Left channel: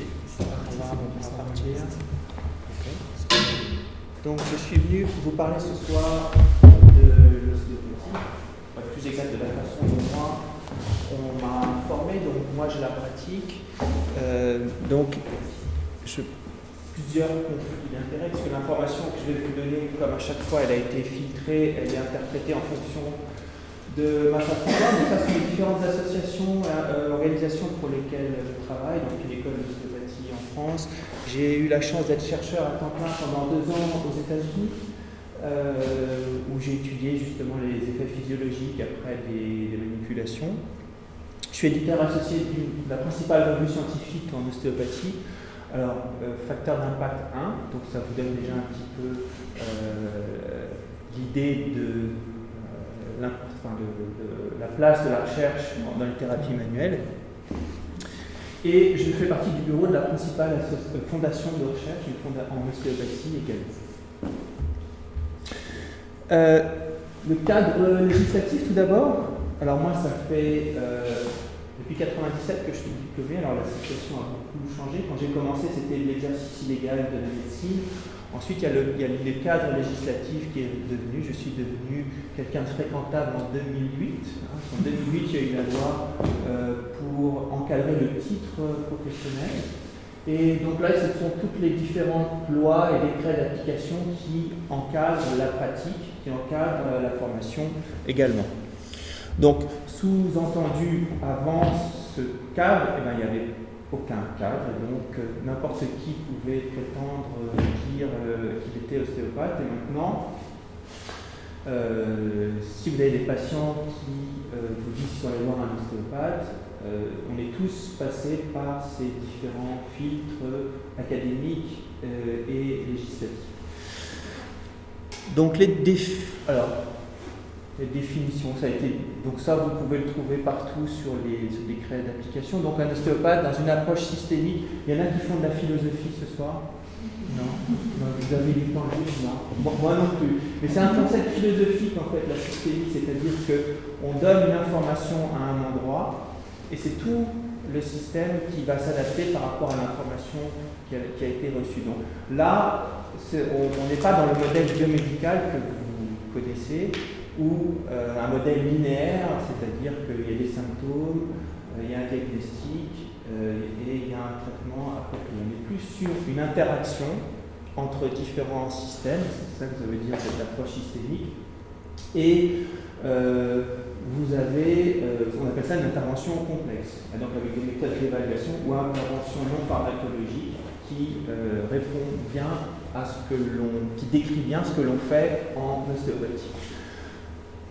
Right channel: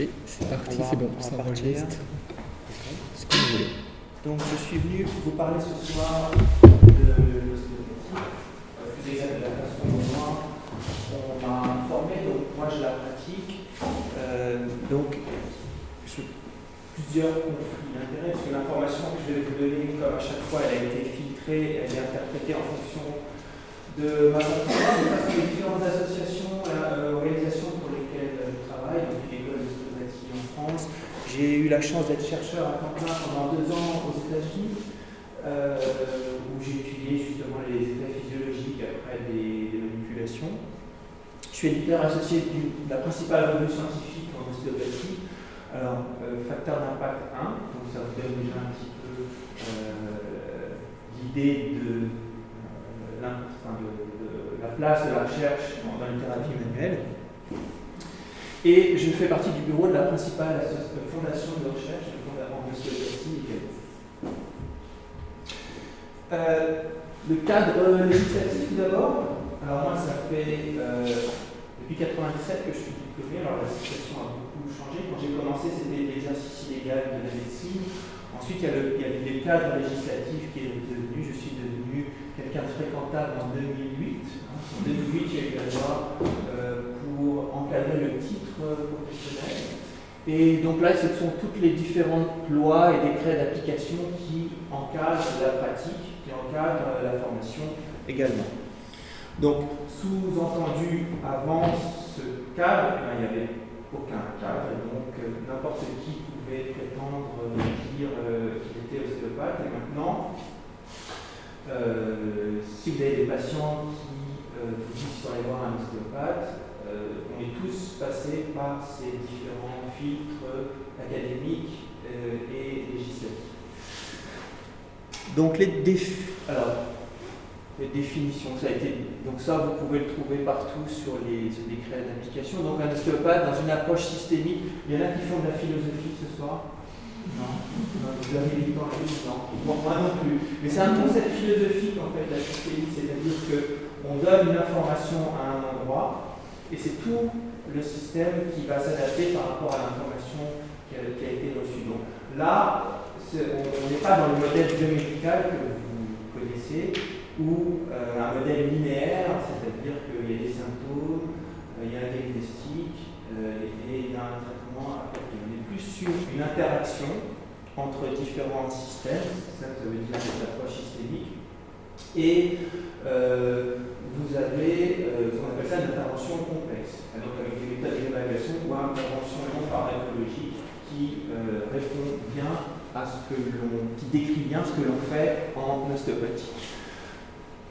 Et c'est parti, On va- c'est bon, on va ça partir. enregistre. Ok. Ce que vous voulez. Donc je suis venu vous parler ce soir de l'ostéopathie, plus exact de la façon dont moi on m'a formé, donc moi je la pratique. Plusieurs conflits d'intérêts, parce que l'information que je vais vous donner, comme à chaque fois, elle a été filtrée, elle est interprétée en fonction de ma façon de voir, mais parce que les différentes associations, organisations pour lesquelles je travaille, donc l'école d'ostéopathie en France, j'ai eu la chance d'être chercheur à temps plein pendant 2 ans aux États-Unis, où j'ai étudié justement les effets physiologiques après des manipulations. Je suis éditeur associé de la principale revue scientifique en ostéopathie. Alors, facteur d'impact 1, donc ça vous donne déjà un petit peu l'idée de la place de la recherche dans les thérapies manuelles. Et je fais partie du bureau de la principale fondation de recherche en ostéopathie également. Le cadre législatif tout d'abord. Alors moi ça fait depuis 1997 que je suis diplômé, alors la situation a beaucoup changé. Quand j'ai commencé c'était l'exercice illégal de la médecine. Ensuite il y a le cadre législatif qui est devenu, je suis devenu quelqu'un de fréquentable en 2008. En 2008 il y a eu la loi pour encadrer le titre professionnel. Et donc là, ce sont toutes les différentes lois et décrets d'application qui encadrent la pratique, qui encadrent la formation également. Donc, sous-entendu, avant ce cadre, il n'y avait aucun cadre, et donc n'importe qui pouvait prétendre dire qu'il était ostéopathe. Et maintenant, si vous avez des patients qui vous disent qu'ils sont allés voir un ostéopathe, on est tous passés par ces différents filtres académiques et législatifs. Donc les définitions, ça vous pouvez le trouver partout sur les décrets d'application. Donc un ostéopathe, dans une approche systémique, il y en a qui font de la philosophie ce soir. Non, vous avez les temps, non. Bon, moi non plus. Mais c'est un concept philosophique en fait, la systémique, c'est-à-dire qu'on donne une information à un endroit. Et c'est tout le système qui va s'adapter par rapport à l'information qui a été reçue. Donc là, on n'est pas dans le modèle biomédical que vous connaissez, ou un modèle linéaire, c'est-à-dire qu'il y a des symptômes, il y a un diagnostic et il y a un traitement approprié. On est plus sur une interaction entre différents systèmes, c'est ça que ça veut dire cette approche systémique. Et vous avez, on appelle ça une intervention complexe, donc avec des méthodes d'évaluation ou intervention non pharmacologique qui répond bien à qui décrit bien ce que l'on fait en ostéopathie.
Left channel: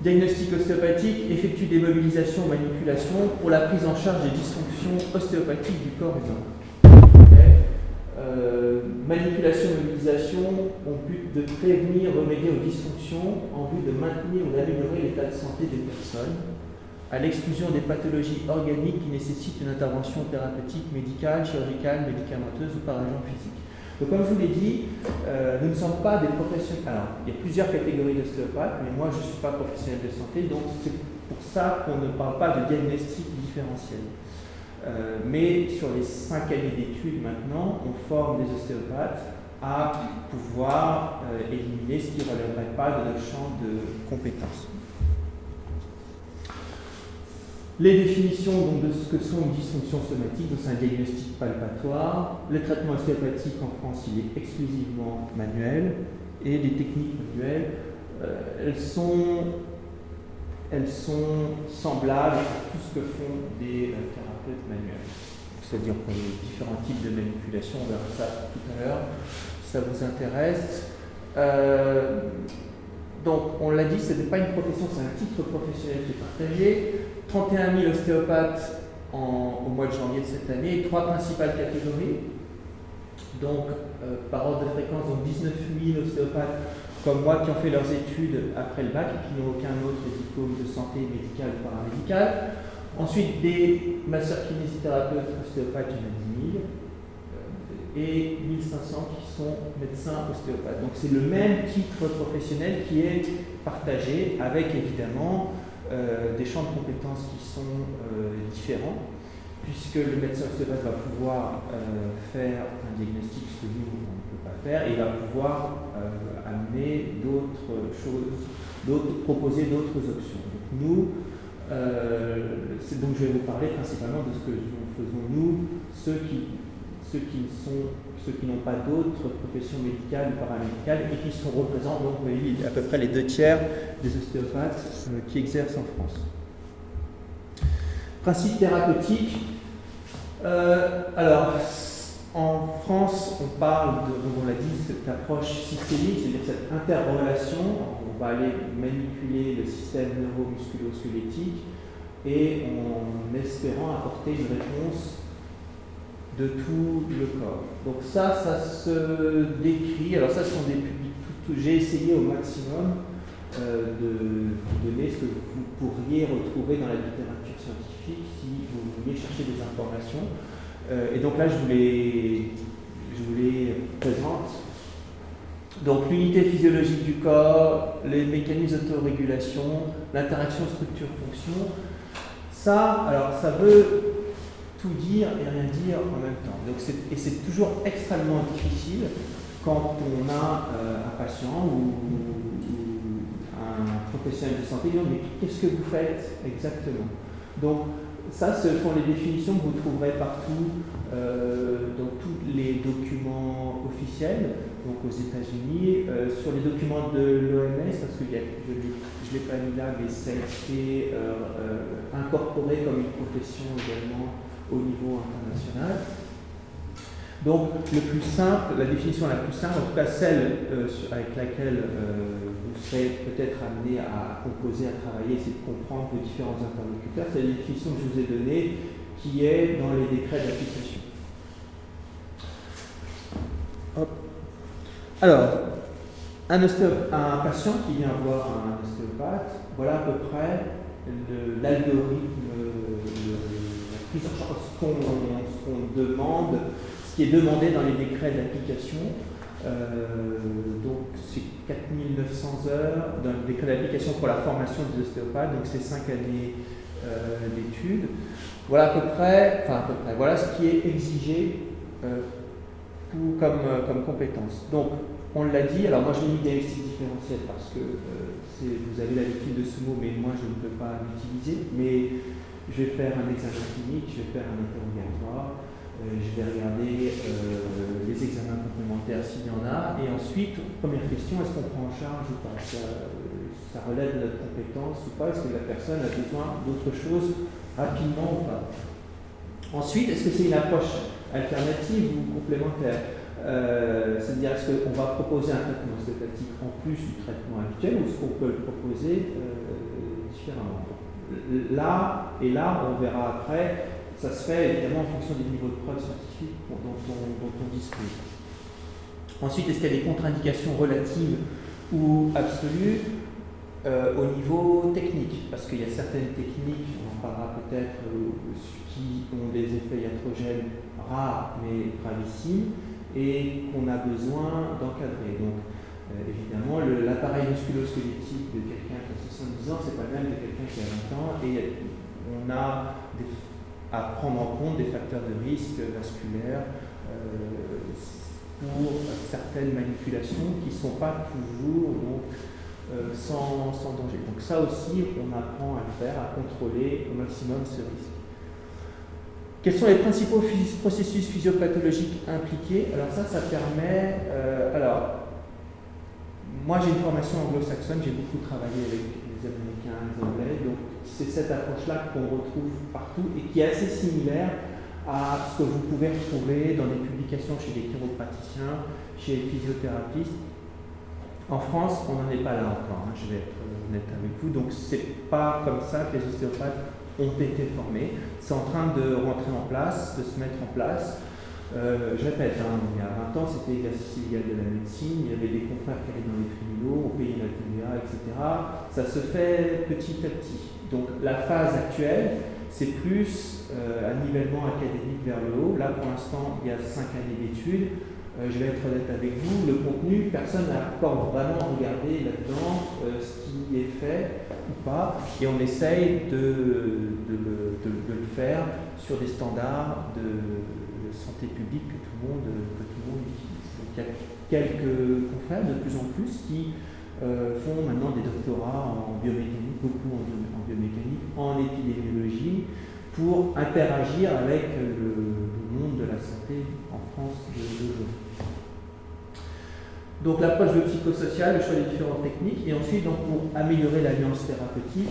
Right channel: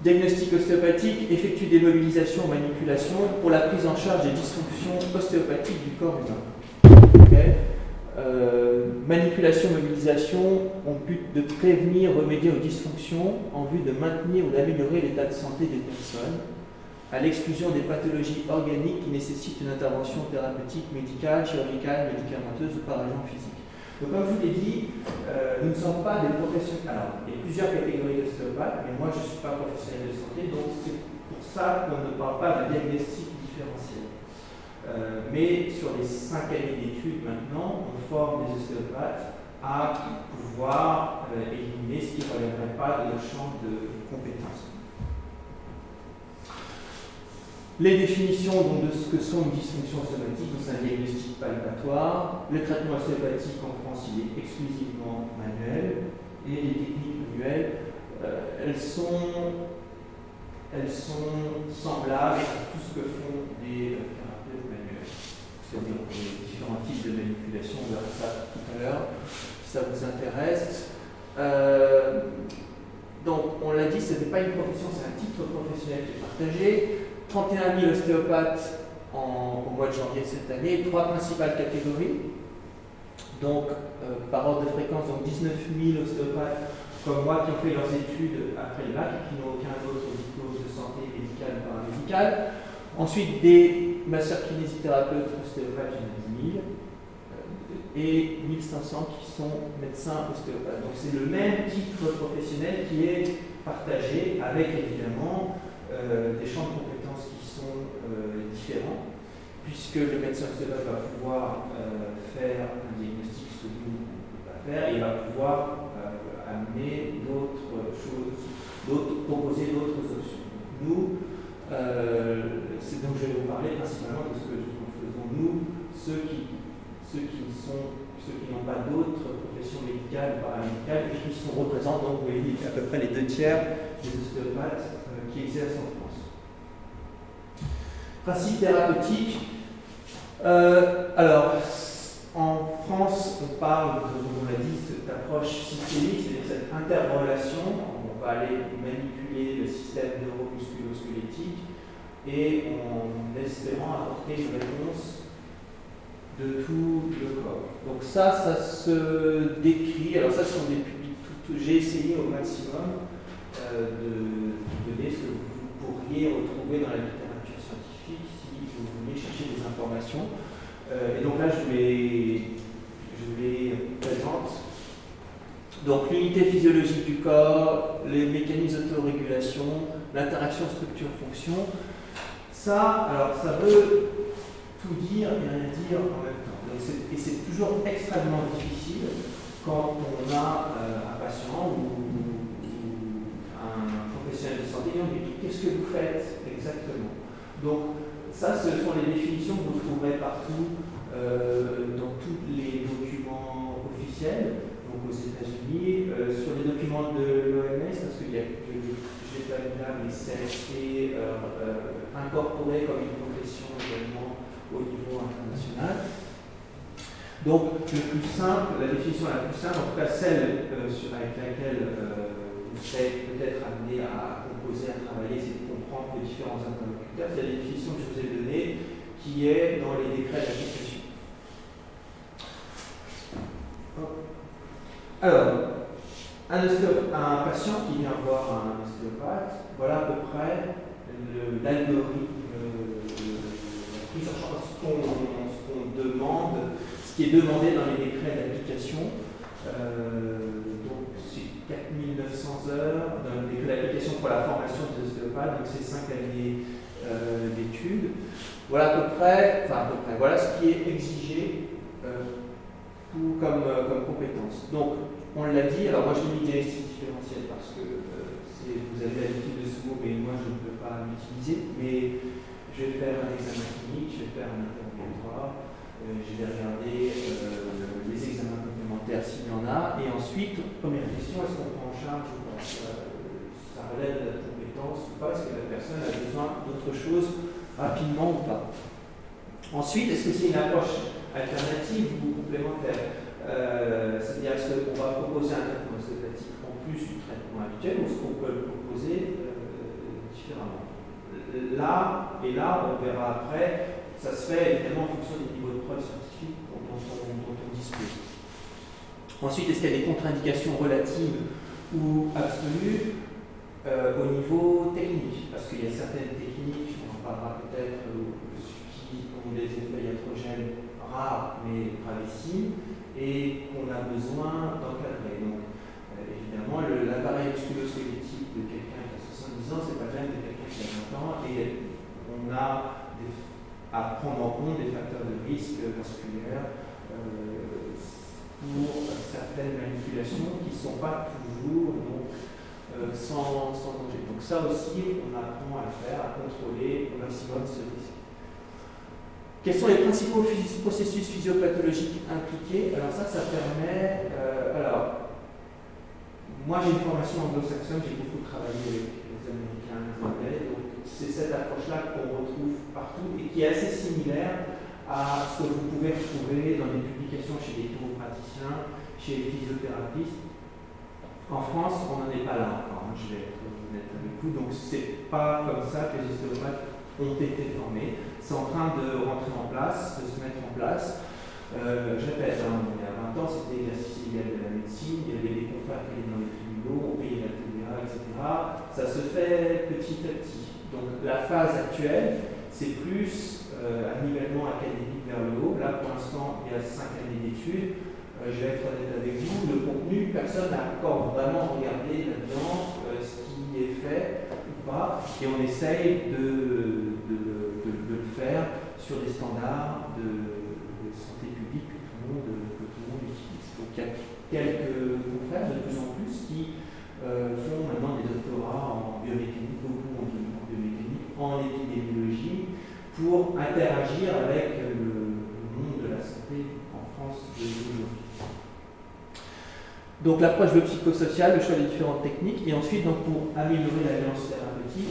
Diagnostic ostéopathique effectue des mobilisations ou manipulations pour la prise en charge des dysfonctions ostéopathiques du corps humain. Okay. Manipulation-mobilisation ont but de prévenir, remédier aux dysfonctions en vue de maintenir ou d'améliorer l'état de santé des personnes, à l'exclusion des pathologies organiques qui nécessitent une intervention thérapeutique, médicale, chirurgicale, médicamenteuse ou par agent physique. Donc comme je vous l'ai dit, nous ne sommes pas des professionnels. Alors, il y a plusieurs catégories d'ostéopathes, mais moi je ne suis pas professionnel de santé, donc c'est pour ça qu'on ne parle pas de diagnostic différentiel. Mais sur les 5 années d'études maintenant, on forme des ostéopathes à pouvoir éliminer ce qui ne relèverait pas de leur champ de compétences. Les définitions donc, de ce que sont une dysfonction somatique, c'est un diagnostic palpatoire. Le traitement ostéopathique en France, il est exclusivement manuel. Et les techniques manuelles, elles sont semblables à tout ce que font des thérapeutes manuels. C'est-à-dire pour les différents types de manipulations, on verra ça tout à l'heure, si ça vous intéresse. Donc, on l'a dit, ce n'est pas une profession, c'est un titre professionnel qui est partagé. 31 000 ostéopathes au mois de janvier de cette année, 3 principales catégories. Donc, par ordre de fréquence, donc 19 000 ostéopathes comme moi qui ont fait leurs études après le bac et qui n'ont aucun autre diplôme de santé médicale ou paramédicale. Ensuite, des masseurs kinésithérapeutes ostéopathes, il y en a 10 000. Et 1500 qui sont médecins ostéopathes. Donc c'est le même titre professionnel qui est partagé avec évidemment des champs de compétences qui sont différents. puisque le médecin ostéopathe va pouvoir faire un diagnostic, ce que nous, on ne peut pas faire, et il va pouvoir amener d'autres choses, proposer d'autres options. Donc nous, donc je vais vous parler principalement de ce que nous faisons nous, ceux qui n'ont pas d'autres professions médicales ou paramédicales et qui sont représentants, donc vous voyez, à peu près les 2 tiers des ostéopathes qui exercent en France. Principe thérapeutique. Alors, en France, on parle, on l'a dit, cette approche systémique, c'est-à-dire cette interrelation. On va aller manipuler le système neuromusculo-squelettique et en espérant apporter une réponse de tout le corps. Donc ça se décrit, alors ça ce sont des publics, j'ai essayé au maximum de donner ce que vous pourriez retrouver dans la littérature scientifique si vous vouliez chercher des informations. Et donc là je vous les présente. Donc l'unité physiologique du corps, les mécanismes d'autorégulation, l'interaction structure-fonction, ça, alors ça veut tout dire et rien dire en même temps. Donc et c'est toujours extrêmement difficile quand on a un patient ou un professionnel de santé qui dit mais qu'est-ce que vous faites exactement? Donc ça, ce sont les définitions que vous trouverez partout dans tous les documents officiels, donc aux États-Unis, sur les documents de l'OMS, parce que je ne l'ai pas mis là, mais ça a été incorporé comme une profession également au niveau international. Donc, le plus simple, la définition la plus simple, en tout cas celle avec laquelle vous serez peut-être amené à composer, à travailler, c'est de comprendre vos différents interlocuteurs, c'est la définition que je vous ai donnée, qui est dans les décrets d'application. Alors, un patient qui vient voir un ostéopathe, voilà à peu près l'algorithme, ce qu'on demande, ce qui est demandé dans les décrets d'application. Donc c'est 4900 heures dans le décret d'application pour la formation des ostéopathes, donc c'est 5 années d'études. Voilà à peu près, voilà ce qui est exigé comme compétence. Donc on l'a dit, alors moi je l'ai mis diagnostic différentiel parce que vous avez l'habitude de ce mot, mais moi je ne peux pas l'utiliser, mais je vais faire un examen clinique, je vais faire un interrogatoire, je vais regarder les examens complémentaires s'il y en a, et ensuite, première question, est-ce qu'on prend en charge ou pas? Ça relève de la compétence ou pas? Est-ce que la personne a besoin d'autre chose rapidement ou pas? Ensuite, est-ce que c'est une approche alternative ou complémentaire? C'est-à-dire, est-ce qu'on va proposer un traitement ostéopathique en plus du traitement habituel ou est-ce qu'on peut le proposer différemment? Là, on verra après, ça se fait évidemment en fonction des niveaux de preuve scientifiques dont on dispose. Ensuite, est-ce qu'il y a des contre-indications relatives ou absolues au niveau technique? Parce qu'il y a certaines techniques, on en parlera peut-être, qui ont des effets iatrogènes rares mais gravissimes et qu'on a besoin d'encadrer. Donc, évidemment, l'appareil musculo-squelettique de quelqu'un qui a 70 ans, c'est pas le même de quelqu'un qui a 20 ans, et on a à prendre en compte des facteurs de risque vasculaires pour certaines manipulations qui ne sont pas toujours sans danger. Donc ça aussi, on apprend à le faire, à contrôler au maximum ce risque. Quels sont les principaux processus physiopathologiques impliqués? Alors ça permet... moi j'ai une formation anglo-saxonne, j'ai beaucoup travaillé avec les Américains, les Anglais, donc c'est cette approche-là qu'on retrouve partout et qui est assez similaire à ce que vous pouvez retrouver dans des publications chez les chiropraticiens, chez les physiothérapeutes. En France, on n'en est pas là encore, je vais être honnête avec vous, donc c'est pas comme ça que les ostéopathes ont été formés. C'est en train de rentrer en place, de se mettre en place. Je répète, il y a 20 ans, c'était l'exercice illégal de la médecine, il y avait des confrères qui allaient dans les tribunaux, on payait la TVA, etc. Ça se fait petit à petit. Donc la phase actuelle, c'est plus un nivellement académique vers le haut. Là, pour l'instant, il y a 5 années d'études. Je vais être honnête avec vous, le contenu, personne n'a encore vraiment regardé là-dedans ce qui est fait. ou pas, et on essaye de le faire sur des standards de santé publique que tout le monde utilise. Donc il y a quelques confrères de plus en plus qui font maintenant des doctorats en biomécanique, beaucoup en biomécanique, en épidémiologie, pour interagir avec le monde de la santé en France d'aujourd'hui. Donc l'approche biopsychosociale, le choix des différentes techniques, et ensuite donc, pour améliorer l'alliance thérapeutique,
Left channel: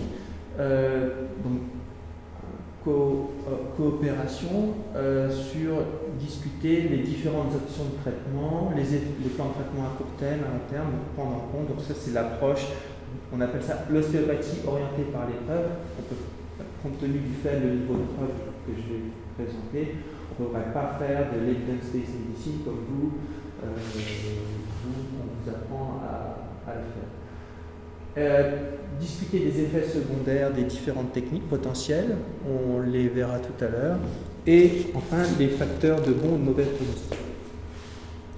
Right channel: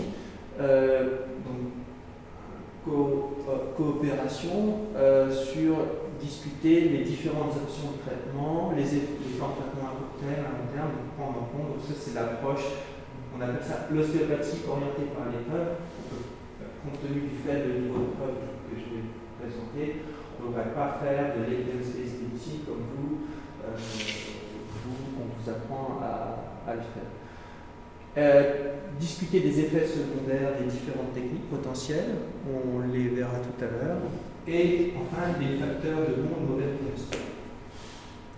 coopération sur discuter les différentes options de traitement, les plans de traitement à court terme, à long terme, prendre en compte. Donc ça c'est l'approche, on appelle ça l'ostéopathie orientée par l'épreuve. Compte tenu du faible niveau de preuve que je vais présenter, on ne peut pas faire de l'evidence-based medicine comme on vous apprend à le faire. Discuter des effets secondaires des différentes techniques potentielles, on les verra tout à l'heure, et enfin les facteurs de bon ou de mauvais pronostic.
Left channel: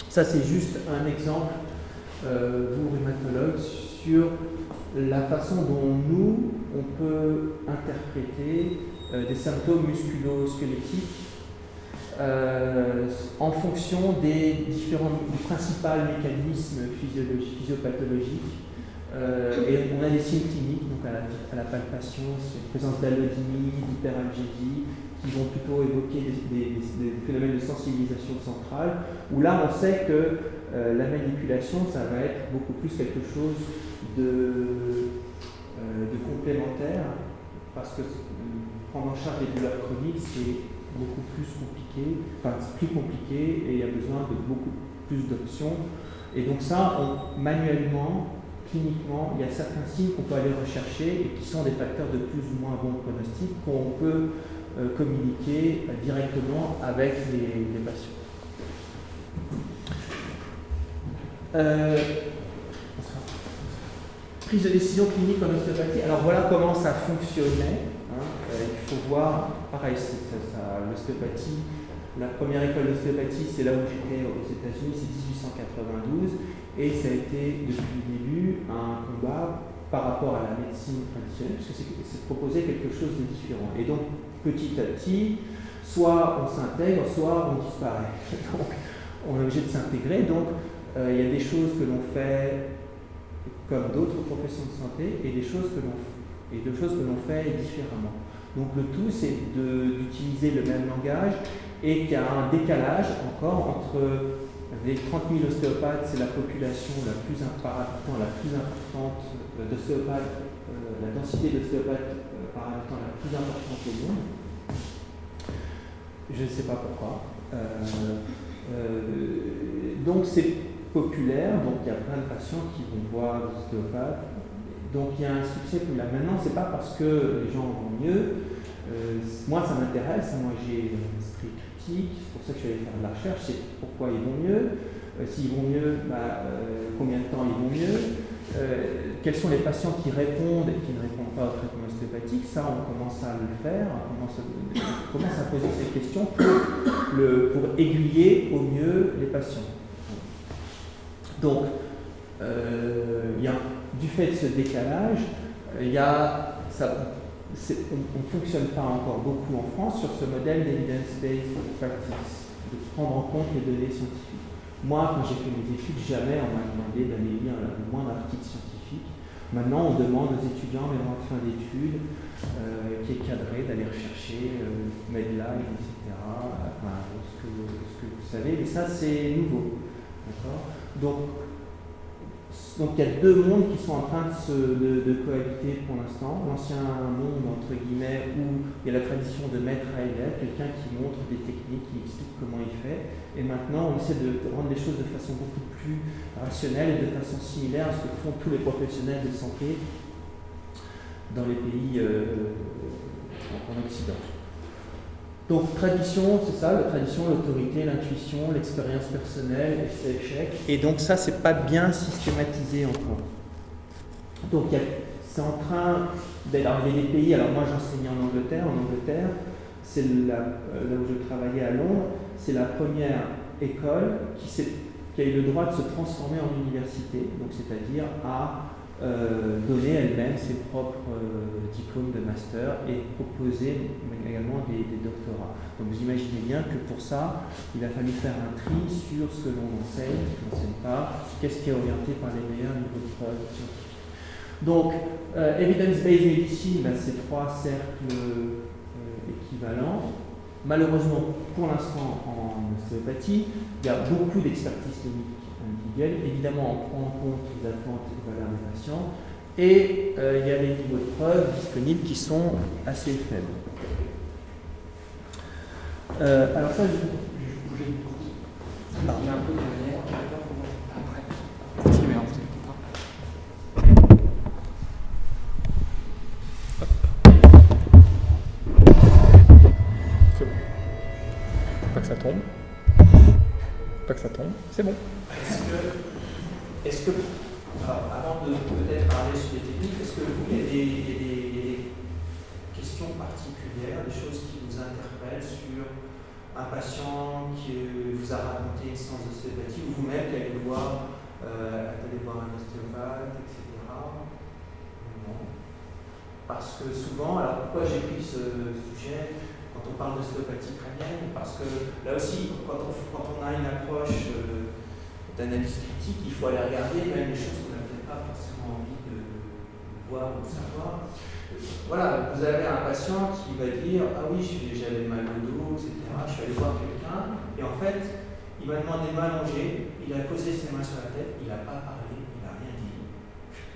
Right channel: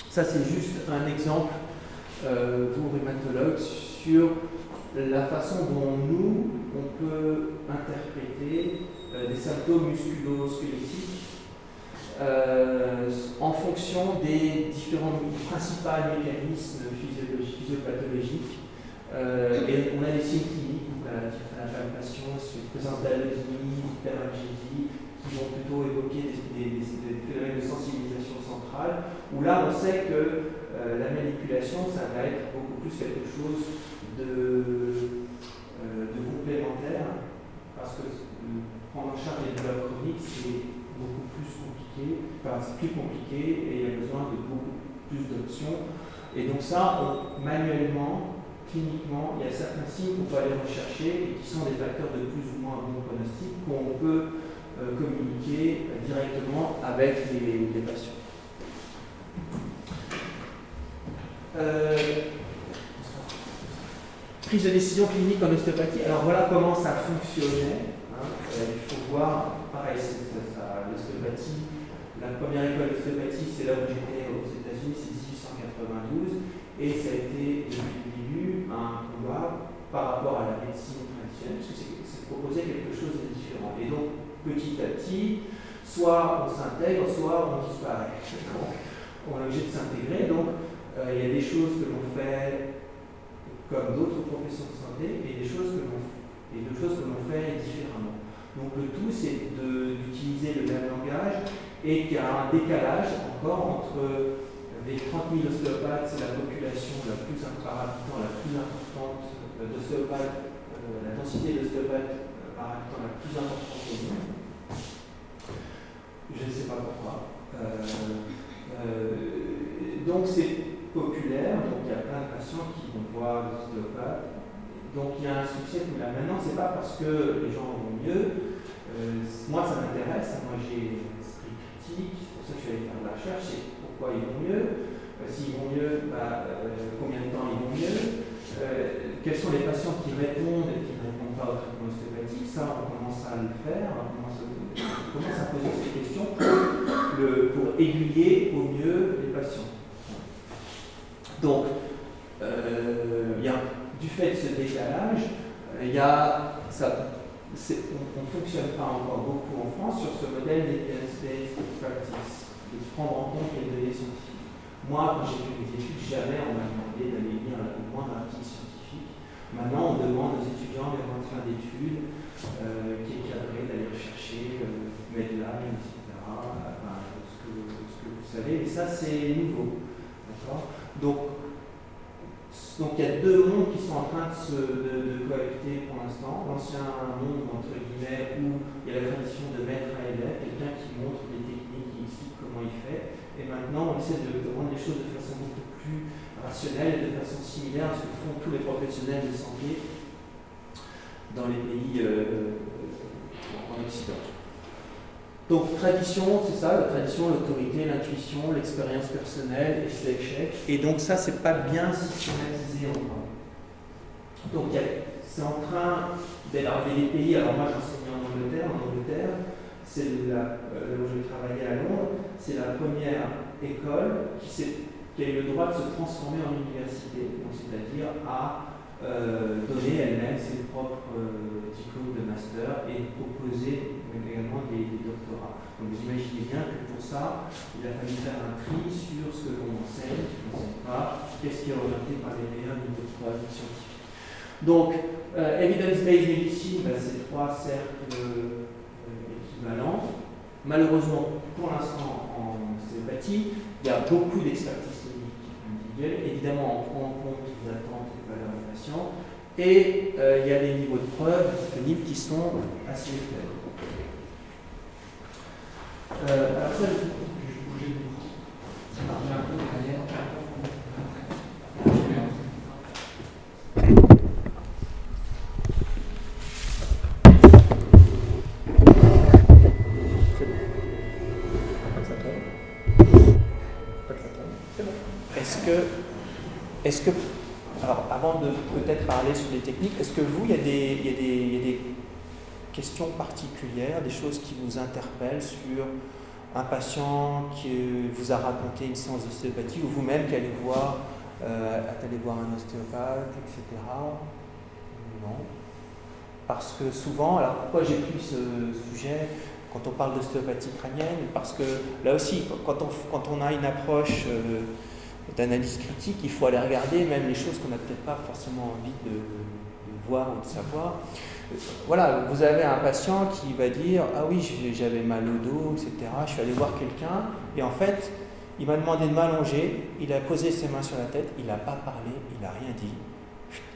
Ça c'est juste un exemple, vous rhumatologues, sur la façon dont nous, on peut interpréter des symptômes musculo-squelettiques en fonction des principaux mécanismes physiopathologiques. Et on a des signes cliniques, donc à la palpation, sur la présence d'allodie, d'hyperalgésie, qui vont plutôt évoquer des phénomènes de sensibilisation centrale, où là on sait que la manipulation, ça va être beaucoup plus quelque chose de complémentaire, parce que prendre en charge les douleurs chroniques, c'est beaucoup plus compliqué, c'est plus compliqué, et il y a besoin de beaucoup plus d'options. Et donc ça, manuellement, cliniquement, il y a certains signes qu'on peut aller rechercher et qui sont des facteurs de plus ou moins bon pronostic qu'on peut communiquer directement avec les patients. Prise de décision clinique en ostéopathie. Alors voilà comment ça fonctionnait. Il faut voir, pareil, l'ostéopathie, la première école d'ostéopathie, c'est là où j'étais aux États-Unis, c'est 1892, et ça a été depuis le début un combat par rapport à la médecine traditionnelle, parce que c'est proposer quelque chose de différent. Et donc, petit à petit, soit on s'intègre, soit on disparaît. Donc, on est obligé de s'intégrer. Donc, il y a des choses que l'on fait comme d'autres professions de santé et des choses que l'on fait différemment. Donc le tout, c'est d'utiliser le même langage et qu'il y a un décalage encore entre les 30 000 ostéopathes, c'est la population la plus par habitant, la plus importante d'ostéopathes, la densité d'ostéopathes par habitant la plus importante au monde. Je ne sais pas pourquoi. Donc c'est populaire, donc il y a plein de patients qui vont voir les ostéopathes. Donc il y a un succès tout là. Maintenant, c'est pas parce que les gens vont mieux. Moi, ça m'intéresse. Moi, j'ai un esprit critique. C'est pour ça que je suis allé faire de la recherche. C'est pourquoi ils vont mieux. S'ils vont mieux, combien de temps ils vont mieux. Quels sont les patients qui répondent et qui ne répondent pas au traitement ostéopathique. Ça, on commence à le faire. On commence à poser ces questions pour aiguiller au mieux les patients. Donc, du fait de ce décalage, on ne fonctionne pas encore beaucoup en France sur ce modèle d'evidence-based practice, de prendre en compte les données scientifiques. Moi, quand j'ai fait mes études, jamais on m'a demandé d'aller lire le moindre article scientifique. Maintenant, on demande aux étudiants en fin d'études qui est cadré d'aller rechercher Medline, etc. Enfin, ce que vous savez, mais ça c'est nouveau. D'accord ? Donc il y a deux mondes qui sont en train de cohabiter pour l'instant. L'ancien monde, entre guillemets, où il y a la tradition de maître à élève, quelqu'un qui montre des techniques, qui explique comment il fait. Et maintenant, on essaie de rendre les choses de façon beaucoup plus rationnelle et de façon similaire à ce que font tous les professionnels de santé dans les pays en Occident. Donc tradition, c'est ça, la tradition, l'autorité, l'intuition, l'expérience personnelle, et c'est échec. Et donc ça, c'est pas bien systématisé encore. Donc c'est en train d'arriver des pays. Alors moi, j'enseignais en Angleterre. En Angleterre, c'est là où je travaillais à Londres, c'est la première école qui a eu le droit de se transformer en université, donc c'est-à-dire à donner elle-même ses propres diplômes de master et proposer également des doctorats. Donc vous imaginez bien que pour ça, il a fallu faire un tri sur ce que l'on enseigne, ce qu'on n'enseigne pas, qu'est-ce qui est orienté par les meilleurs niveaux de preuve scientifiques. Donc, evidence-based medicine, c'est 3 cercles équivalents. Malheureusement, pour l'instant, en ostéopathie, il y a beaucoup d'expertise clinique individuelle. Évidemment, on prend en compte les attentes et les valeurs des patients. Et il y a des niveaux de preuve disponibles qui sont assez faibles. Alors ça, c'est bon. Est-ce que, alors avant de peut-être parler sur les techniques, est-ce que vous, il y a des questions particulières, des choses qui vous interpellent sur un patient qui vous a raconté une séance d'ostéopathie ou vous-même qui allez voir un ostéopathe, etc. Non. Parce que souvent, alors pourquoi j'ai pris ce sujet quand on parle d'ostéopathie crânienne? Parce que là aussi, quand on a une approche d'analyse critique, il faut aller regarder même les choses qu'on n'a peut-être pas forcément envie de voir ou de savoir. Voilà, vous avez un patient qui va dire « Ah oui, j'avais mal au dos, etc. Je suis allé voir quelqu'un et en fait, il m'a demandé de m'allonger, il a posé ses mains sur la tête, il n'a pas parlé, il n'a rien dit.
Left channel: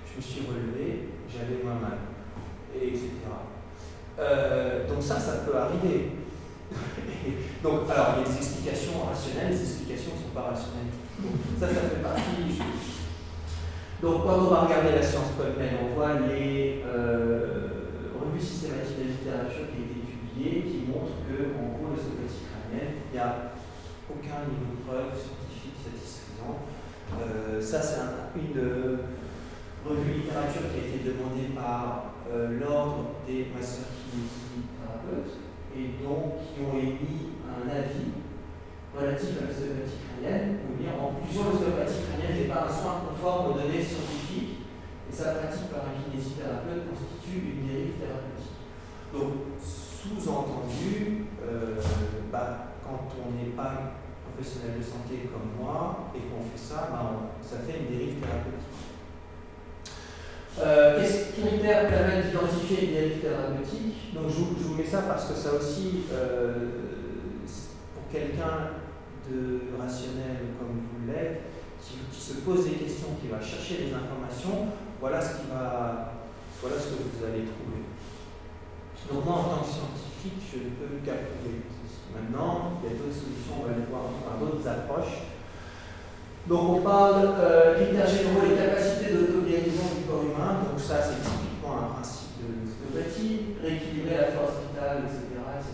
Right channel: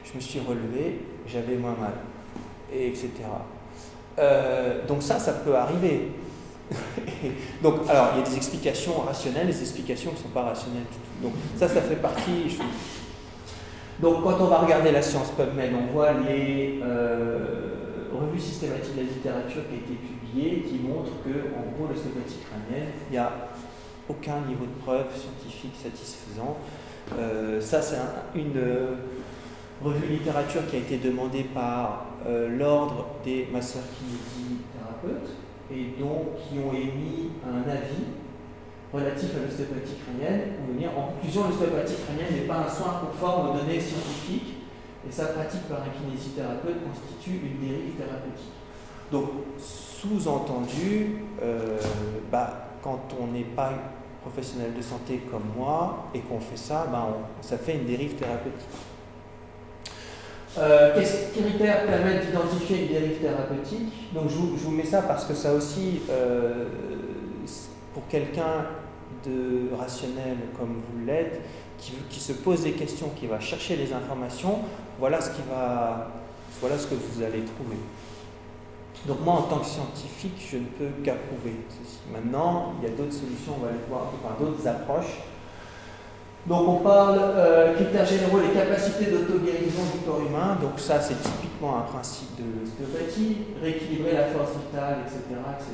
Je me suis relevé, j'avais moins mal, et etc. » Donc ça peut arriver. Donc, alors, il y a des explications rationnelles, des explications qui ne sont pas rationnelles du tout. Donc ça fait partie. Donc quand on va regarder la science PubMed, on voit les revues systématiques de la littérature qui a été publiée, qui montrent qu'en gros, l'ostéopathie crânienne, il n'y a aucun niveau de preuve scientifique satisfaisant. Ça, c'est une revue de littérature qui a été demandée par l'ordre des masseurs-kinésithérapeutes et donc qui ont émis un avis relatif à l'ostéopathie crânienne. On veut dire, en conclusion, l'ostéopathie crânienne n'est pas un soin conforme aux données scientifiques et sa pratique par un kinésithérapeute constitue une dérive thérapeutique. Donc, sous-entendu, quand on n'est pas professionnel de santé comme moi et qu'on fait ça, ça fait une dérive thérapeutique. Quels critères permettent d'identifier une dérive thérapeutique? Donc je vous mets ça parce que ça aussi, pour quelqu'un de rationnel comme vous l'êtes, qui se pose des questions, qui va chercher les informations, voilà ce que vous allez trouver. Donc moi, en tant que scientifique, je ne peux qu'approuver ceci. Maintenant, il y a d'autres solutions, on va aller voir, d'autres approches. Donc on parle critères généraux, les capacités d'auto-guérison du corps humain. Donc ça, c'est typiquement un principe de l'ostéopathie. Rééquilibrer la force vitale, etc., etc.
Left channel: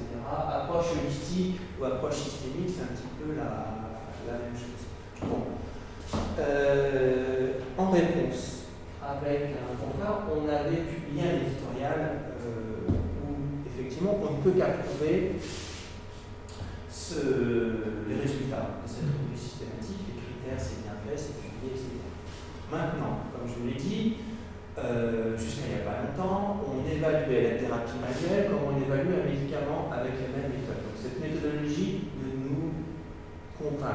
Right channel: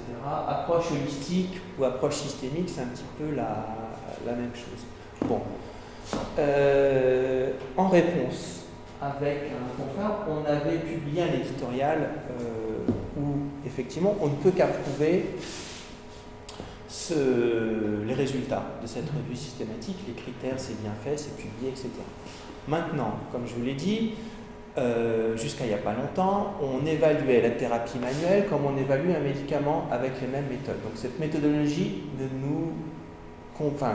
Approche holistique ou approche systémique, c'est un petit peu la même chose. Bon. En réponse, avec un confrère, on avait publié un éditorial où effectivement on ne peut qu'approuver les résultats de cette revue systématique, les critères, c'est bien fait, c'est publié, etc. Maintenant, comme je vous l'ai dit, jusqu'à il n'y a pas longtemps, on évaluait la thérapie manuelle comme on évalue un médicament avec les mêmes méthodes. Donc cette méthodologie ne nous convient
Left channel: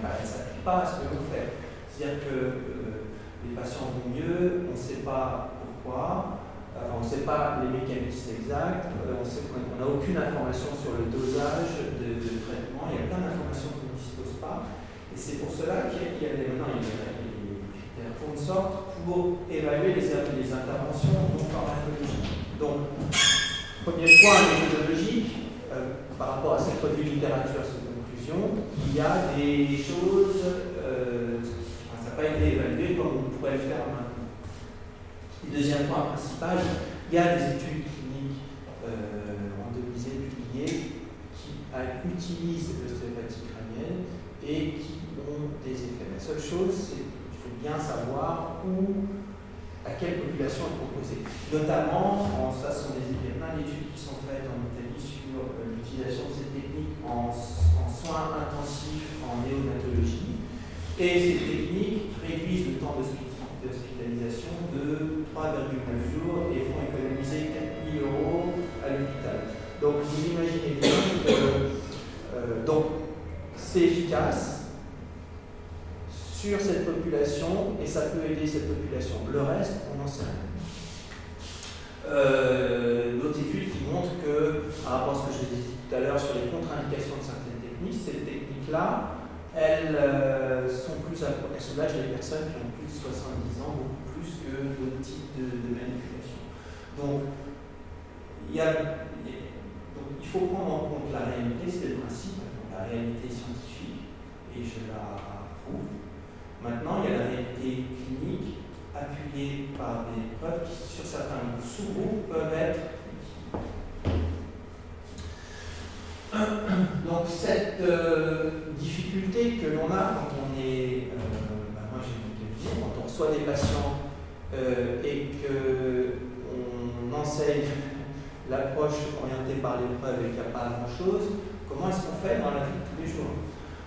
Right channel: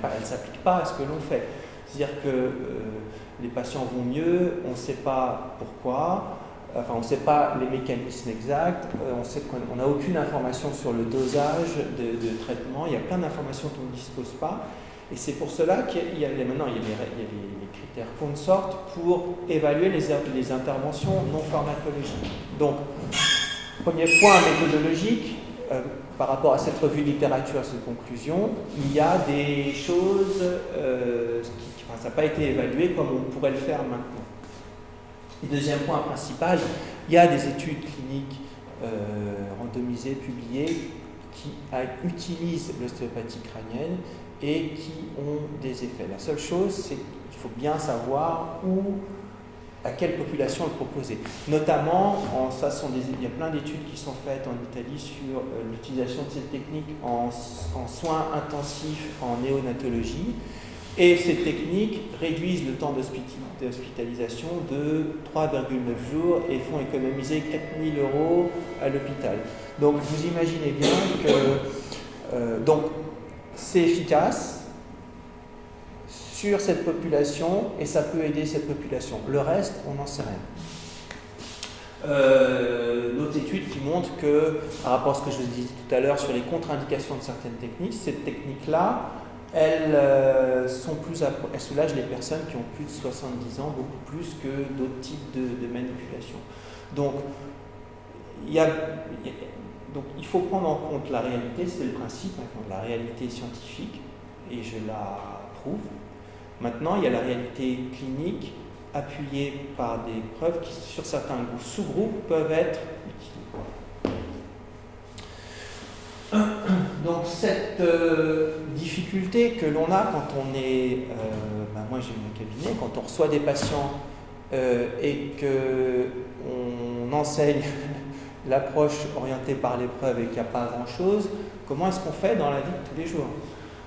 pas, elle ne s'applique pas à ce que l'on fait. C'est-à-dire que les patients vont mieux, on ne sait pas pourquoi, on ne sait pas les mécanismes exacts, on n'a aucune information sur le dosage de traitement, il y a plein d'informations dont on ne dispose pas, et c'est pour cela qu'il y a maintenant il y a des critères Consort pour évaluer les interventions non pharmacologiques. Donc, premier point méthodologique, par rapport à cette revue de littérature, cette conclusion, il y a des choses, ça n'a pas été évalué comme on pourrait le faire maintenant. Deuxième point principal, il y a des études cliniques randomisées, publiées, qui utilisent l'ostéopathie crânienne et qui ont des effets. La seule chose, c'est qu'il faut bien savoir à quelle population est proposée. Notamment, il y a plein d'études qui sont faites en Italie sur l'utilisation de cette technique en soins intensifs en néonatologie. Et ces techniques réduisent le temps d'hospitalisation de 3,9 jours et font économiser 4 000 € à l'hôpital. Donc vous imaginez bien que donc c'est efficace sur cette population et ça peut aider cette population. Le reste, on n'en sait rien. D'autres études qui montrent que, par rapport à ce que je vous disais tout à l'heure sur les contre-indications de certaines techniques, ces techniques-là, elles soulagent les personnes qui ont plus de 70 ans, beaucoup plus que d'autres types de manipulations. Donc, il faut prendre en compte la réalité, c'est le principe, la réalité scientifique, et je la prouve. Maintenant, il y a la réalité clinique, appuyée par des preuves qui, sur certains sous-groupes, peuvent être donc cette difficulté que l'on a quand on est, moi j'ai mon cabinet, quand on reçoit des patients et qu'on enseigne l'approche orientée par l'épreuve et qu'il n'y a pas grand-chose, comment est-ce qu'on fait dans la vie de tous les jours?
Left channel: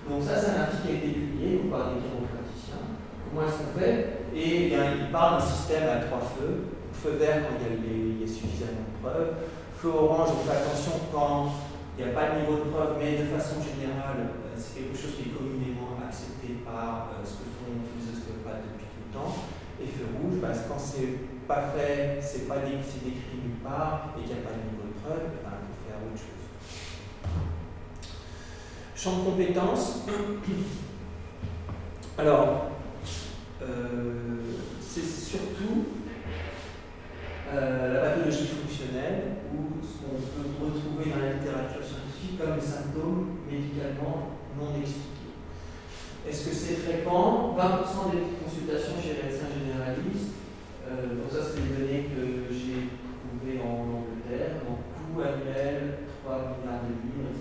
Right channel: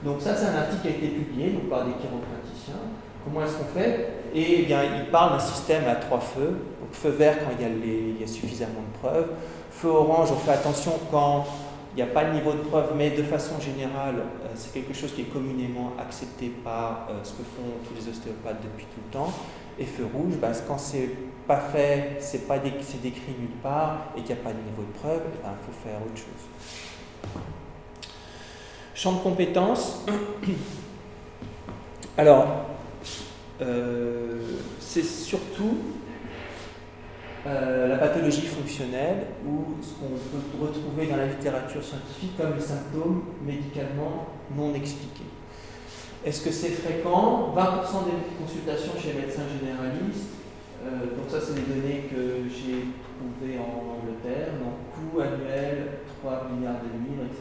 Donc ça, c'est un article qui a été publié donc, par des chiropraticiens. Comment est-ce qu'on fait? Et bien, il parle d'un système à 3 feux. Donc, feu vert quand il y a suffisamment de preuves. Feu orange, on fait attention quand il n'y a pas le niveau de preuve, mais de façon générale, c'est quelque chose qui est communément accepté par ce que font tous les ostéopathes depuis tout le temps. Et feu rouge, quand c'est pas fait, c'est décrit nulle part et qu'il n'y a pas de niveau de preuve, il faut faire autre chose. Champ de compétences. Alors, c'est surtout la pathologie fonctionnelle ou ce qu'on peut retrouver dans la littérature scientifique comme les symptômes médicalement non expliqués. Est-ce que c'est fréquent? 20% des consultations chez les médecins généralistes. Donc ça, c'est des données que j'ai trouvées en Angleterre. Donc coût annuel, 3 milliards de livres, etc.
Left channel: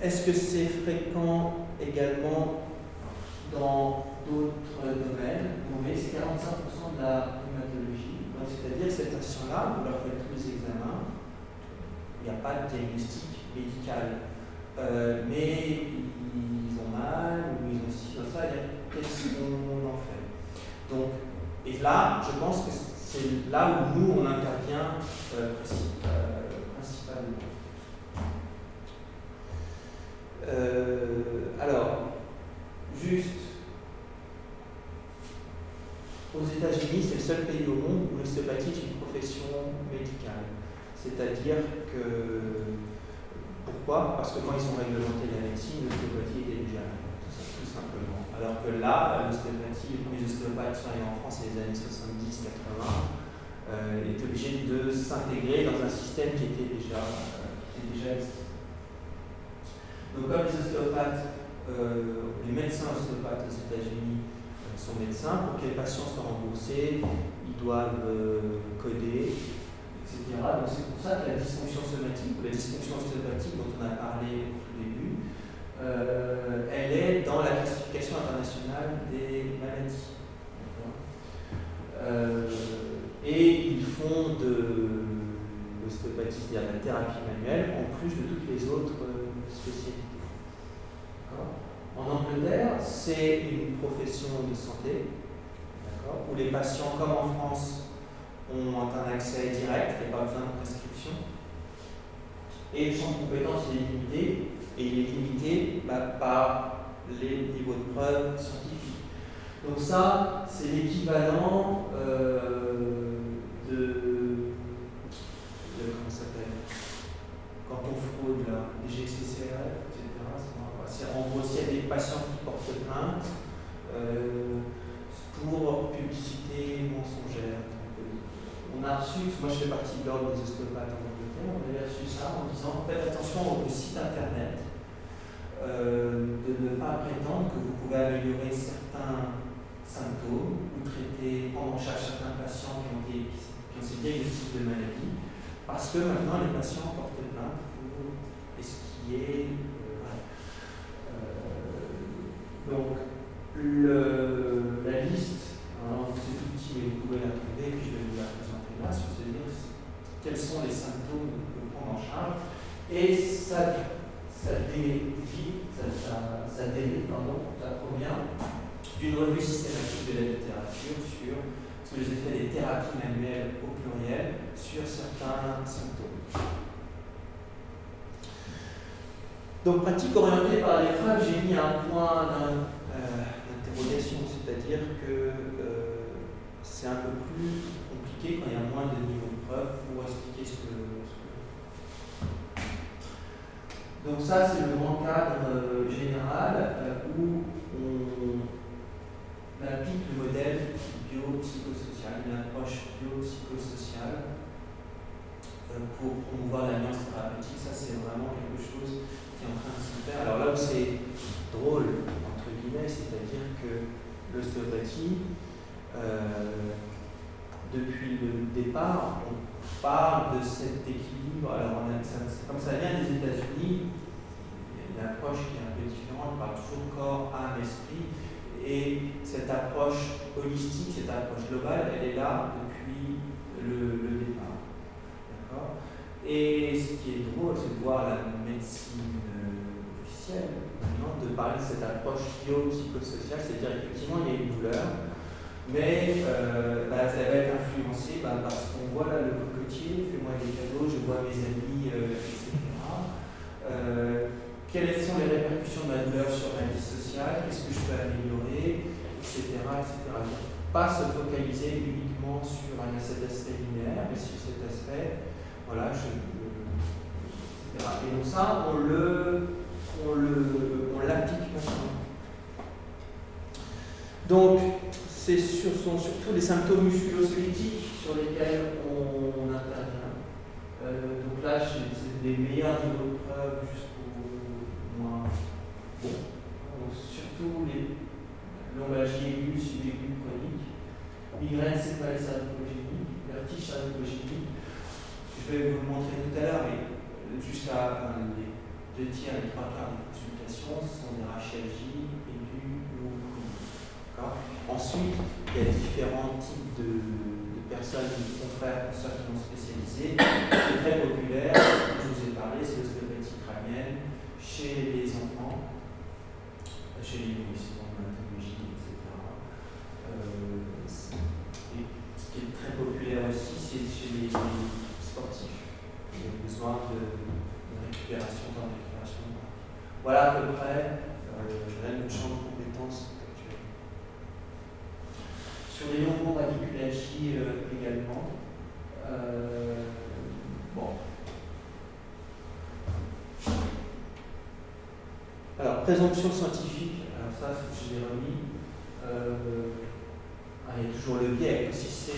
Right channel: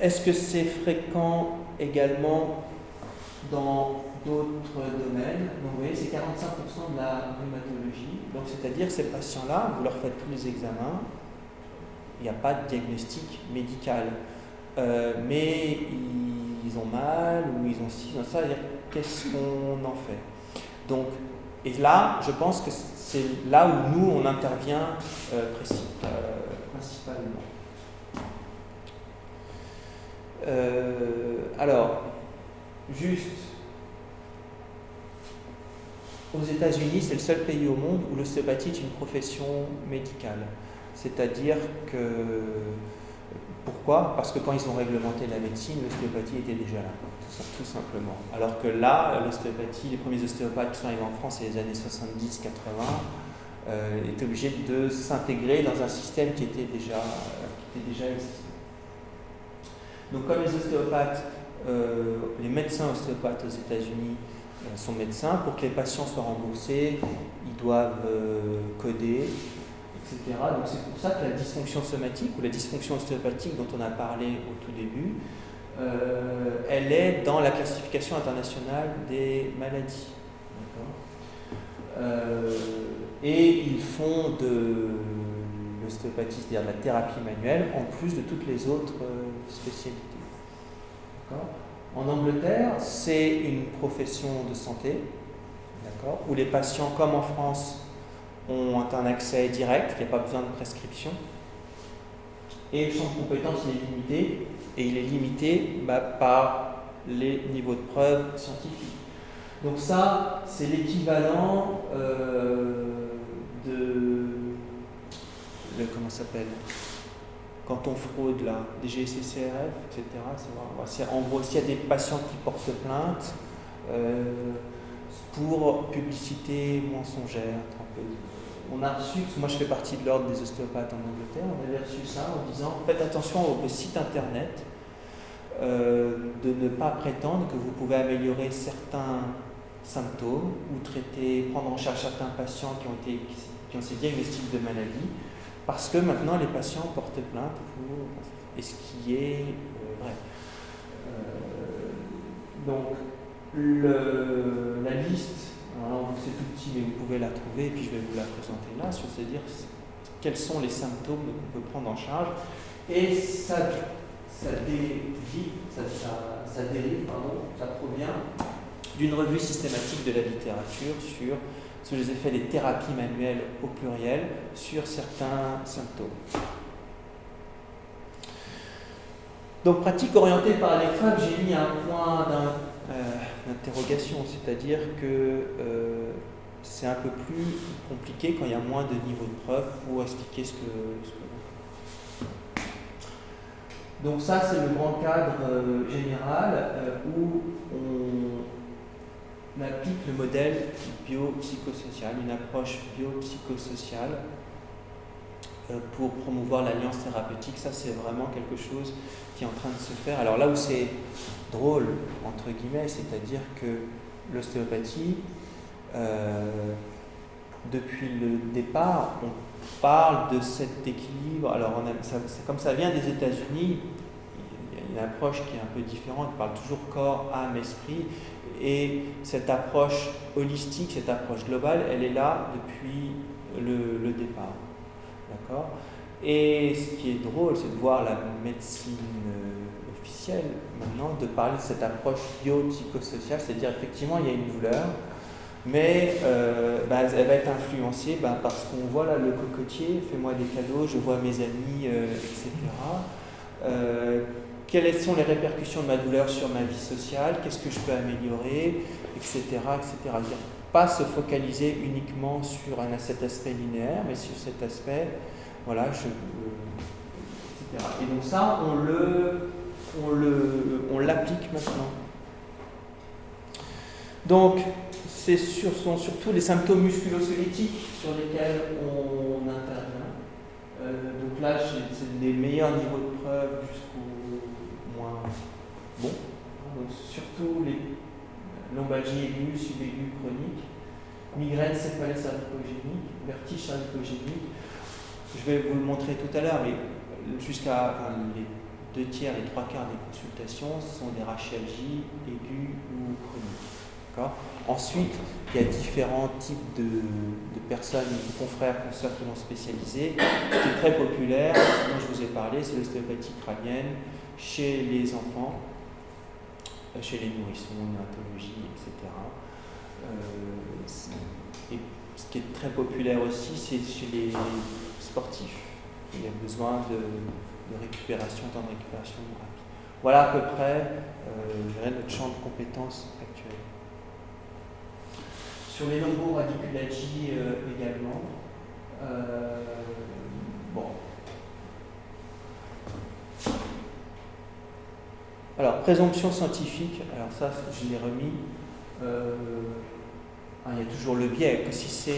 Est-ce que c'est fréquent également dans d'autres domaines? Vous voyez, c'est 45% de la rhumatologie. Donc, c'est-à-dire que ces patients-là, vous leur faites tous les examens, il n'y a pas de diagnostic médical. Mais ils ont mal, ou ils ont ci, ils ont ça, qu'est-ce qu'on en fait? Donc, et là, je pense que c'est là où nous, on intervient principalement. Alors, juste, aux États-Unis, c'est le seul pays au monde où l'ostéopathie est une profession médicale. C'est-à-dire que, pourquoi? Parce que quand ils ont réglementé la médecine, l'ostéopathie était déjà là, tout simplement. Alors que là, l'ostéopathie, les premiers ostéopathes qui sont arrivés en France, c'est les années 70-80, étaient obligés de s'intégrer dans un système qui était déjà existant. Donc comme les ostéopathes, les médecins ostéopathes aux États-Unis sont médecins, pour que les patients soient remboursés, ils doivent coder, etc. Donc c'est pour ça que la dysfonction somatique ou la dysfonction ostéopathique dont on a parlé au tout début, elle est dans la classification internationale des maladies. Et ils font de l'ostéopathie, c'est-à-dire de la thérapie manuelle, en plus de toutes les autres spécialités. En Angleterre, c'est une profession de santé, où les patients, comme en France, ont un accès direct, il n'y a pas besoin de prescription. Et le champ de compétences il est limité, et il est limité par les niveaux de preuve scientifiques. Donc ça, c'est l'équivalent comment ça s'appelle? Quand on fraude là, des GCCRF, etc. En gros, s'il y a des patients qui portent plainte pour publicité mensongère, on a reçu, moi je fais partie de l'ordre des ostéopathes en Angleterre, on avait reçu ça en disant faites attention au site internet, de ne pas prétendre que vous pouvez améliorer certains symptômes ou prendre en charge certains patients qui ont ces diagnostics de maladie, parce que maintenant les patients portent plainte et ce qui est vrai. Donc la liste, alors c'est tout petit mais vous pouvez la trouver et puis je vais vous la présenter là, c'est-à-dire quels sont les symptômes qu'on peut prendre en charge, et ça ça provient d'une revue systématique de la littérature sur les effets des thérapies manuelles au pluriel sur certains symptômes. Donc, pratique orientée par l'épreuve, j'ai mis un point d'interrogation, c'est-à-dire que c'est un peu plus compliqué quand il y a moins de niveaux de preuve pour expliquer ce que Donc ça, c'est le grand cadre général où on applique le modèle biopsychosocial, une approche biopsychosociale pour promouvoir l'alliance thérapeutique. Ça, c'est vraiment quelque chose qui est en train de se faire. Alors là où c'est drôle, entre guillemets, c'est-à-dire que l'ostéopathie, depuis le départ, on parle de cet équilibre. Alors, comme ça vient des États-Unis, il y a une approche qui est un peu différente. On parle toujours corps, âme, esprit. Et cette approche holistique, cette approche globale, elle est là depuis le départ. D'accord ? Et ce qui est drôle, c'est de voir la médecine officielle maintenant, de parler de cette approche biopsychosociale, c'est-à-dire effectivement il y a une douleur, mais elle va être influencée parce qu'on voit là le cocotier, fais-moi des cadeaux, je vois mes amis, etc. Quelles sont les répercussions de ma douleur sur ma vie sociale, qu'est-ce que je peux améliorer, etc. Pas se focaliser uniquement sur cet aspect linéaire, mais sur cet aspect, voilà, etc. Et donc ça, on l'applique maintenant. Donc, sont surtout les symptômes musculo-squelettiques sur lesquels on intervient. Donc là, c'est des meilleurs niveaux de preuve jusqu'au moins bon. Surtout les lombalgie aiguë, subaiguë chronique, migraine céphalée cervicogénique, vertige cervicogénique. Je vais vous le montrer tout à l'heure, mais les 2 tiers, les 3 quarts des consultations sont des rachialgies aiguës ou chroniques. D'accord ? Ensuite, il y a différents types de personnes, confrères, consoeurs qui vont spécialiser. Ce qui est très populaire, dont je vous ai parlé, c'est l'ostéopathie crânienne chez les enfants, chez les nourrissons, l'hématologie, etc. Et ce qui est très populaire aussi, c'est chez les sportifs. Il y a besoin de récupération, temps de récupération. Voilà à peu près notre champ de compétences actuel. Sur les lombo-radiculagies également. Alors, présomption scientifique, alors ça, je l'ai remis. Il y a toujours le biais. Si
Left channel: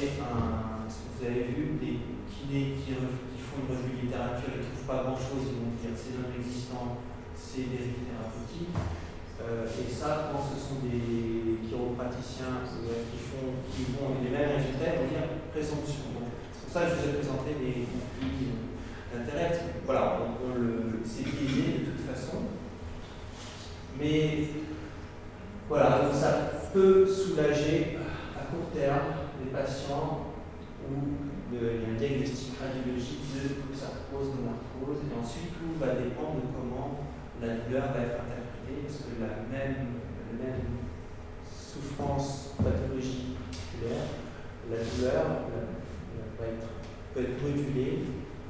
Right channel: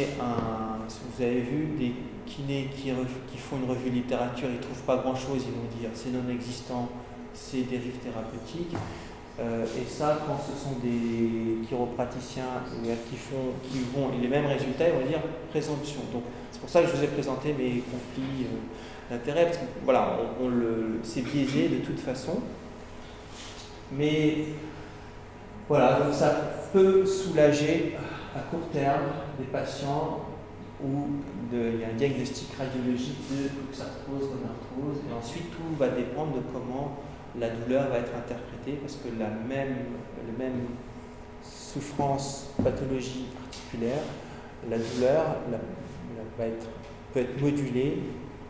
vous avez vu des kinés qui font une revue littérature, ils ne trouvent pas grand-chose, ils vont dire c'est non existant, c'est dérive thérapeutique. Et ça, quand ce sont des chiropraticiens qui vont les mêmes résultats, ils vont dire présomption. Donc, c'est pour ça que je vous ai présenté les conflits d'intérêts, parce que voilà, c'est biaisé de toute façon. Mais voilà, donc ça peut soulager à court terme des patients où il y a un diagnostic radiologique de luxarthrose, gonarthrose, et ensuite tout va dépendre de comment la douleur va être interprétée, parce que la même souffrance, pathologie particulière, la douleur peut être modulée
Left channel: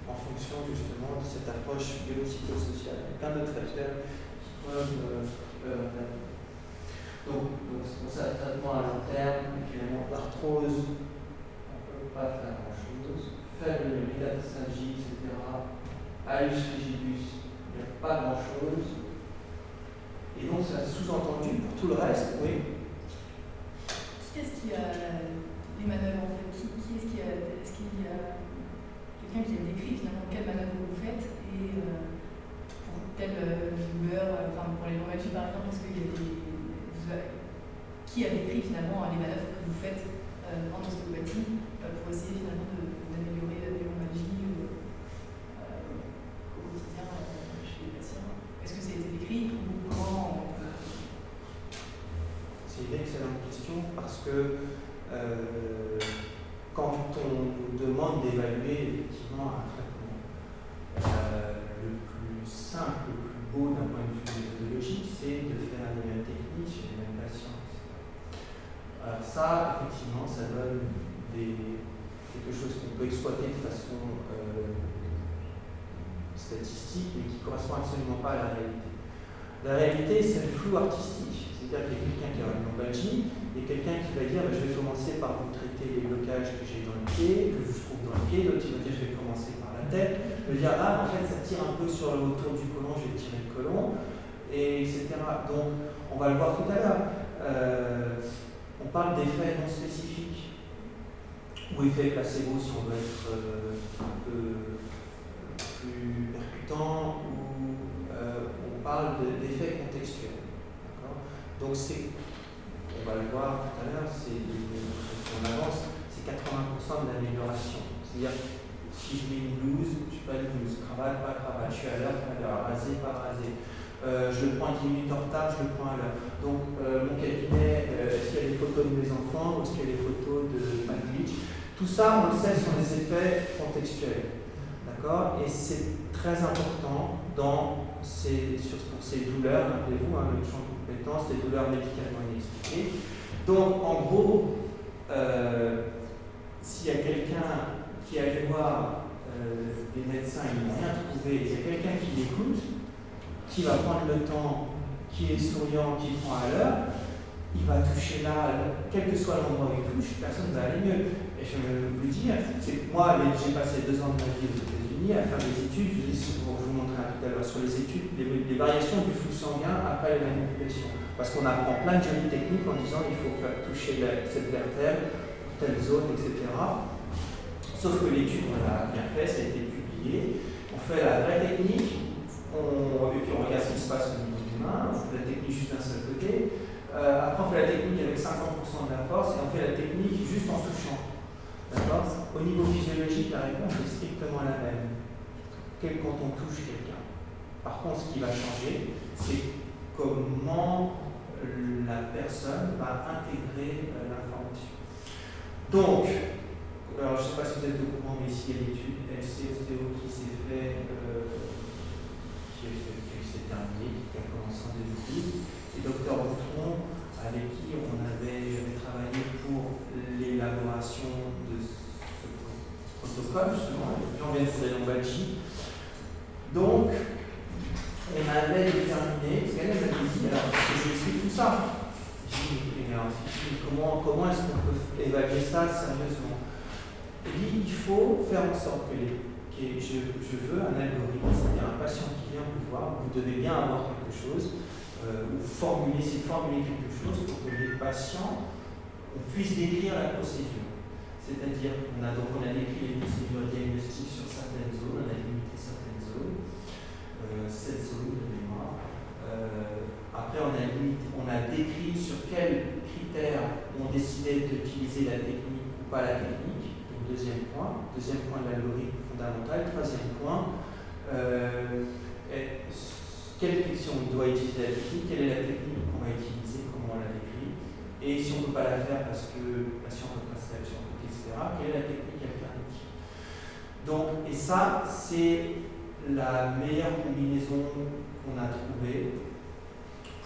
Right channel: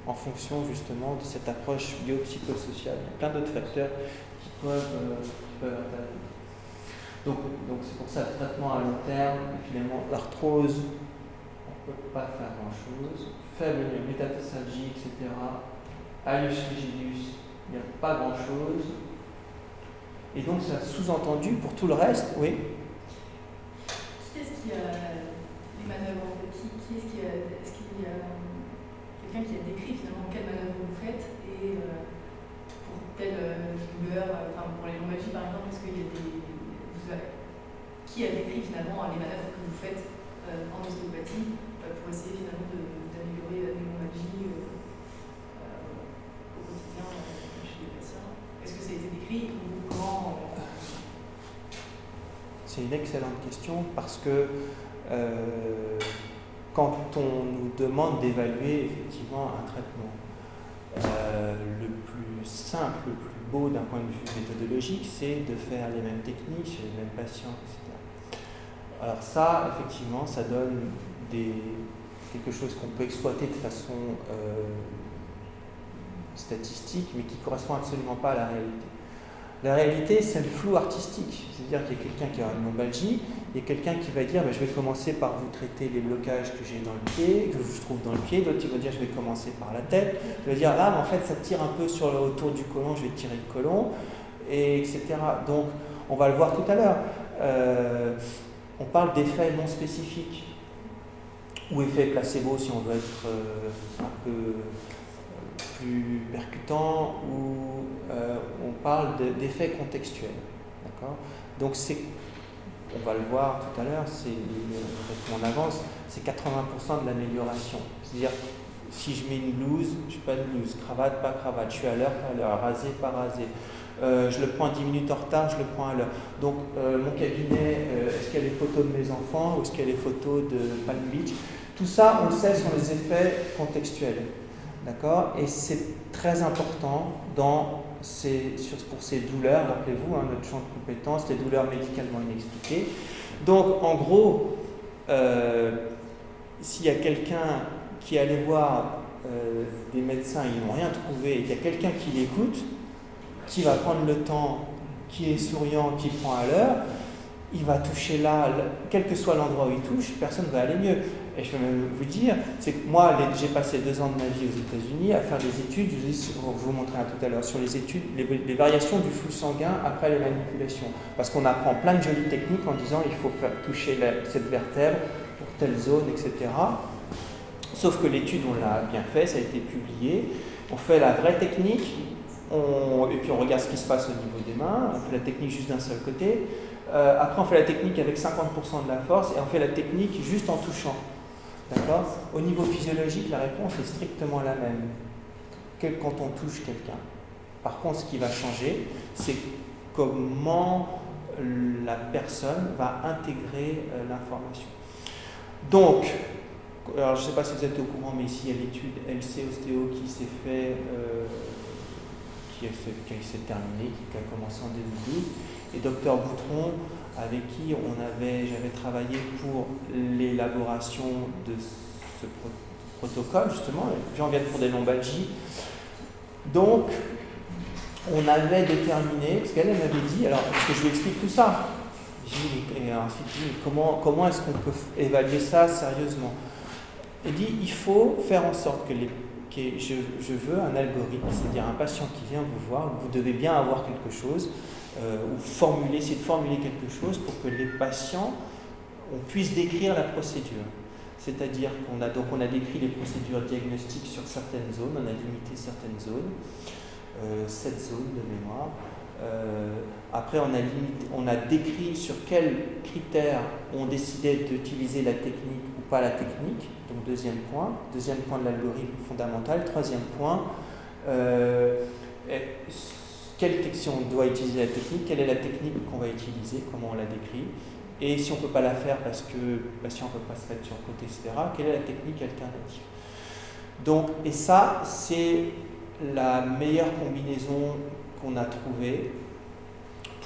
en fonction justement de cette approche biopsychosociale. Il y a plein d'autres facteurs qui peuvent intervenir. Donc c'est pour ça le traitement à long terme, et finalement l'arthrose, on ne peut pas faire grand-chose. Faible métatarsalgie, etc. Hallux rigidus, il n'y a pas grand-chose. Et donc ça sous-entendu pour tout le reste, oui. Qui est-ce qui a les manœuvres en fait est-ce qu'il y a quelqu'un qui a décrit finalement quelle manœuvre vous faites et pour telle douleur, pour les lombalgies par exemple, est-ce qu'il y a qui a décrit finalement les manœuvres que vous faites en ostéopathie pour essayer finalement d'améliorer les lombalgies au quotidien chez les patients? Est-ce que ça a été décrit ou comment? C'est une excellente question parce que quand on nous demande d'évaluer effectivement un traitement, le plus simple, le plus beau d'un point de vue méthodologique, c'est de faire les mêmes techniques chez les mêmes patients, etc. Alors ça, effectivement, ça donne quelque chose qu'on peut exploiter de façon statistique, mais qui ne correspond absolument pas à la réalité. La réalité, c'est le flou artistique. C'est-à-dire qu'il y a quelqu'un qui a une lombalgie, il y a quelqu'un qui va dire je vais commencer par vous traiter les blocages que j'ai dans le pied, que je trouve dans le pied, d'autres qui vont dire je vais commencer par la tête, je vais dire mais en fait ça tire un peu autour du côlon, je vais tirer le côlon, et etc. Donc on va le voir tout à l'heure. On parle d'effets non spécifiques, ou effets placebo si on veut être un peu plus percutant, ou on parle d'effets contextuels. D'accord ? Donc on va le voir tout à l'heure, on avance, c'est 80% de l'amélioration. C'est-à-dire, si je mets une blouse, je n'ai pas de blouse, cravate, pas cravate, je suis à l'heure, pas à l'heure, rasé, pas rasé. Je le prends 10 minutes en retard, je le prends à l'heure. Donc, mon cabinet, est-ce qu'il y a les photos de mes enfants, ou est-ce qu'il y a les photos de Palm Beach ? Tout ça, on le sait, sont les effets contextuels. D'accord ? Et c'est très important pour ces douleurs, rappelez-vous, notre champ de compétences, les douleurs médicalement inexpliquées. Donc, en gros, s'il y a quelqu'un qui est allé voir des médecins, ils n'ont rien trouvé, il y a quelqu'un qui l'écoute, qui va prendre le temps, qui est souriant, qui prend à l'heure, il va toucher là, quel que soit l'endroit où il touche, personne ne va aller mieux. Et je peux même vous dire, c'est que moi, j'ai passé 2 ans de ma vie aux États-Unis à faire des études, je vous montrerai tout à l'heure, sur les études, les variations du flux sanguin après les manipulations. Parce qu'on apprend plein de jolies techniques en disant il faut faire toucher cette vertèbre, telle zone, etc. Sauf que l'étude, on l'a bien fait, ça a été publié. On fait la vraie technique, et puis on regarde ce qui se passe au niveau des mains, on fait la technique juste d'un seul côté. Après, on fait la technique avec 50% de la force et on fait la technique juste en touchant. D'accord ? Au niveau physiologique, la réponse est strictement la même quand on touche quelqu'un. Par contre, ce qui va changer, c'est comment la personne va intégrer l'information. Donc, alors je ne sais pas si vous êtes au courant, mais ici il y a l'étude LC Ostéo qui s'est s'est terminée, qui a commencé en 2012. Et Dr Boutron, avec qui j'avais travaillé pour l'élaboration de ce protocole, justement, les gens viennent pour des lombalgies. Donc, on avait déterminé, parce qu'elle m'avait dit, alors, parce que je lui explique tout ça, comment est-ce qu'on peut évaluer ça sérieusement ? Elle dit, il faut faire en sorte que je veux un algorithme, c'est-à-dire un patient qui vient vous voir, vous devez bien avoir quelque chose, ou essayer de formuler quelque chose pour que les patients, on puisse décrire la procédure. C'est-à-dire qu'on a décrit les procédures diagnostiques sur certaines zones, on a limité certaines zones, 7 zones de mémoire. Après, on a décrit sur quels critères on décidait d'utiliser la technique ou pas la technique. Donc, deuxième point de l'algorithme fondamental. Troisième point, si on doit utiliser la technique, quelle est la technique qu'on va utiliser, comment on la décrit, et si on ne peut pas la faire parce que le patient ne peut pas se mettre sur le côté, etc., quelle est la technique alternative. Donc, et ça, c'est la meilleure combinaison qu'on a trouvée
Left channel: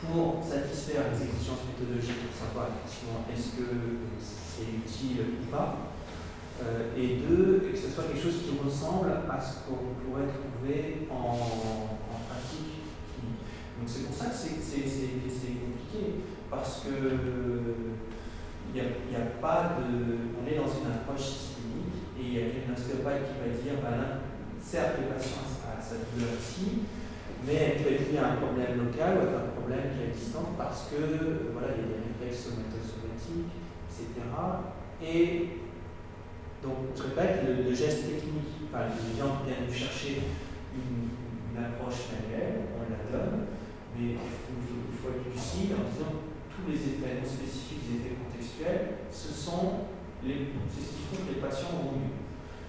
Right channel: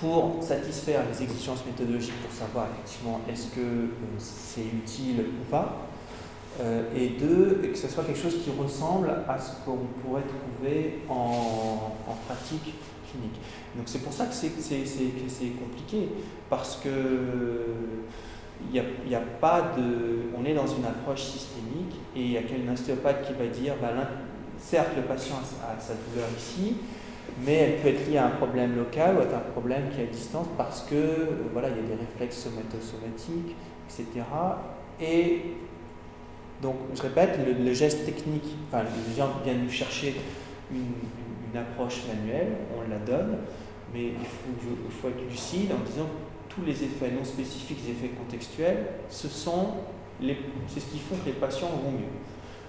pour satisfaire les exigences méthodologiques, pour savoir effectivement est-ce que c'est utile ou pas, et que ce soit quelque chose qui ressemble à ce qu'on pourrait trouver en pratique clinique. Donc c'est pour ça que c'est compliqué, parce que il y a pas de, on est dans une approche systémique, et il y a qu'un ostéopathe qui va dire, certes le patient a sa douleur ici, mais elle peut être liée à un problème local ou à un problème qui est à distance parce que il y a des réflexes somatosomatiques, etc. Et donc, je répète, le geste technique, les gens viennent nous chercher une approche manuelle, on la donne, mais il faut être lucide en disant que tous les effets non spécifiques, les effets contextuels, c'est ce qui font que les patients vont mieux.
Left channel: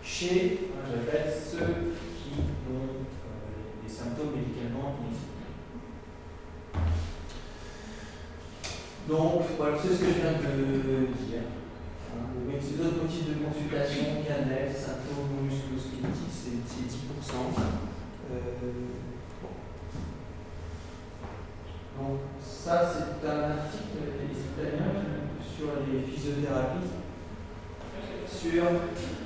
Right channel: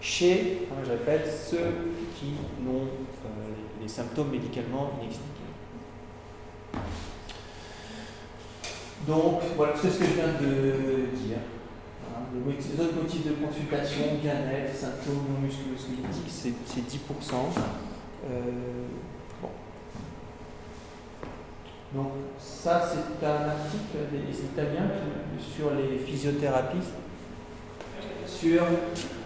Chez, je répète, ceux qui n'ont les symptômes médicalement inexpliqués. Donc, voilà, c'est ce que je viens de dire. Les autres motifs de consultation, bien-être, symptômes musculo-squelettiques, c'est 10%. Donc ça, c'est un article des Italiens sur les physiothérapies, sur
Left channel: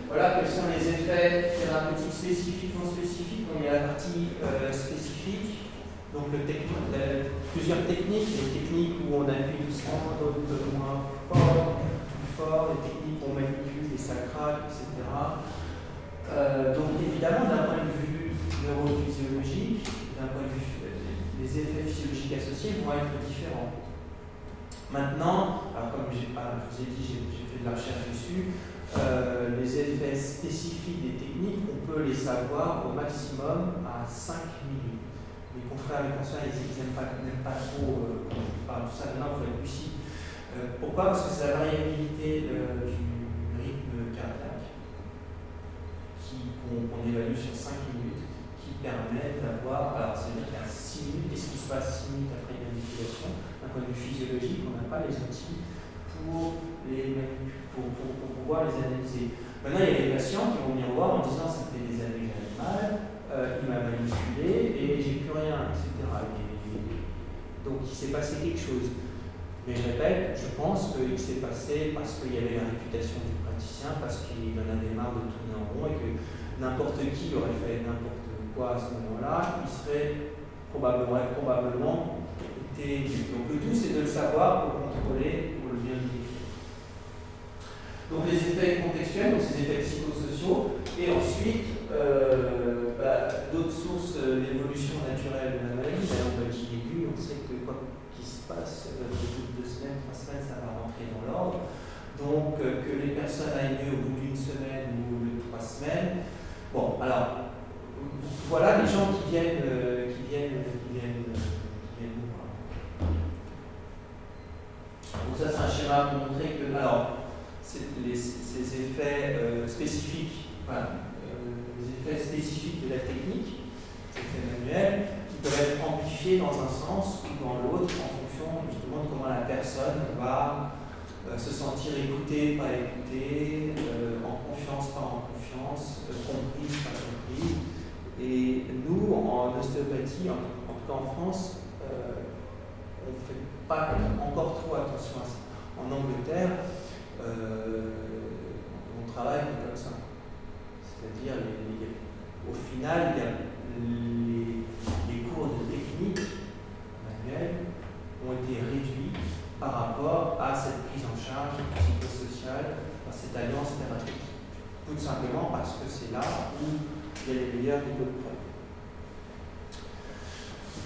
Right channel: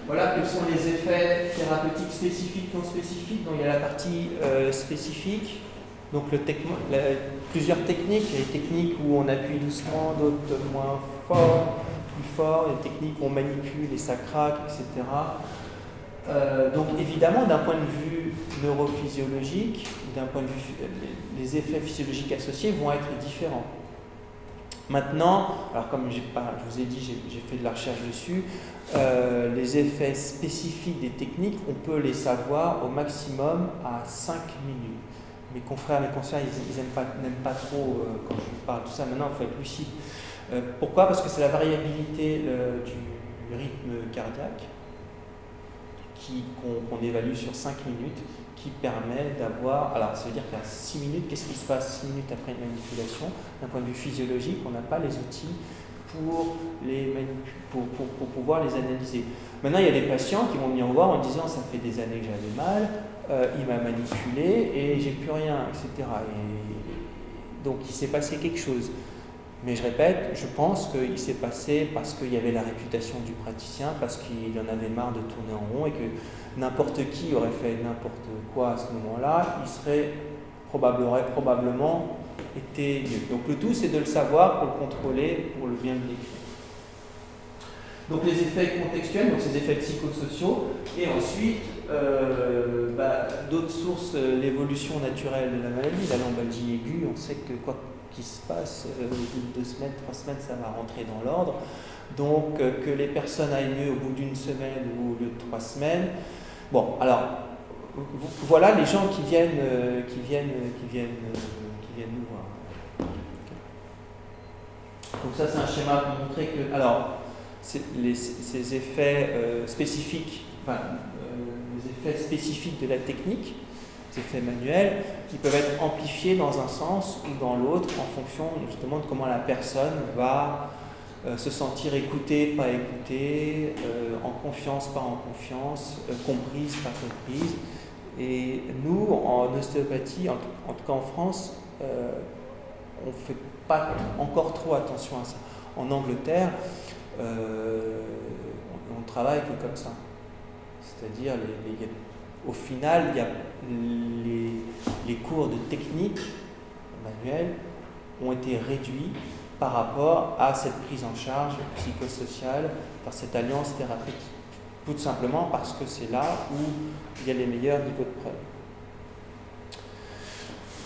voilà, quels sont les effets thérapeutiques spécifiques, non spécifiques. Donc il y a la partie spécifique, donc plusieurs techniques. Il y a des techniques où on appuie doucement, d'autres moins fort, plus fort, des techniques où on manipule et ça craque, etc. Donc évidemment, d'un point de vue neurophysiologique, d'un point de vue, les effets physiologiques associés vont être différents. Maintenant, alors comme je vous ai dit, j'ai fait de la recherche dessus, les effets spécifiques des techniques, on peut les savoir au maximum à 5 minutes. Mes confrères, mes consoeurs, ils n'aiment pas trop quand je parle de tout ça. Maintenant, il faut être lucide. Pourquoi ? Parce que c'est la variabilité du rythme cardiaque qu'on évalue sur 5 minutes qui permet d'avoir. Alors, ça veut dire qu'à 6 minutes, qu'est-ce qui se passe 6 minutes après une manipulation ? D'un point de vue physiologique, on n'a pas les outils pour pouvoir les analyser. Maintenant, il y a des patients qui vont venir voir en disant ça me fait des années que j'avais mal, il m'a manipulé et j'ai plus rien, etc. Et donc, il s'est passé quelque chose. Mais je répète, je pense qu'il s'est passé parce qu'il y avait la réputation du praticien, parce qu'il en avait marre de tourner en rond et que n'importe qui aurait fait n'importe quoi à ce moment-là, il serait probablement été mieux. Donc le tout, c'est de le savoir pour le contrôler, pour le bien le décrire. Donc les effets contextuels, donc ces effets psychosociaux, et ensuite d'autres sources, l'évolution naturelle de la maladie, la lombalgie aiguë, on sait que quoi qu'il se passe, au bout de 2 semaines, 3 semaines, ça va rentrer dans l'ordre. Donc que les personnes aillent mieux au bout d'1 semaine ou au lieu de 3 semaines. Bon, alors, voilà les gens qui viennent nous voir. Donc ça, c'est un schéma pour montrer que, alors, ces effets spécifiques, les effets spécifiques de la technique, les effets manuels, qui peuvent être amplifiés dans un sens ou dans l'autre en fonction justement de comment la personne va se sentir écoutée, pas écoutée, en confiance, pas en confiance, comprise, pas comprise. Et nous, en ostéopathie, en tout cas en France, on ne fait pas encore trop attention à ça. En Angleterre, on travaille que comme ça. C'est-à-dire, au final, il y a les cours de technique manuelle ont été réduits par rapport à cette prise en charge psychosociale par cette alliance thérapeutique. Tout simplement parce que c'est là où il y a les meilleurs niveaux de preuve.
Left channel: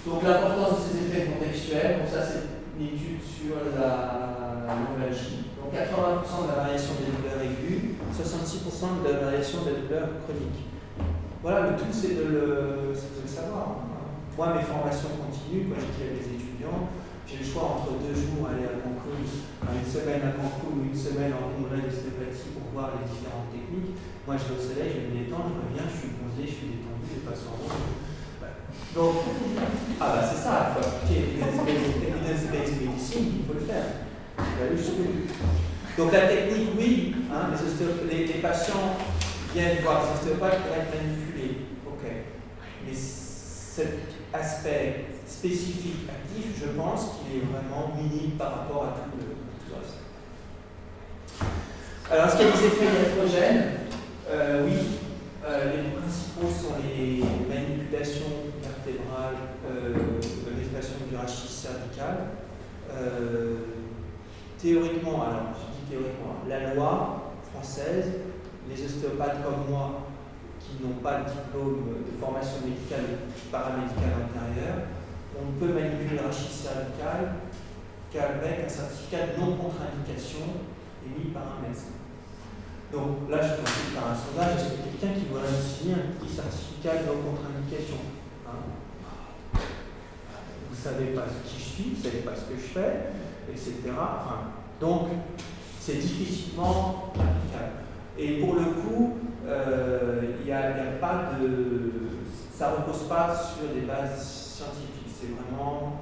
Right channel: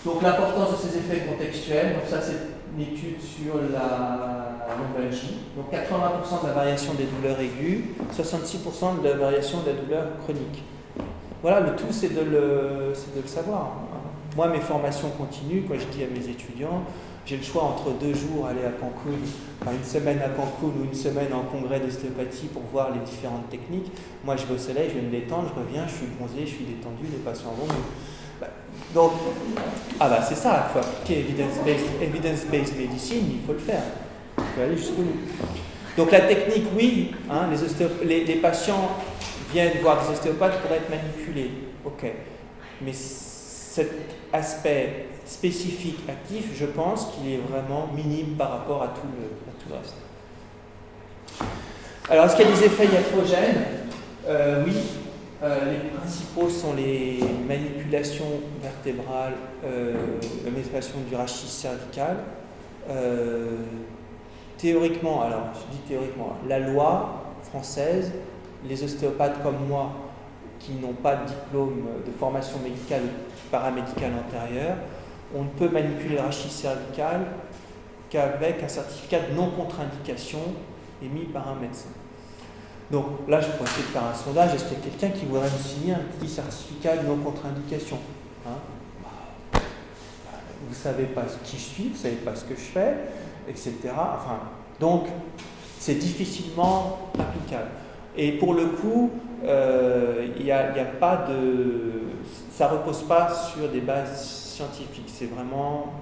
Donc l'importance de ces effets contextuels, donc ça c'est une étude sur la lombalgie. Donc 80% de la variation des douleurs aiguës, 66% de la variation de la douleur chronique. Voilà, le tout c'est de le savoir. Moi, mes formations continuent, quand je dis à mes étudiants, j'ai le choix entre 2 jours aller à Cancun, une semaine à Cancun ou une semaine en congrès d'ostéopathie pour voir les différentes techniques. Moi, je vais au soleil, je vais me détendre, je reviens, je suis bronzé, je suis détendu, les patients vont. Donc, c'est ça, il faut appliquer evidence-based medicine, il faut le faire. Il faut aller jusqu'au bout. Donc, la technique, oui, les patients viennent voir des ostéopathes pour être manipulés. Ok. Mais cet aspect spécifique actif, je pense qu'il est vraiment minime par rapport à tout le reste. Alors, est-ce qu'il y a des effets iatrogènes ? Oui. Les principaux sont les manipulations vertébrales, la manipulation du rachis cervical. Théoriquement, alors je dis théoriquement, la loi française, les ostéopathes comme moi, qui n'ont pas de diplôme de formation médicale ou paramédicale antérieure, on ne peut manipuler le rachis cervical qu'avec un certificat de non-contre-indication émis par un médecin. Donc là, je peux essayer de faire un sondage. Est-ce qu'il y a quelqu'un qui voudrait me signer un petit certificat de non-contre-indication ? Vous ne savez pas qui je suis, vous ne savez pas ce que je fais, etc. Donc, c'est difficilement applicable. Et pour le coup, il y a pas de... Ça ne repose pas sur des bases scientifiques. C'est vraiment...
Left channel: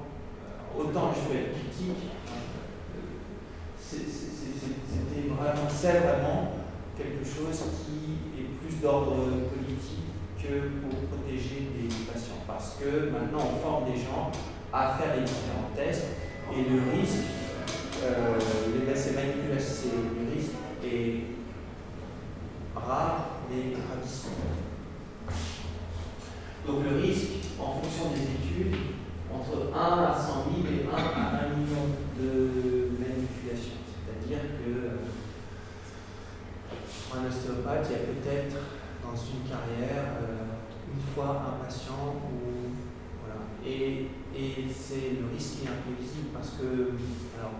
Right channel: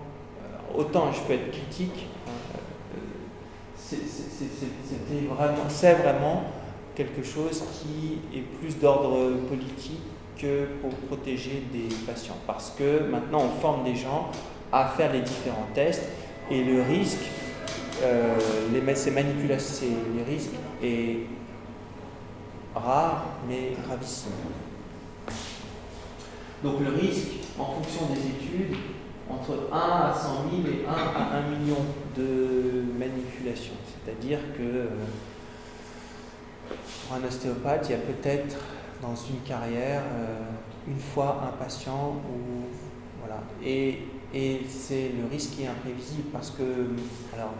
autant je peux être critique, c'est vraiment quelque chose qui est plus d'ordre politique que pour protéger des patients. Parce que maintenant, on forme des gens à faire les différents tests, et le risque, ces manipulations, les risques est rare mais gravissime. Donc le risque, en fonction des études, entre 1 à 100 000 et 1 à 1 million de manipulations. C'est-à-dire que pour un ostéopathe, il y a peut-être dans une carrière une fois un patient où, voilà. Et c'est le risque qui est imprévisible parce que, alors,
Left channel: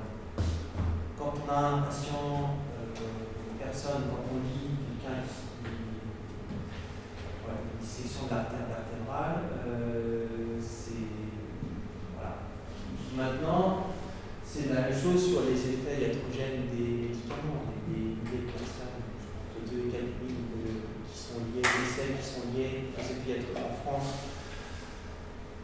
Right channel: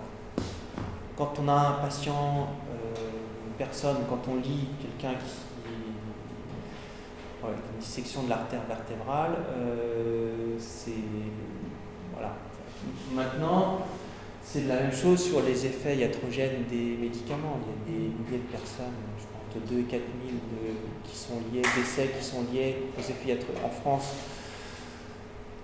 quand on a un patient, une personne, quand on lit quelqu'un qui voilà, une dissection de l'artère vertébrale, c'est voilà. Maintenant, c'est la même chose sur les effets iatrogènes des médicaments. Il y a des milliers de personnes, je pense entre 2 et 4 000 qui sont liés, d'essais qui sont liés aux effets iatrogènes en France.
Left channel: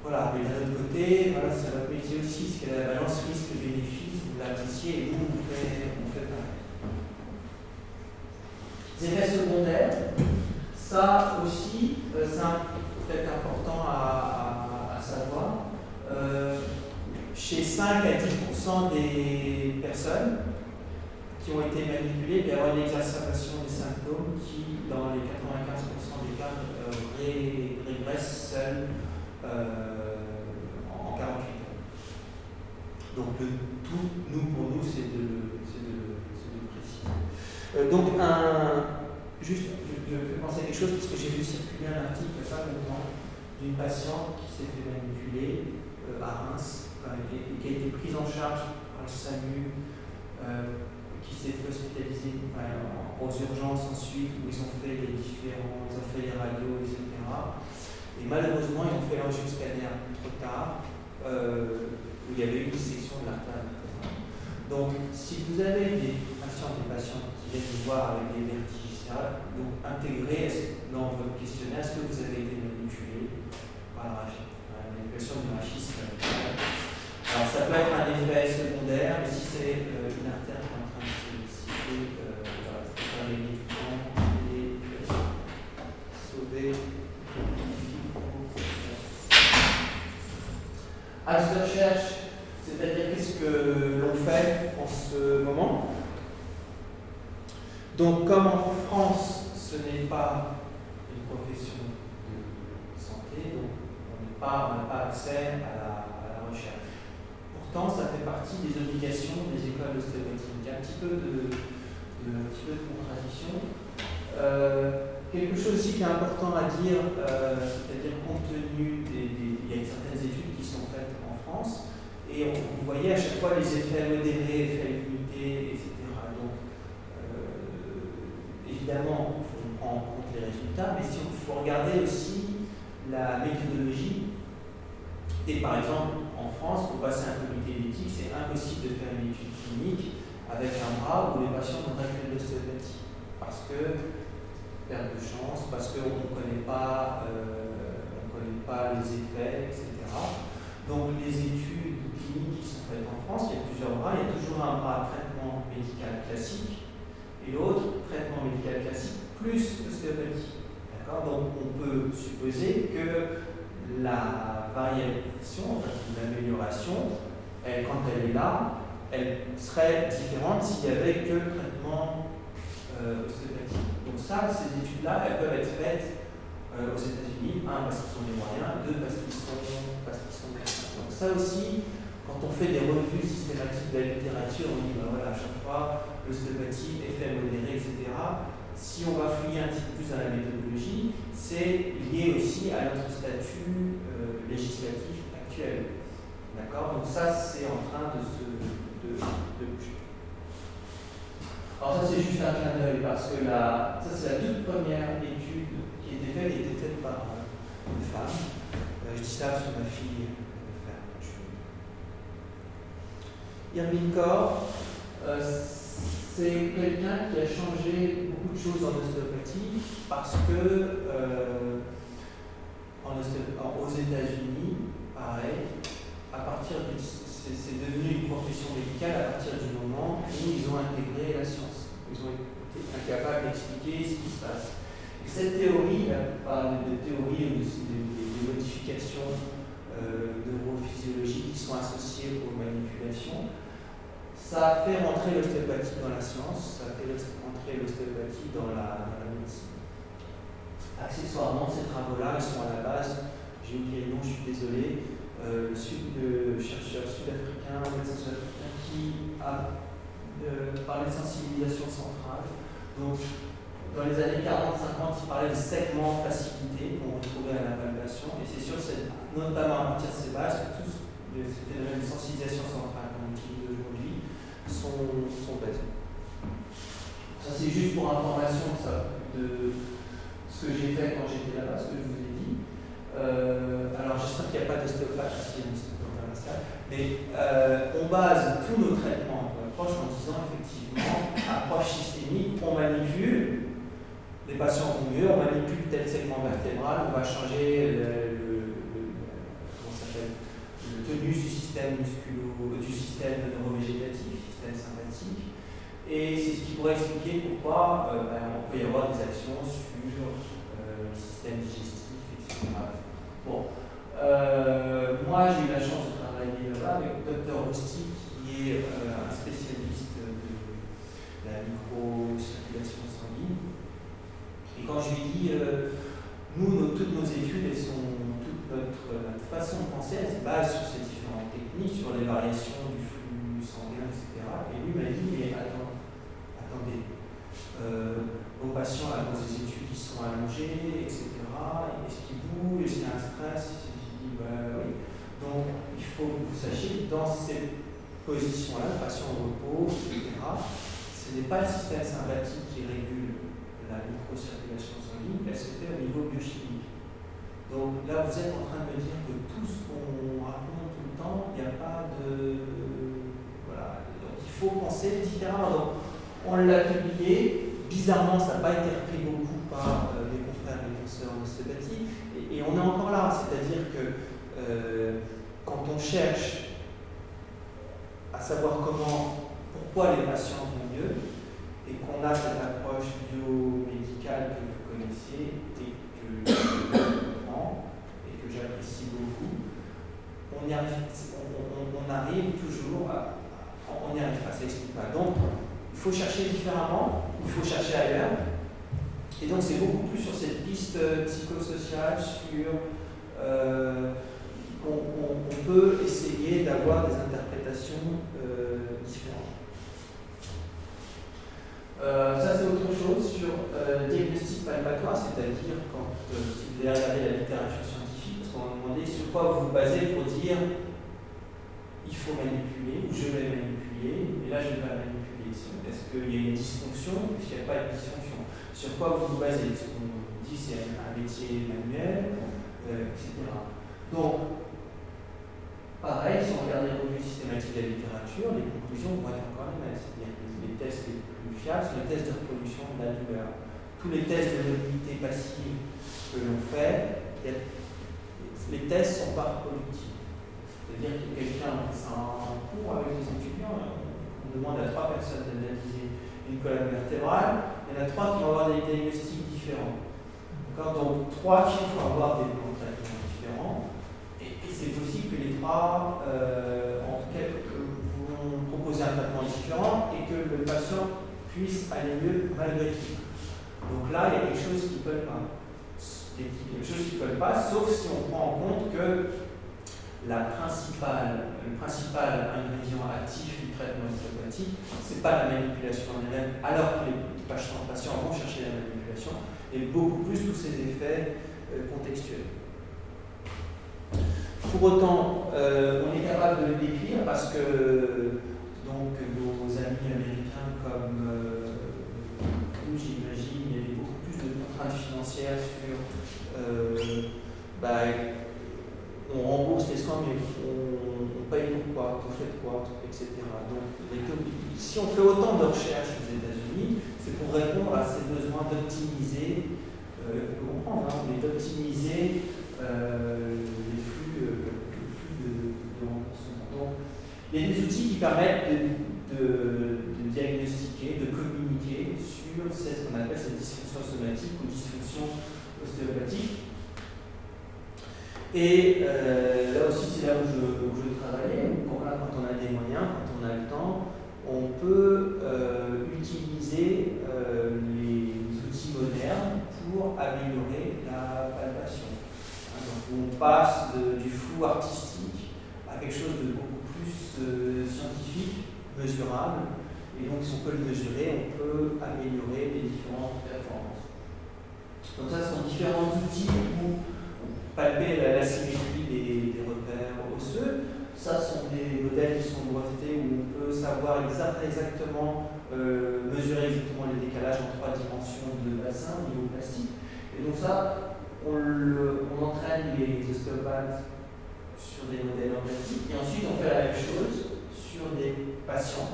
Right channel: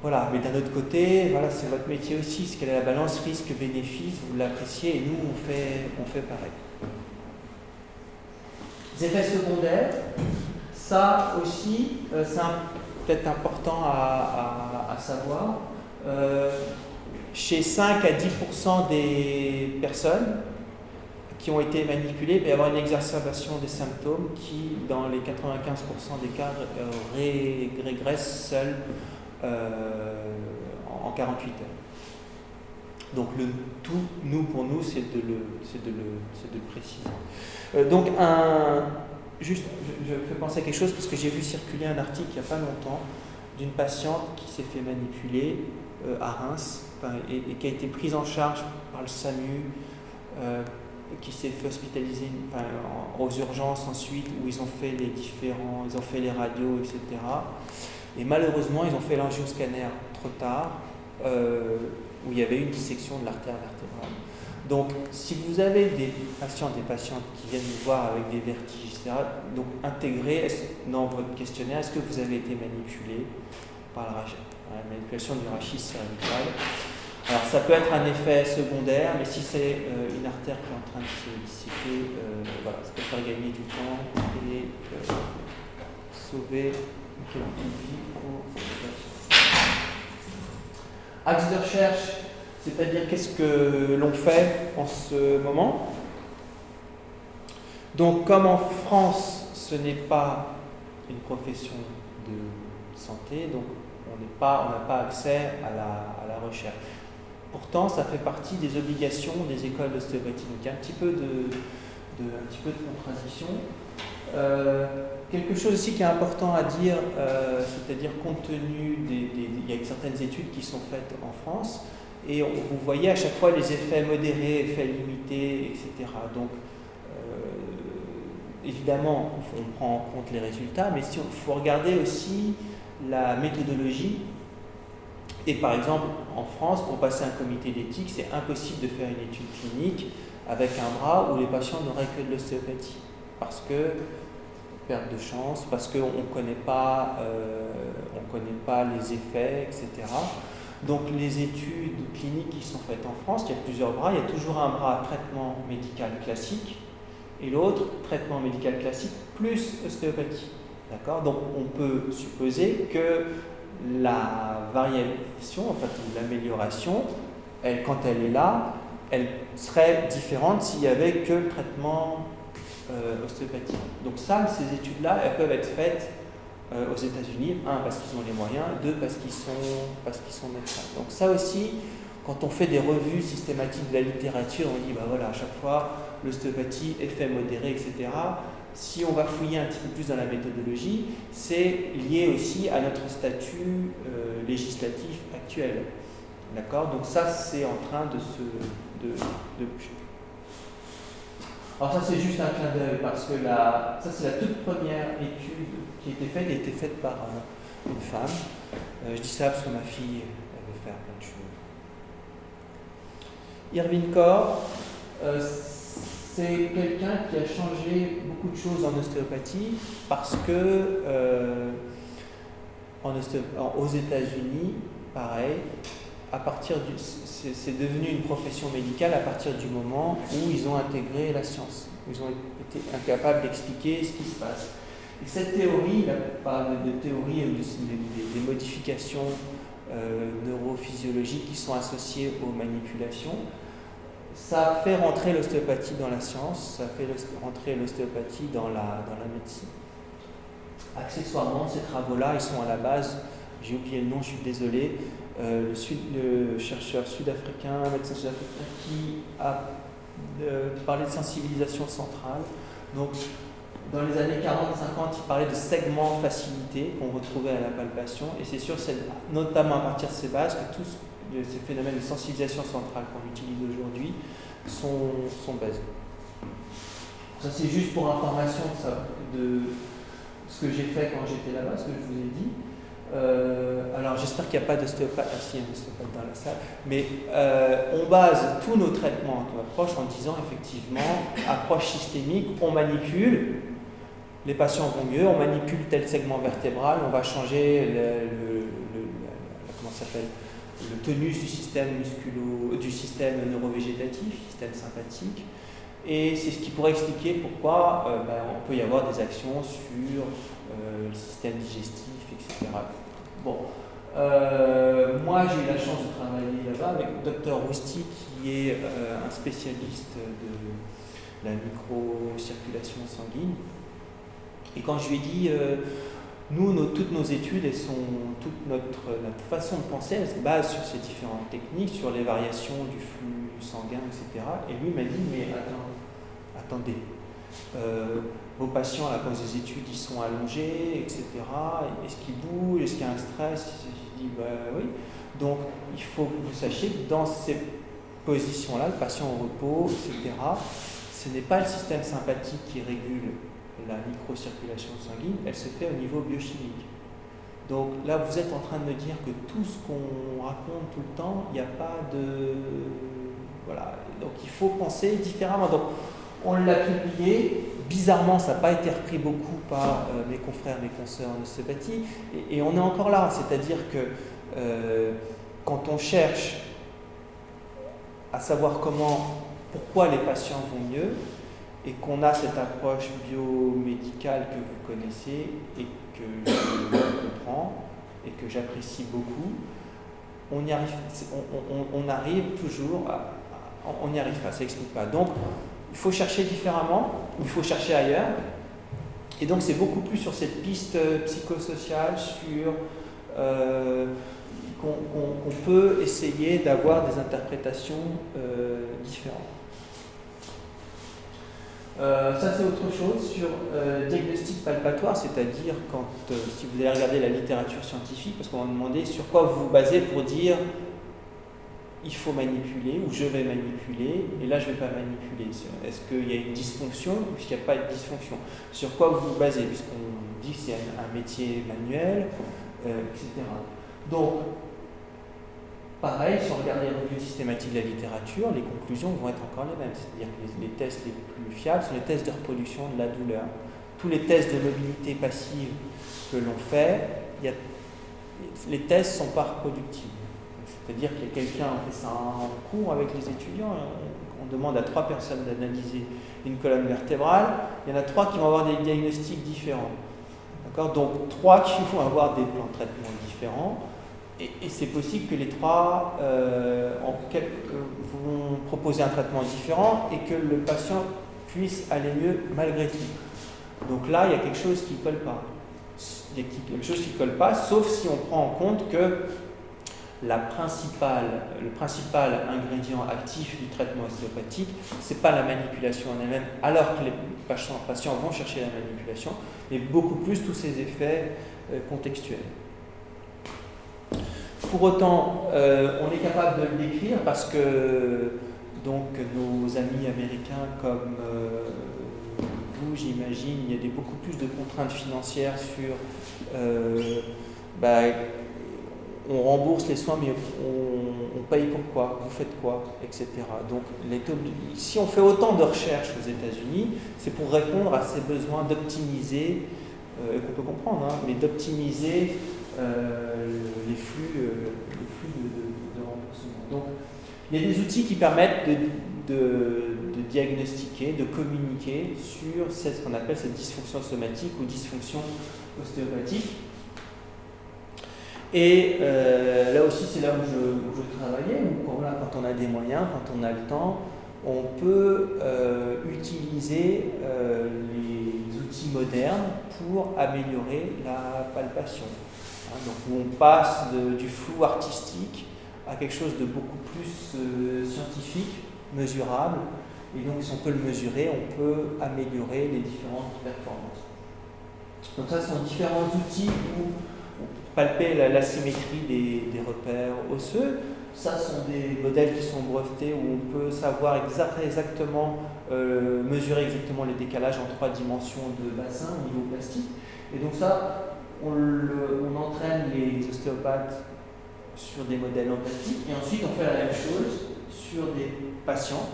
Voilà, mais d'un autre côté, voilà, c'est votre métier aussi, c'est quelle est la balance risque-bénéfice, vous l'appréciez et nous on fait pareil. Les effets secondaires, ça aussi, c'est peut-être important à savoir. Chez 5 à 10% des personnes qui ont été manipulées, il peut y avoir une exacerbation des symptômes qui, dans les 95% des cas, régressent seuls en 48 heures. Donc le tout, pour nous, c'est de le préciser. Donc juste, je fais penser à quelque chose parce que j'ai vu circuler un article il n'y a pas longtemps d'une patiente qui s'est fait manipuler à Reims et qui a été prise en charge par le SAMU, qui s'est fait hospitaliser aux urgences ensuite où ils ont fait les radios, etc. Et malheureusement, ils ont fait l'angioscanner trop tard, où il y avait une dissection de l'artère vertébrale. Donc, si vous avez des patientes qui viennent vous voir avec des vertiges, etc., donc intégrez dans votre questionnaire, est-ce que vous avez été manipulé par la manipulation du rachis cervical. Alors, ça peut être un effet secondaire, mais si c'est une artère qui est en train de se dissiper, voilà, ça peut faire gagner du temps et sauver quelques vies. Axe de recherche, c'est-à-dire qu'est-ce que l'on fait en ce moment. Donc, comme en France, ce n'est pas une profession de santé, donc on n'a pas accès à la recherche. Pourtant, ça fait partie des obligations des écoles d'ostéopathie. Donc, il y a un petit peu de contradiction. Quelque chose aussi qui est important à dire, c'est-à-dire compte tenu il y a certaines études qui sont faites en France, et vous voyez à chaque fois les effets modérés, effets limités, etc. Donc, évidemment, il faut prendre en compte les résultats, mais il faut regarder aussi la méthodologie. Et par exemple, en France, pour passer un comité d'éthique, c'est impossible de faire une étude clinique avec un bras où les patients n'auraient que de l'ostéopathie. Parce que perte de chance, parce qu'on ne connaît pas les effets, etc. Donc les études cliniques qui sont faites en France, il y a plusieurs bras. Il y a toujours un bras traitement médical classique et l'autre traitement médical classique plus ostéopathie. D'accord ? Donc on peut supposer que la variation, en fait l'amélioration, quand elle est là, elle serait différente s'il n'y avait que le traitement ostéopathie. Donc ça, ces études-là, elles peuvent être faites aux États-Unis, 1 parce qu'ils ont les moyens, 2 parce qu'ils sont médecins. Donc ça aussi, quand on fait des revues systématiques de la littérature, on dit voilà, à chaque fois l'ostéopathie, effet modéré, etc. Si on va fouiller un petit peu plus dans la méthodologie, c'est lié aussi à notre statut législatif actuel. D'accord ? Donc ça, c'est en train de bouger. Alors ça, c'est juste un clin d'œil parce que ça, c'est la toute première étude qui a été faite. Elle a été faite par une femme. Je dis ça parce que ma fille avait fait plein de choses. Irvine Corr, c'est quelqu'un qui a changé beaucoup de choses en ostéopathie parce que aux États-Unis, pareil, c'est devenu une profession médicale à partir du moment où ils ont intégré la science. Ils ont été incapables d'expliquer ce qui se passe. Et cette théorie, là, par de théorie ou des modifications neurophysiologiques qui sont associés aux manipulations. Ça fait rentrer l'ostéopathie dans la science, ça fait rentrer l'ostéopathie dans la médecine. Accessoirement, ces travaux-là, ils sont à la base, j'ai oublié le nom, je suis désolé, le chercheur sud-africain, un médecin sud-africain qui a parlé de sensibilisation centrale. Donc, dans les années 40-50, il parlait de segments facilités qu'on retrouvait à la palpation, et c'est sûr, c'est notamment à partir de ces bases que tous ces phénomènes de sensibilisation centrale qu'on utilise aujourd'hui sont basés. Ça, c'est juste pour information de ce que j'ai fait quand j'étais là-bas, ce que je vous ai dit. Alors, j'espère qu'il n'y a pas d'ostéopathe ici, dans la salle, mais on base tous nos traitements d'approche en disant effectivement, approche systémique, on manipule. Les patients vont mieux, on manipule tel segment vertébral, on va changer le tonus du système du système neurovégétatif, système sympathique. Et c'est ce qui pourrait expliquer pourquoi on peut y avoir des actions sur le système digestif, etc. Bon, moi j'ai eu la chance de travailler là-bas avec le docteur Rousti, qui est un spécialiste de la microcirculation sanguine. Et quand je lui ai dit, toutes nos études, toute notre façon de penser, elle se base sur ces différentes techniques, sur les variations du flux sanguin, etc. Et lui m'a dit, mais attendez, vos patients, là, quand les études, ils sont allongés, etc. Est-ce qu'ils bougent? Est-ce qu'il y a un stress? Je dis, oui. Donc, il faut que vous sachiez que dans ces positions-là, le patient au repos, etc., ce n'est pas le système sympathique qui régule la microcirculation sanguine, elle se fait au niveau biochimique. Donc là, vous êtes en train de me dire que tout ce qu'on raconte tout le temps, il n'y a pas de... Voilà. Donc il faut penser différemment. Donc on l'a publié, bizarrement, ça n'a pas été repris beaucoup par mes confrères, mes consoeurs en ostéopathie, et on est encore là. C'est-à-dire que quand on cherche à savoir pourquoi les patients vont mieux, et qu'on a cette approche biomédicale que vous connaissez et que je comprends et que j'apprécie beaucoup, on y arrive toujours on n'y arrive pas, ça n'explique pas. Donc, il faut chercher différemment, il faut chercher ailleurs, et donc c'est beaucoup plus sur cette piste psychosociale, sur qu'on peut essayer d'avoir des interprétations différentes. Ça c'est autre chose sur diagnostic palpatoire, c'est-à-dire si vous allez regarder la littérature scientifique, parce qu'on va demander sur quoi vous vous basez pour dire il faut manipuler ou je vais manipuler, et là je ne vais pas manipuler. Est-ce qu'il y a une dysfonction ou est-ce qu'il n'y a pas de dysfonction? Sur quoi vous vous basez? Puisqu'on dit que c'est un métier manuel, etc. Donc, pareil, si on regarde les revues systématiques de la littérature, les conclusions vont être encore les mêmes. C'est-à-dire que les tests les plus fiables sont les tests de reproduction de la douleur. Tous les tests de mobilité passive que l'on fait, les tests ne sont pas reproductibles. C'est-à-dire que quelqu'un fait ça en cours avec les étudiants, on demande à 3 personnes d'analyser une colonne vertébrale, il y en a 3 qui vont avoir des diagnostics différents. D'accord? Donc 3 qui vont avoir des plans de traitement différents. Et c'est possible que les 3 vont proposer un traitement différent et que le patient puisse aller mieux malgré tout. Donc là, il y a quelque chose qui ne colle pas. Il y a quelque chose qui ne colle pas, sauf si on prend en compte que le principal ingrédient actif du traitement ostéopathique, ce n'est pas la manipulation en elle-même, alors que les patients vont chercher la manipulation, mais beaucoup plus tous ces effets contextuels. Pour autant, on est capable de le décrire parce que donc, nos amis américains comme vous, j'imagine, il y a beaucoup plus de contraintes financières sur on rembourse les soins, mais on paye pourquoi, vous faites quoi, etc. Donc, si on fait autant de recherches aux États-Unis, c'est pour répondre à ces besoins d'optimiser, qu'on peut comprendre, mais d'optimiser les flux de remboursement. Donc, il y a des outils qui permettent de diagnostiquer, de communiquer sur ce qu'on appelle cette dysfonction somatique ou dysfonction ostéopathique. Et là aussi, c'est là où je travaillais. Quand on a des moyens, quand on a le temps, on peut utiliser les outils modernes pour améliorer la palpation. Hein, donc on passe du flou artistique à quelque chose de beaucoup plus scientifique, mesurable. Et donc si on peut le mesurer, on peut améliorer les différentes performances. Donc ça, ce sont différents outils pour palper la symétrie des repères osseux. Ça sont des modèles qui sont brevetés où on peut savoir exactement, mesurer exactement les décalages en 3 dimensions de bassin au niveau plastique. Et donc ça, on entraîne les ostéopathes sur des modèles en plastique et ensuite on fait la même chose sur des patients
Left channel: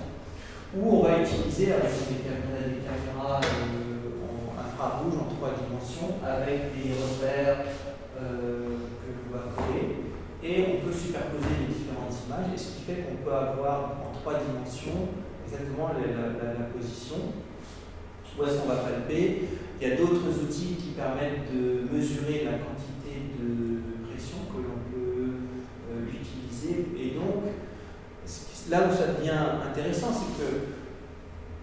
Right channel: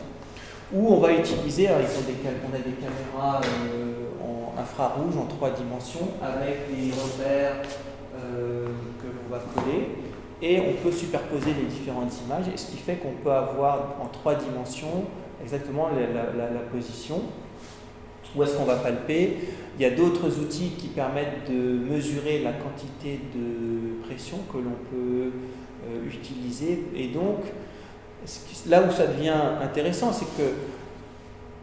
où on va utiliser, on a des caméras en infrarouge en 3 dimensions avec des repères que l'on va coller. Et on peut superposer les différentes images, et ce qui fait qu'on peut avoir en 3 dimensions exactement la position. Où est-ce qu'on va palper? Il y a d'autres outils qui permettent de mesurer la quantité de pression que l'on peut utiliser. Et donc, là où ça devient intéressant, c'est que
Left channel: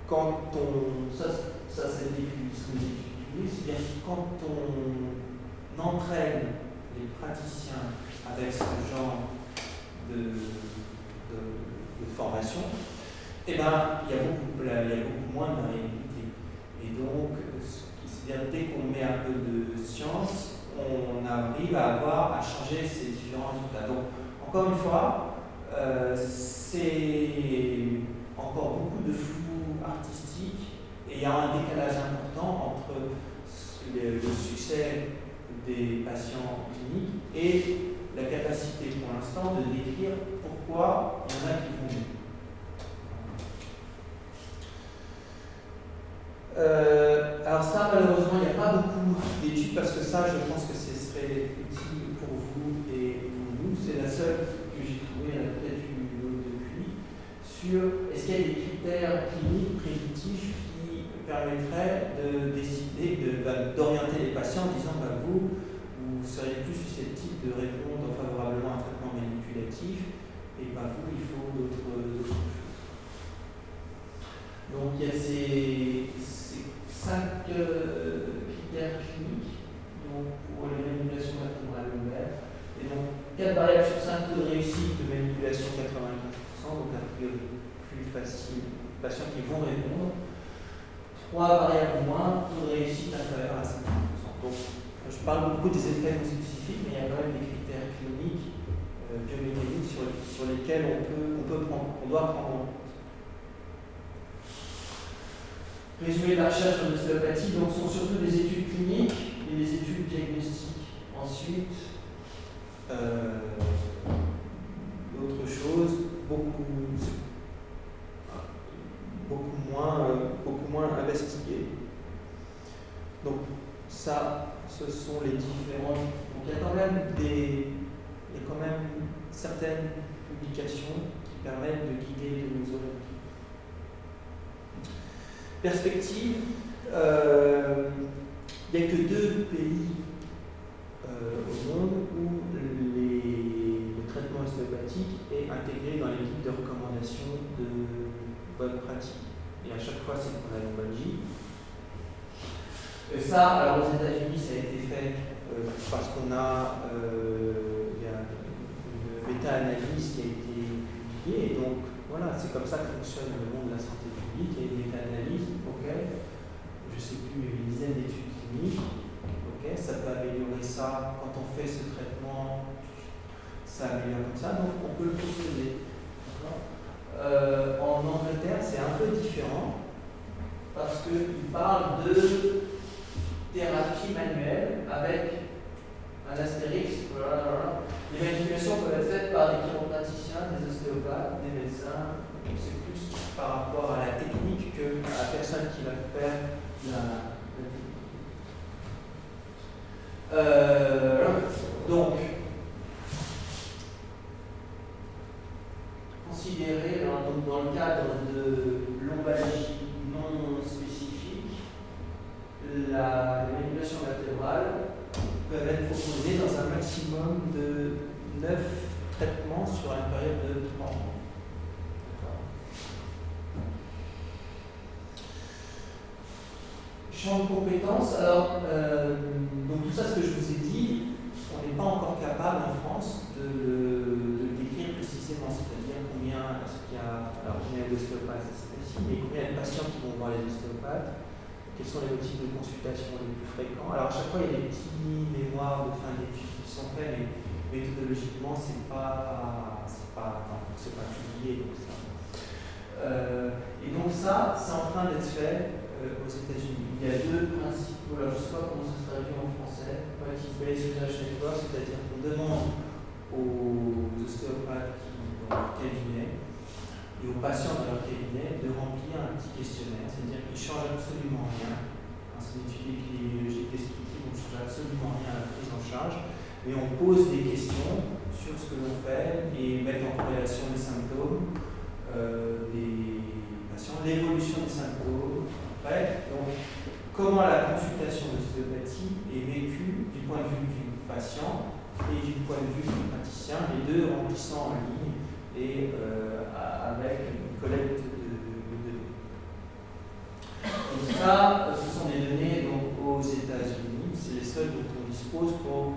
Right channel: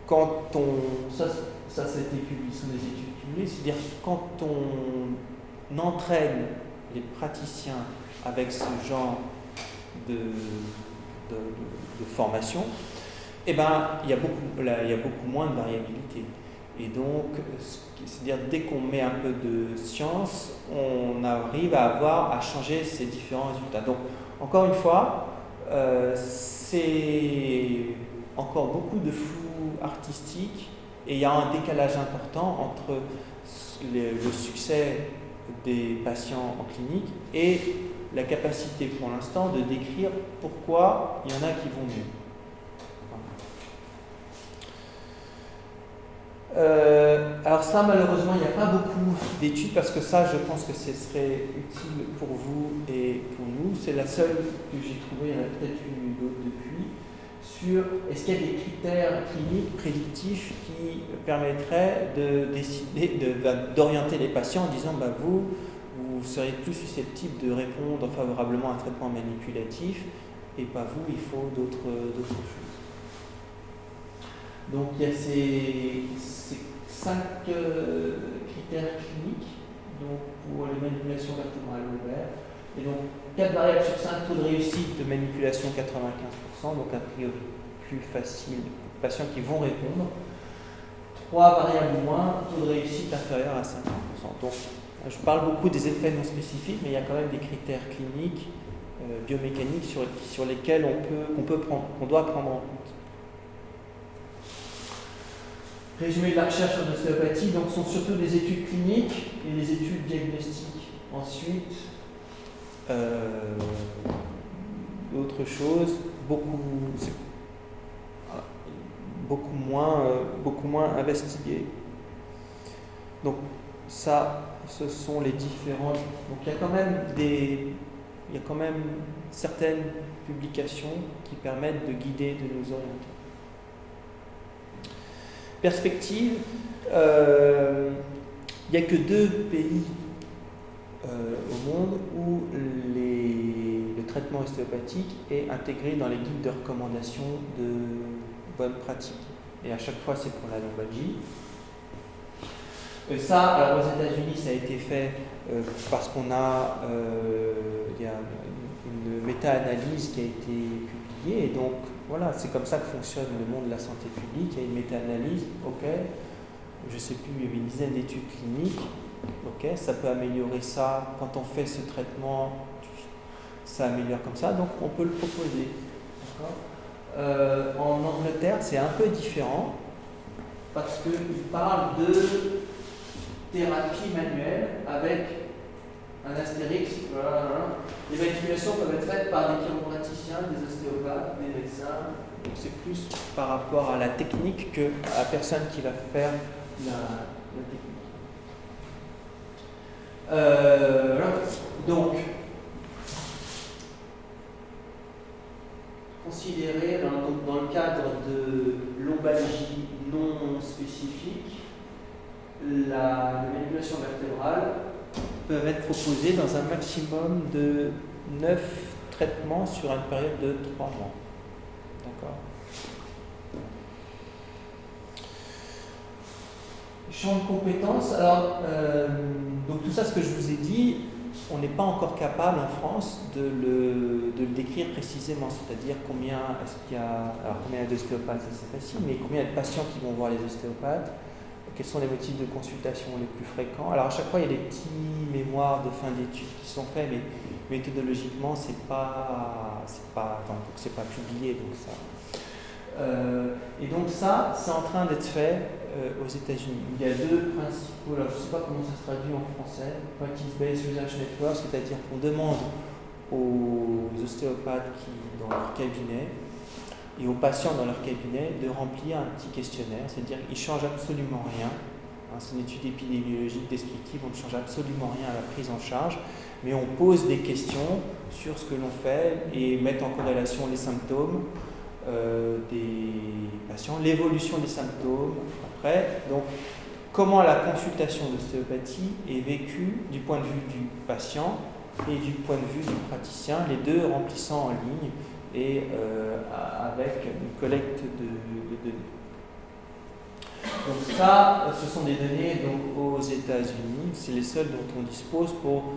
quand on... Ça c'est des études cumulées, c'est-à-dire quand on entraîne les praticiens avec ce genre de formation, eh ben, il y a beaucoup moins de variabilité. Et donc, c'est-à-dire dès qu'on met un peu de science, on arrive à changer ces différents résultats. Donc, encore une fois, c'est encore beaucoup de flou artistique et il y a un décalage important entre le succès des patients en clinique et la capacité pour l'instant de décrire pourquoi il y en a qui vont mieux. Alors ça, malheureusement, il n'y a pas beaucoup d'études parce que ça, je pense que ce serait utile pour vous et pour nous. C'est la seule que j'ai trouvée, il y en a peut-être une autre depuis, sur est-ce qu'il y a des critères cliniques prédictifs qui permettraient de décider, d'orienter les patients en disant vous serez plus susceptible de répondre favorablement à un traitement manipulatif et pas vous, il faut d'autres choses. Donc il y a ces 5 critères cliniques donc, pour les manipulations vertébrales lombaires. Et donc 4 variables sur 5, taux de réussite de manipulation 95%, donc a priori plus facile, patients qui vont répondre. 3 variables moins, taux de réussite inférieur à 50%. Donc je parle beaucoup des effets non spécifiques, mais il y a quand même des critères cliniques, biomécaniques sur lesquels qu'on doit prendre en compte. Résumé de la recherche en ostéopathie, donc sont surtout des études cliniques et des études diagnostiques. Ensuite, d'autres choses, beaucoup moins investiguées. Donc ça, ce sont les différentes. Donc il y a quand même certaines publications qui permettent de guider, de nous orienter. Perspective, il n'y a que 2 pays au monde où le traitement ostéopathique est intégré dans les guides de recommandation de bonne pratique. Et à chaque fois, c'est pour la lombalgie. Ça, alors aux États-Unis, ça a été fait parce qu'on a, il y a une méta-analyse qui a été publiée. Et donc, voilà, c'est comme ça que fonctionne le monde de la santé publique. Il y a une méta-analyse, ok, je ne sais plus, il y a une dizaine d'études cliniques, ok, ça peut améliorer ça. Quand on fait ce traitement, ça améliore comme ça, donc on peut le proposer. En Angleterre, c'est un peu différent parce qu'ils parlent de thérapie manuelle avec un astérix. Les manipulations peuvent être faites par des chiropraticiens, des ostéopathes, des médecins. Donc c'est plus par rapport à la technique qu'à la personne qui va faire la technique. Donc, considérer dans le cadre de lombalgie non spécifique la manipulation vertébrale peuvent être proposés dans un maximum de 9 traitements sur une période de 3 mois. D'accord. Champ de compétences. Alors, donc tout ça, ce que je vous ai dit, on n'est pas encore capable en France de le décrire précisément, c'est-à-dire combien est-ce qu'il y a, alors combien d'ostéopathes, ça c'est facile, mais combien de patients qui vont voir les ostéopathes, quels sont les motifs de consultation les plus fréquents. Alors à chaque fois, il y a des petits mémoires de fin d'études qui sont faits, mais méthodologiquement, c'est pas publié, donc ça. Et donc ça, c'est en train d'être fait aux États-Unis. Il y a 2 principaux, alors je ne sais pas comment ça se traduit en français, Practice-Based Research Network, c'est-à-dire qu'on demande aux ostéopathes dans leur cabinet et aux patients dans leur cabinet de remplir un petit questionnaire, c'est-à-dire qu'ils ne changent absolument rien. C'est une étude épidémiologique descriptive, on ne change absolument rien à la prise en charge, mais on pose des questions sur ce que l'on fait et met en corrélation les symptômes des patients, l'évolution des symptômes après. Donc, comment la consultation d'ostéopathie est vécue du point de vue du patient et du point de vue du praticien, les deux remplissant en ligne et avec une collecte de données. Donc ça, ce sont des données donc, aux États-Unis, c'est les seuls dont on dispose pour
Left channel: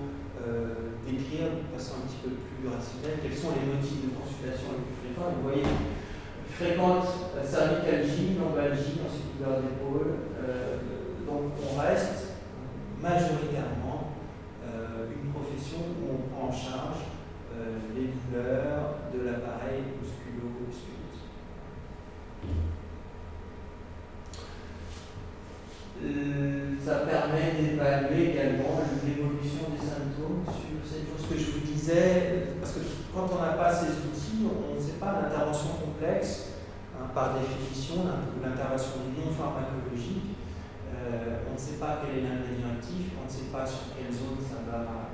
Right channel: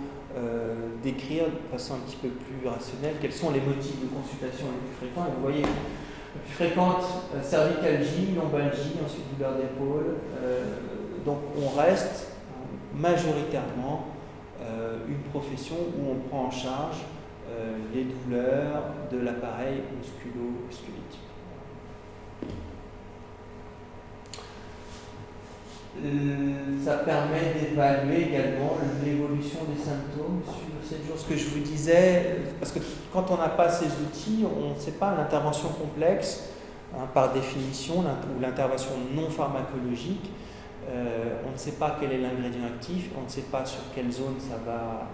décrire de façon un petit peu plus rationnelle quels sont les motifs de consultation les plus fréquents. Et vous voyez, la plus fréquente, cervicalgie, lombalgie, ensuite douleur d'épaule. Donc on reste majoritairement une profession où on prend en charge les douleurs de l'appareil musculo-squelettique. Ça permet d'évaluer également l'évolution des symptômes sur 7 jours. Ce que je vous disais, parce que quand on n'a pas ces outils, on ne sait pas l'intervention complexe, par définition, l'intervention non pharmacologique, on ne sait pas quel est l'ingrédient actif, on ne sait pas sur quelle zone ça va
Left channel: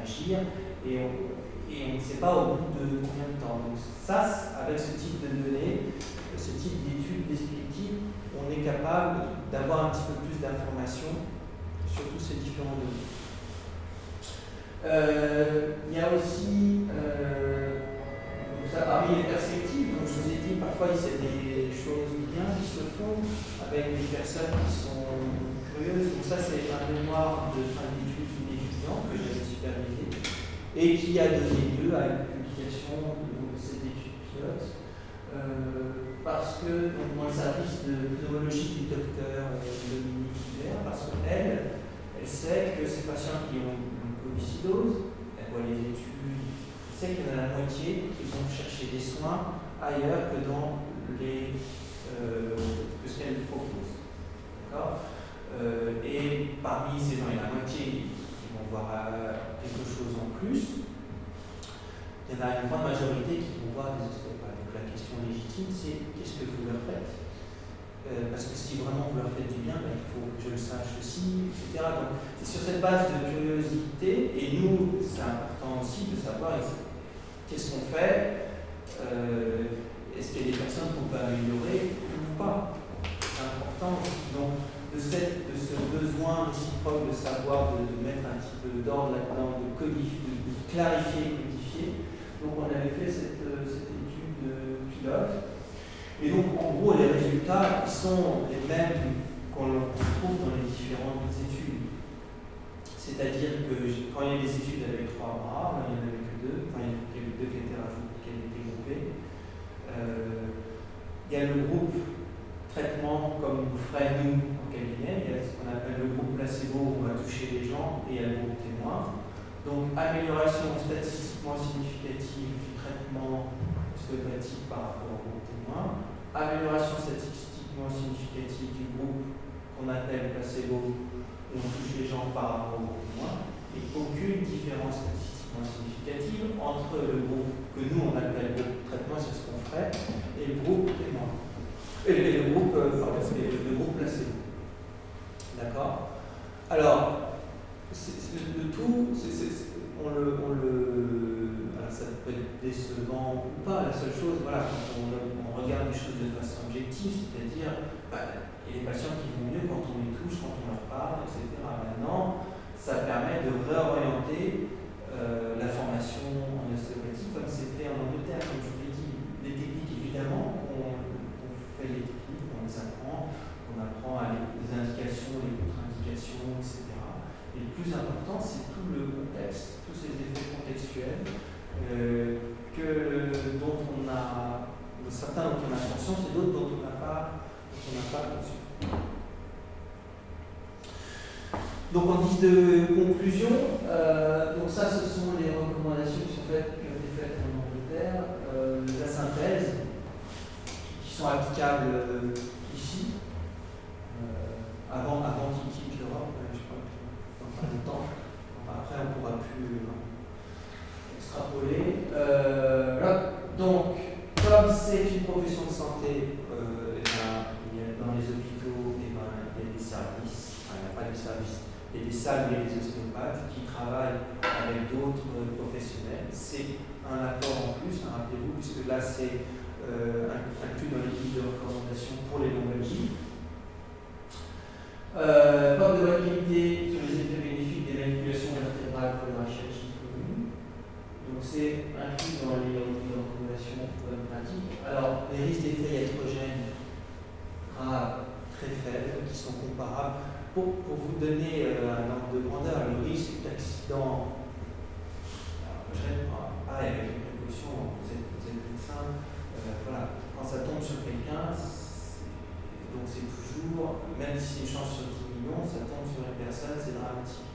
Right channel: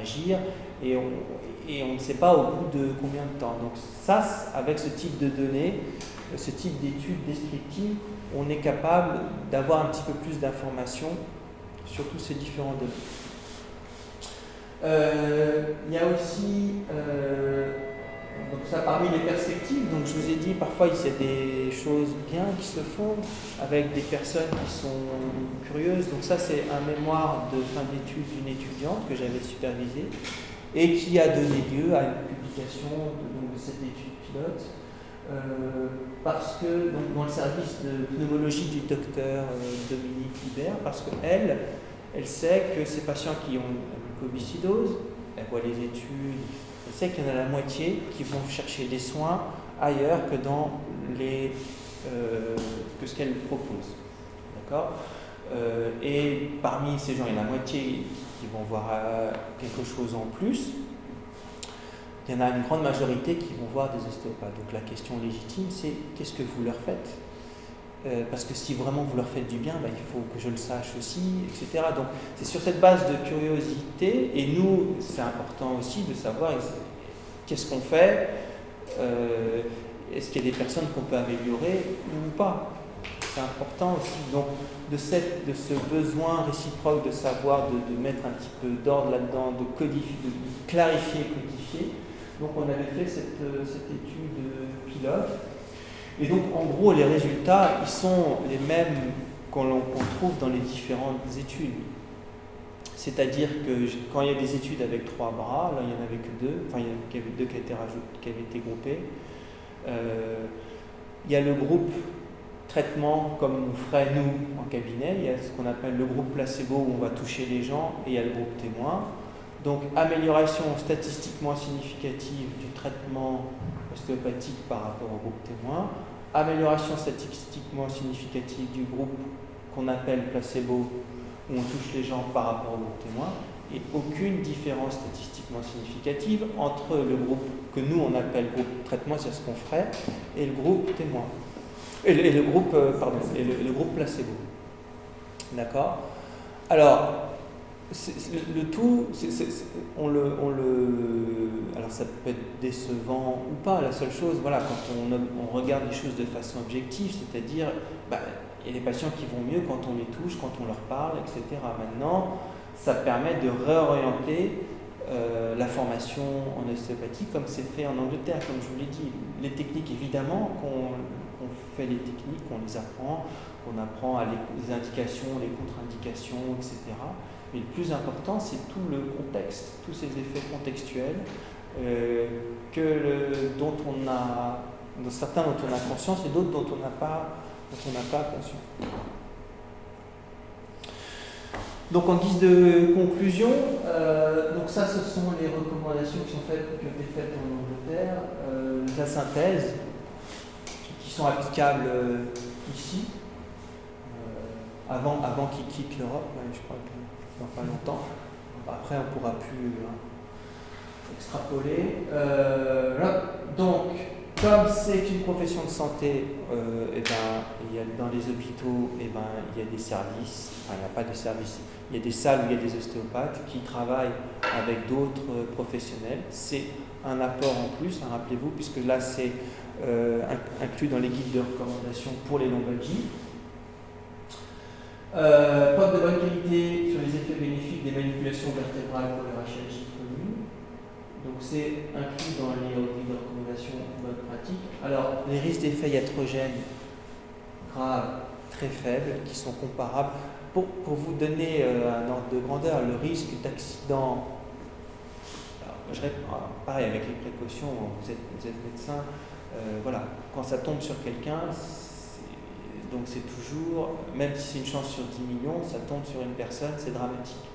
agir, et on ne sait pas au bout de combien de temps. Donc ça, avec ce type de données, ce type d'études descriptives, on est capable d'avoir un petit peu plus d'informations sur tous ces différents données. Il y a aussi, donc ça parmi les perspectives, donc je vous ai dit, parfois il y a des choses bien qui se font avec des personnes qui sont curieuses. Donc ça c'est un mémoire de fin d'études d'une étudiante que j'avais supervisée et qui a donné lieu à une publication de cette étude pilote. Parce que dans le service de pneumologie du docteur Dominique Hubert, parce qu'elle sait que ces patients qui ont une mucoviscidose, elle voit les études, elle sait qu'il y en a la moitié qui vont chercher des soins ailleurs que dans que ce qu'elle propose. D'accord ? Et parmi ces gens, il y a la moitié qui vont voir quelque chose en plus. Il y en a une grande majorité qui vont voir des ostéopathes. Donc la question légitime, c'est qu'est-ce que vous leur faites ? Parce que si vraiment vous leur faites du bien, il faut que je le sache aussi, etc. Donc c'est sur cette base de curiosité, et nous, c'est important aussi de savoir qu'est-ce qu'on fait, est-ce qu'il y a des personnes qu'on peut améliorer ou pas. C'est important aussi. Donc de ce besoin réciproque de savoir, de mettre un petit peu d'ordre là-dedans, de clarifier et codifier. Donc on avait fait cette étude pilote. Et donc en gros les résultats ils sont les mêmes qu'on trouve dans les différentes études. C'est-à-dire que quand il y a des études avec 3 bras, là il n'y en avait que 2, enfin il y avait 2 qui étaient rajoutés, qui avaient été groupés. Il y a le groupe traitement comme on ferait nous en cabinet, il y a ce qu'on appelle le groupe placebo où on va toucher les gens, et il y a le groupe témoin. Donc, amélioration statistiquement significative du traitement ostéopathique par rapport au groupe témoin, amélioration statistiquement significative du groupe qu'on appelle placebo, où on touche les gens par rapport au groupe témoin, et aucune différence statistiquement significative entre le groupe que nous on appelle groupe traitement, c'est ce qu'on ferait, et le groupe témoin. Et le groupe placebo. D'accord ? Alors, le tout, alors ça peut être décevant ou pas, la seule chose, voilà, quand on regarde les choses de façon objective, c'est-à-dire, il y a des patients qui vont mieux quand on les touche, quand on leur parle, etc. Maintenant, il ça permet de réorienter la formation en ostéopathie comme c'est fait en Angleterre, comme je vous l'ai dit. Les techniques, évidemment, qu'on fait les techniques, on les apprend, on apprend les indications, les contre-indications, etc. Mais le plus important, c'est tout le contexte, tous ces effets contextuels certains dont on a conscience et d'autres dont on n'a pas conscience. Donc en guise de conclusion, donc ça ce sont les recommandations qui ont été faites en Angleterre, la synthèse, qui sont applicables ici, avant qu'ils quittent l'Europe, je crois que dans pas longtemps. Après on ne pourra plus extrapoler. Donc, comme c'est une profession de santé, dans les hôpitaux, il y a des services, enfin il n'y a pas de services. Il y a des salles où il y a des ostéopathes qui travaillent avec d'autres professionnels. C'est un apport en plus, rappelez-vous, puisque là c'est inclus dans l'équipe de recommandation pour les lombalgies. Preuve de bonne qualité sur les effets bénéfiques des manipulations vertébrales pour les rachis communes. Donc c'est inclus dans les recommandations bonnes pratiques. Alors les risques d'effets iatrogènes graves, très faibles, qui sont comparables. Pour vous donner un ordre de grandeur, le risque d'accident, je réponds pareil avec les précautions, vous êtes médecin, voilà, quand ça tombe sur quelqu'un, donc c'est toujours, même si c'est une chance sur 10 millions, ça tombe sur une personne, c'est dramatique.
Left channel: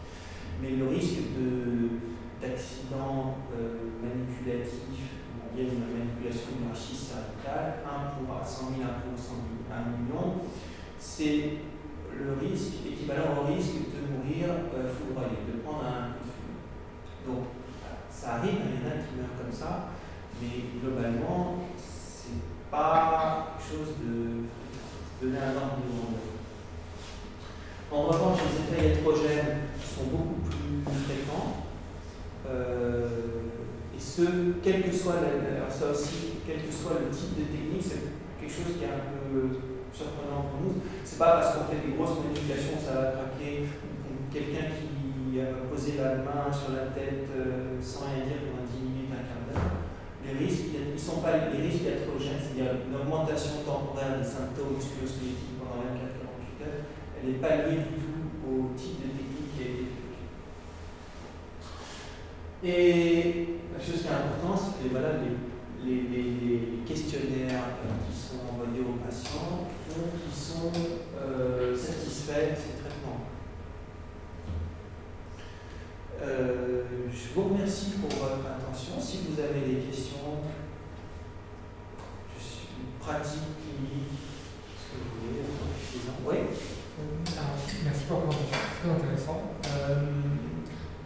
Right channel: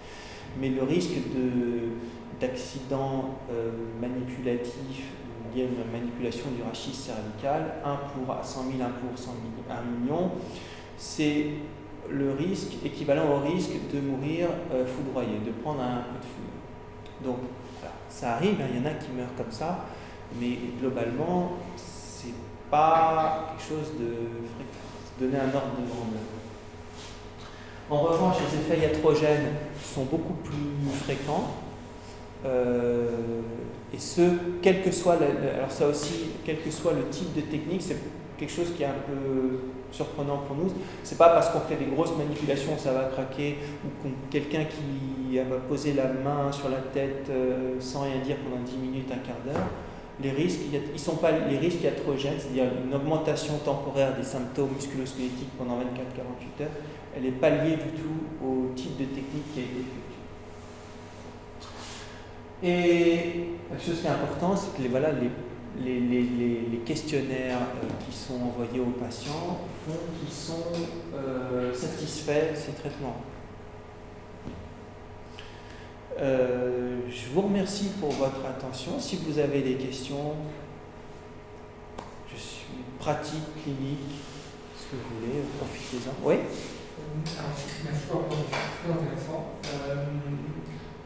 Mais le risque d'accident manipulatif, il y a une manipulation du rachis cervical, 1 pour 100 000, 1 pour 1 million, c'est le risque équivalent au risque de mourir foudroyé, de prendre un coup de foudre. Donc, ça arrive, il y en a qui meurent comme ça, mais globalement, c'est pas quelque chose de fréquent. Donner un ordre de grandeur. En revanche, les effets iatrogènes sont beaucoup plus fréquents, et quel que soit quel que soit le type de technique, c'est quelque chose qui est un peu surprenant pour nous. C'est pas parce qu'on fait des grosses manipulations ça va craquer, ou quelqu'un qui va poser la main sur la tête sans rien dire pendant 10 minutes, un quart d'heure. Les risques, ils sont pas les risques iatrogènes, c'est-à-dire une augmentation temporaire des symptômes musculo-squelettiques pendant 24-48 heures, elle n'est pas liée du tout au type de technique qui a été fait. Et quelque chose qui est important, c'est que les questionnaires qui sont envoyés aux patients font qu'ils sont satisfaits de ces traitements. Je vous remercie pour votre attention. Si vous avez des questions, je suis pratique, clinique, ce que vous voulez, profitez-en. Oui. Merci pour la présentation, c'est très intéressant.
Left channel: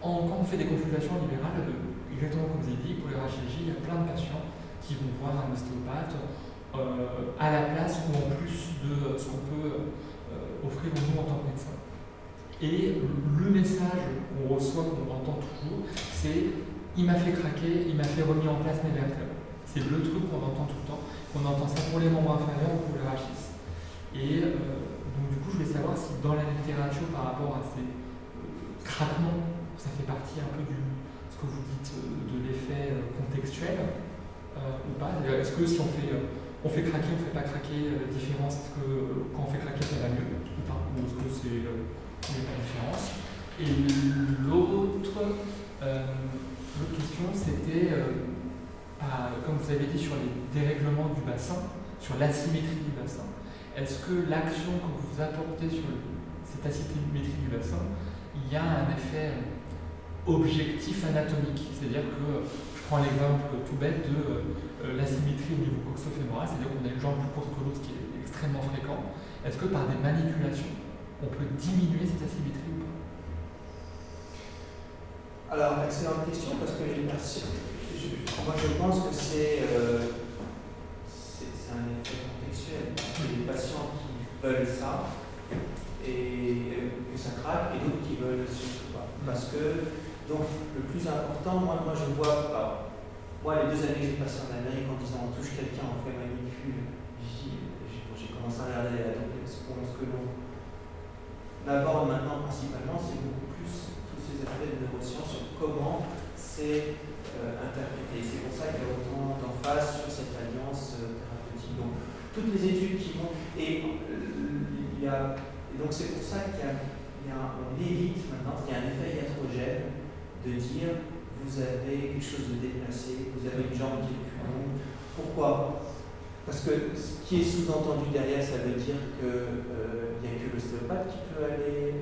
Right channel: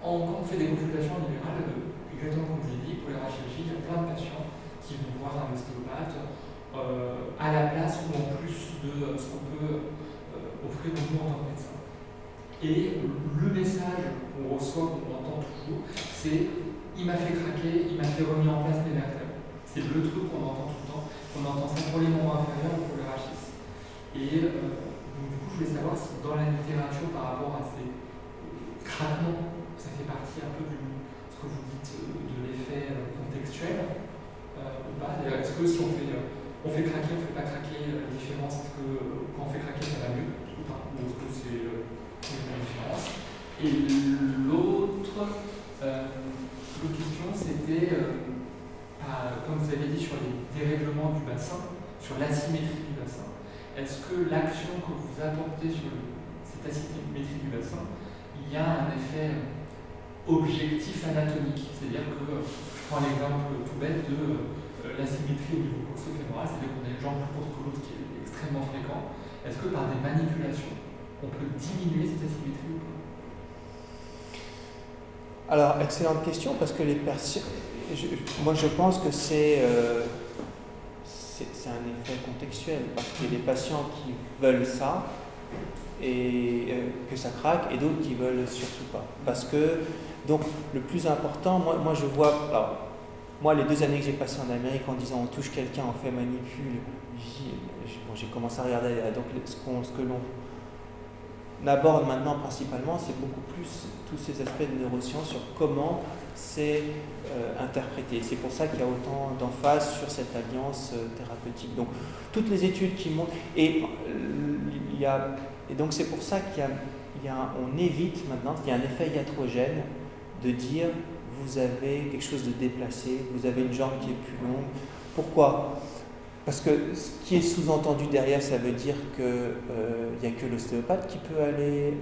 Quand on fait des consultations libérales, exactement comme je l'ai dit, pour les rachis, il y a plein de patients qui vont voir un ostéopathe à la place ou en plus de ce qu'on peut offrir nous en tant que médecin. Et le message qu'on reçoit, qu'on entend toujours, c'est il m'a fait craquer, il m'a fait remis en place mes vertèbres. C'est le truc qu'on entend tout le temps, qu'on entend ça pour les membres inférieurs ou pour les rachis. Et donc du coup, je voulais savoir si dans la littérature par rapport à ces craquements, ça fait partie un peu de ce que vous dites de l'effet contextuel ou pas. Est-ce que si on fait craquer, on ne fait pas craquer, la différence, est-ce que quand on fait craquer, ça va mieux ou pas? Ou est-ce que c'est la différence? Et l'autre question, c'était, comme vous avez dit, sur les dérèglements du bassin, sur l'asymétrie du bassin. Est-ce que l'action que vous apportez sur cette asymétrie du bassin, il y a un effet objectif anatomique? C'est-à-dire que, je prends l'exemple tout bête de l'asymétrie au niveau coxo-fémoral, c'est-à-dire qu'on a une jambe plus courte que l'autre qui est extrêmement fréquent. Est-ce que par des manipulations, on peut diminuer cette asymétrie ou pas? Alors, excellente question, parce que moi je pense que c'est un effet contextuel, parce que les patients qui veulent ça, et que ça craque, et d'autres qui veulent surtout pas. Parce que, donc, le plus important, moi je vois, alors, moi les 2 années que j'ai passées en Amérique en disant on touche quelqu'un, on fait manipule, j'ai commencé à regarder donc ce que l'on aborde maintenant principalement, c'est beaucoup plus tous ces aspects de neurosciences sur comment c'est interprété. C'est pour ça qu'il y a autant d'emphase sur cette alliance thérapeutique. Donc, toutes les études qui montrent, et donc c'est pour ça on évite maintenant, il y a un effet iatrogène de dire vous avez quelque chose de déplacé, vous avez une jambe qui est plus longue. Pourquoi ? Parce que ce qui est sous-entendu derrière, ça veut dire qu'il n'y a que l'ostéopathe qui peut aller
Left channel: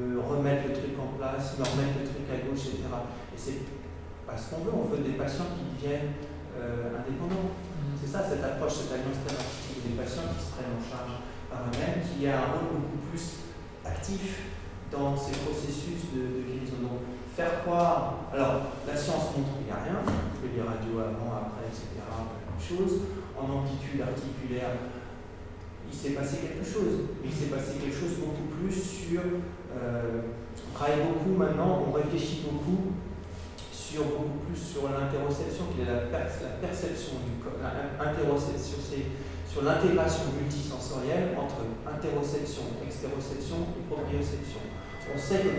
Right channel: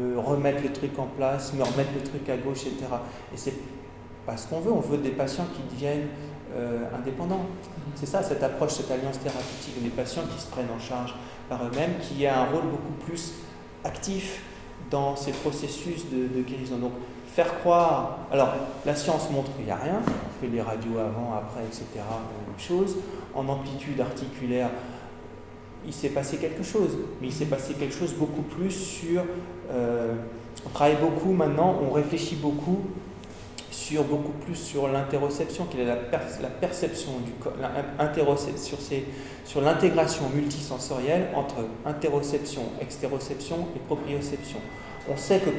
me remettre le truc en place, me remettre le truc à gauche, etc. Et c'est pas ce qu'on veut, on veut des patients qui deviennent indépendants. C'est ça, cette approche, cette alliance thérapeutique, des patients qui se prennent en charge par eux-mêmes, qui a un rôle beaucoup plus actif dans ces processus de guérison. Donc, faire croire, alors la science montre qu'il n'y a rien, on fait les radios avant, après, etc., même chose. En amplitude articulaire, il s'est passé quelque chose, mais il s'est passé quelque chose beaucoup plus sur, on travaille beaucoup maintenant, on réfléchit beaucoup sur l'interoception, quelle est la perception du corps, sur l'intégration multisensorielle entre interoception, extéroception et proprioception. On sait que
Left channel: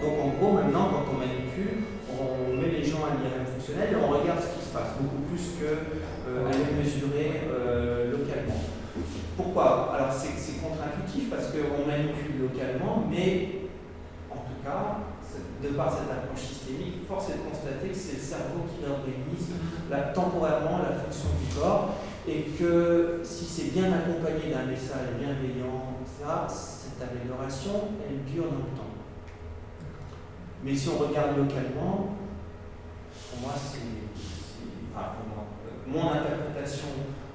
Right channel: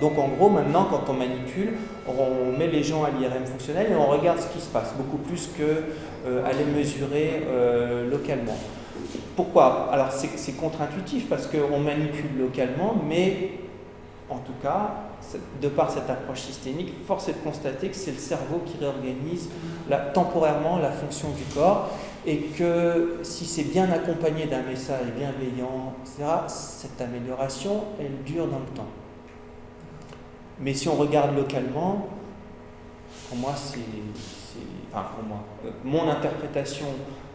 donc en gros maintenant quand on manipule, on met les gens à l'IRM fonctionnel et on regarde ce qui se passe, beaucoup plus qu'aller mesurer localement. Pourquoi ? Alors c'est contre-intuitif parce qu'on manipule localement, mais en tout cas, de par cette approche systémique, force est de constater que c'est le cerveau qui réorganise temporairement la fonction du corps et que si c'est bien accompagné d'un message bienveillant, etc., cette amélioration, elle dure dans le temps. Mais si on regarde localement, pour moi, mon interprétation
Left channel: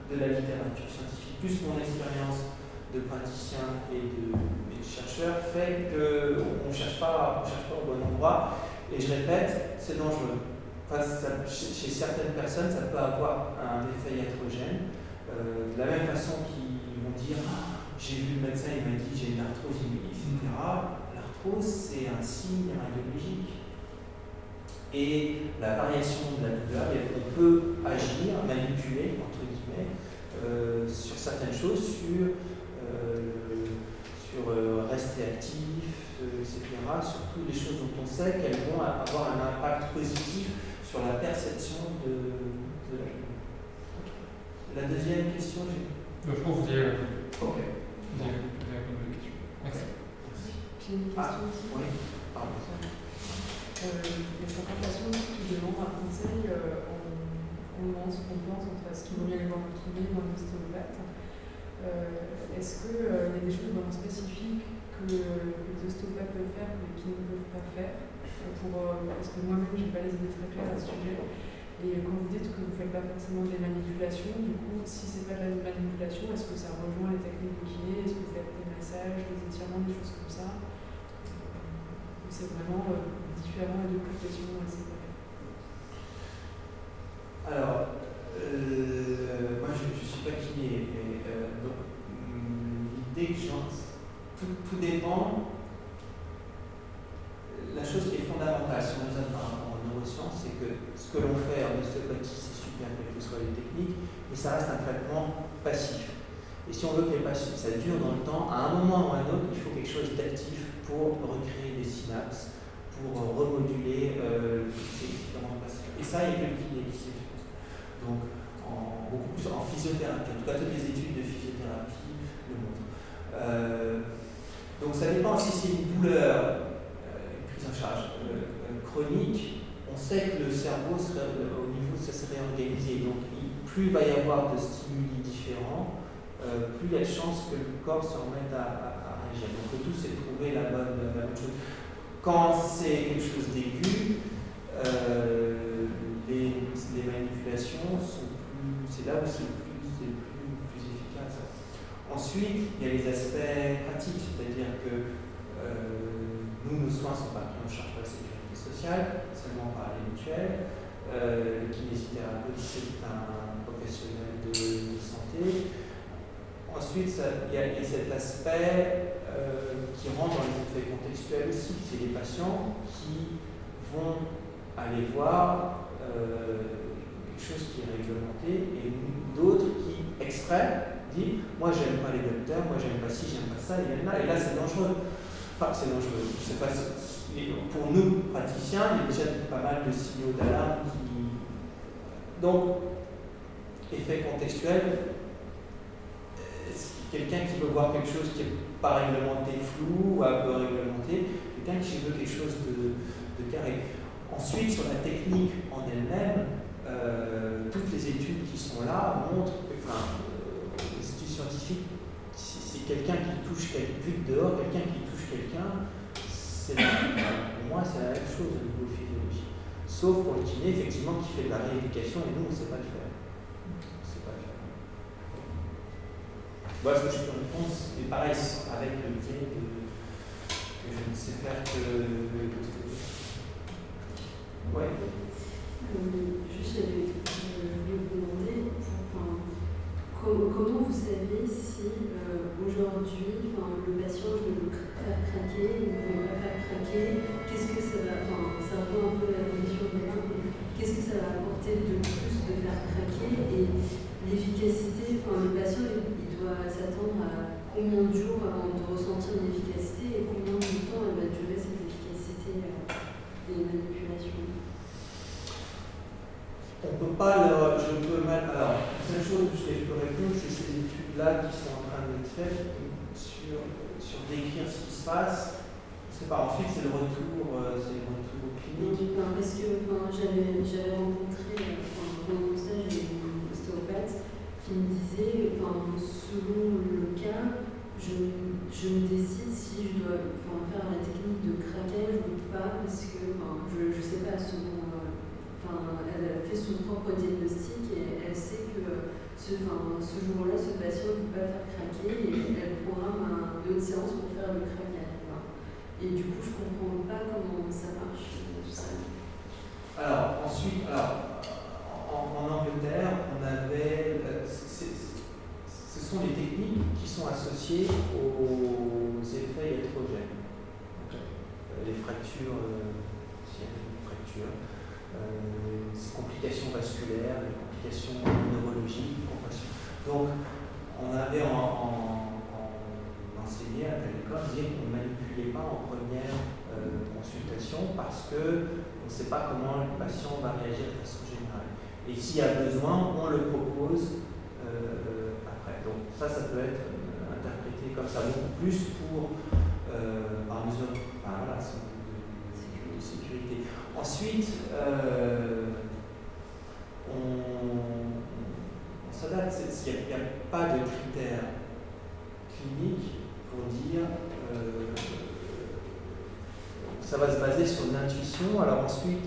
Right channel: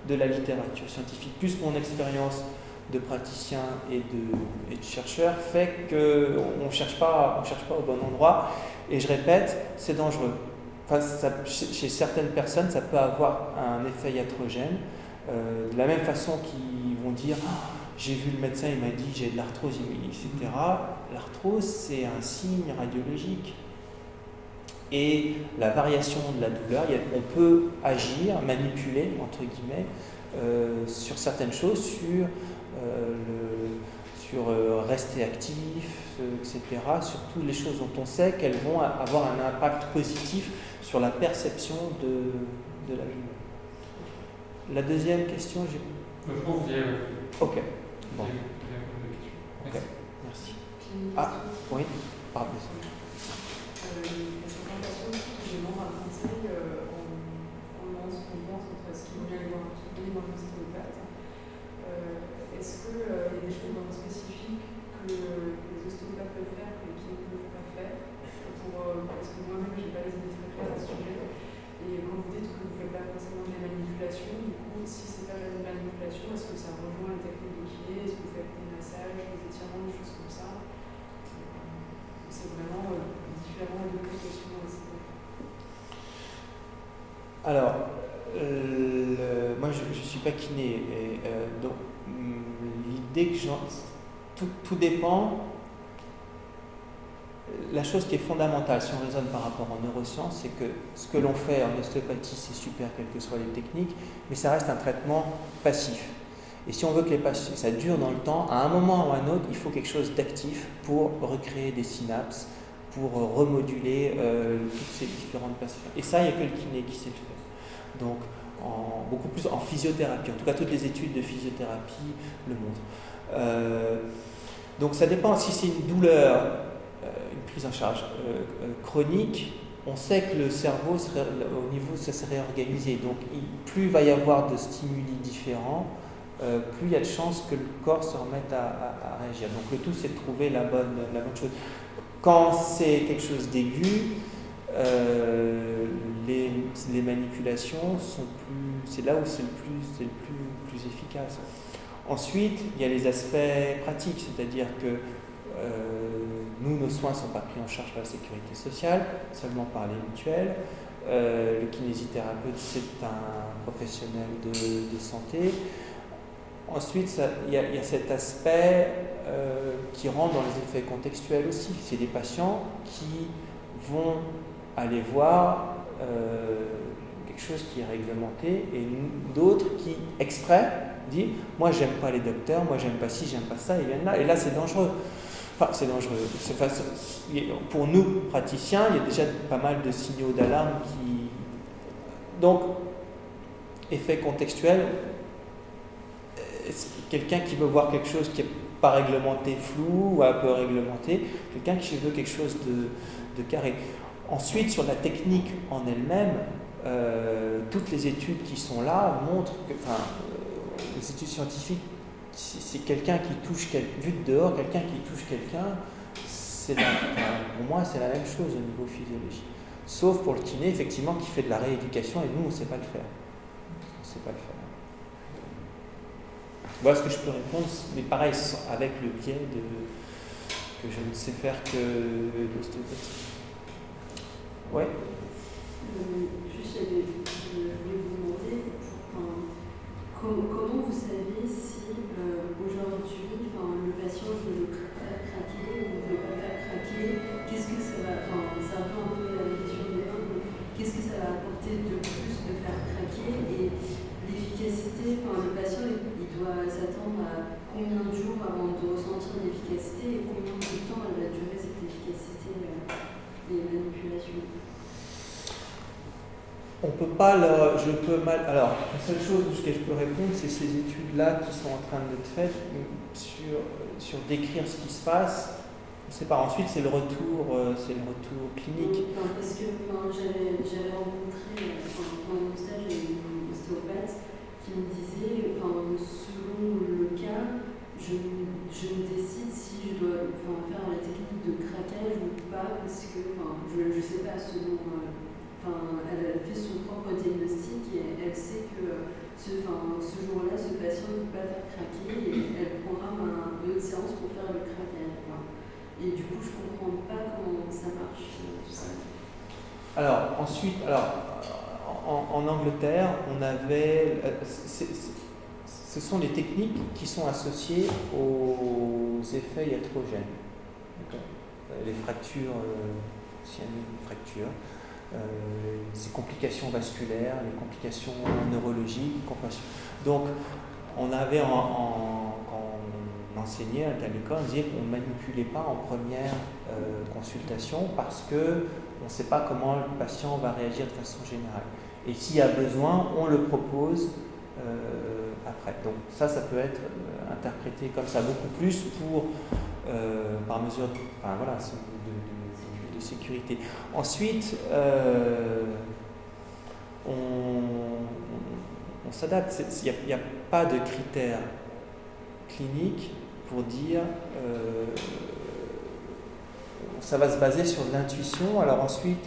de la littérature scientifique, plus mon expérience de praticien et de chercheur, fait qu'on ne cherche pas au bon endroit. Et je répète, c'est dangereux. Enfin, chez certaines personnes, ça peut avoir un effet iatrogène. De la même façon qu'ils vont dire j'ai vu le médecin, il m'a dit j'ai de l'arthrose, etc. L'arthrose, c'est un signe radiologique. Et la variation de la douleur, on peut agir, manipuler, entre guillemets, sur certaines choses, sur rester actif, etc. Sur toutes les choses dont on sait qu'elles vont avoir un impact positif sur la perception de la journée. La deuxième question, je pense que vous avez Ok. Bon. Vous avez répondu à la question. Okay. Merci. J'ai une question. Oui, pardon. Les 50 patients qui demandent un conseil, on pense entre ce qu'ils vont bien aller voir un kiné ou un ostéopathe. Est-ce qu'il y a des choses vraiment spécifiques que les ostéopathes peuvent faire que les kinés ne peuvent pas faire parce que moi-même, je n'ai pas les idées très claires à ce sujet. Et quand vous dites que vous ne faites pas forcément des manipulations, du coup, si ce n'est pas de la manipulation, est-ce que ça rejoint les techniques de kiné? Est-ce que vous faites des massages, des étirements, des choses comme ça? C'est vraiment différent et deux questions. Alors, moi je ne suis pas kiné, donc l'idée que tout dépend. La chose qui est fondamentale, si on raisonne par rapport aux neurosciences, c'est que ce que l'on fait en ostéopathie, c'est super, quelles que soient les techniques, mais ça reste un traitement passif. Et si on veut que les patients, ça dure dans le temps, à un moment ou à un autre, il faut quelque chose d'actif pour recréer des synapses, pour remoduler toutes ces différentes passions. Et ça, il n'y a que le kiné qui sait le faire. Donc, beaucoup plus en physiothérapie. En tout cas, toutes les études de physiothérapie le montrent. Donc, ça dépend si c'est une douleur, une prise en charge chronique. On sait que le cerveau, au niveau, ça s'est réorganisé. Donc, plus il va y avoir de stimuli différents, plus il y a de chances que le corps se remette à réagir. Donc, le tout, c'est de trouver la bonne chose. Quand c'est quelque chose d'aigu, les manipulations sont c'est là où c'est le plus efficace. Ensuite, il y a les aspects pratiques, c'est-à-dire que nos soins ne sont pas pris en charge par la sécurité sociale, seulement par les mutuelles. Le kinésithérapeute, c'est un professionnel de santé. Ensuite, il y a cet aspect qui rentre dans les effets contextuels aussi. C'est des patients qui vont aller voir quelque chose qui est réglementé et d'autres qui, exprès, disent « moi j'aime pas les docteurs, moi j'aime pas ci, j'aime pas ça », et là c'est dangereux. Enfin, c'est dangereux. Pour nous, praticiens, il y a déjà pas mal de signaux d'alarme qui... Donc, effet contextuel, quelqu'un qui veut voir quelque chose qui n'est pas réglementé, flou ou un peu réglementé, quelqu'un qui veut quelque chose de carré. Ensuite, sur la technique en elle-même, toutes les études qui sont là montrent que, les études scientifiques, c'est quelqu'un qui touche, vu de dehors, quelqu'un qui touche quelqu'un, pour moi, c'est la même chose au niveau physiologique. Sauf pour le kiné, effectivement, qui fait de la rééducation, et nous, on ne sait pas le faire. On ne sait pas le faire. Voilà ce que je peux répondre, mais pareil, avec le biais que je ne sais faire que l'ostéopathie. Ouais. Juste, je voulais vous demander, comment vous savez si aujourd'hui, le patient veut faire craquer ou ne veut pas faire craquer? Qu'est-ce que ça va, c'est un peu la question de l'un, mais qu'est-ce que ça va apporter de plus de faire craquer? Et l'efficacité, le patient, il doit s'attendre à combien de jours avant de ressentir une efficacité et combien de temps elle va durer cette efficacité des manipulations? On peut pas alors, la seule chose que je peux répondre, c'est ces études-là qui sont en train d'être faites sur décrire ce qui se passe. On ne sait pas. Ensuite, c'est le retour clinique. Parce que j'avais rencontré, dans mon stage, une ostéopathe qui me disait, selon le cas, je me décide si je dois faire la technique de craquage ou pas, parce que je ne sais pas, selon... elle a fait son propre diagnostic et elle sait que ce jour-là, ce patient ne peut pas faire craquer et elle programme une autre séance pour faire le craquage. Et du coup, je ne comprends pas comment ça marche, tout ça. Alors, ensuite, en Angleterre, on avait... ce sont les techniques qui sont associées aux effets iatrogènes. Les fractures, ces complications vasculaires, les complications neurologiques, donc on avait quand on enseignait à l'école, on disait qu'on ne manipulait pas en première consultation parce que on ne sait pas comment le patient va réagir de façon générale. Et s'il y a besoin, on le propose après. Donc ça peut être interprété comme ça, beaucoup plus par mesure de sécurité. Ensuite, on s'adapte. Il n'y a pas de critères cliniques pour dire ça va se baser sur l'intuition. Alors ensuite,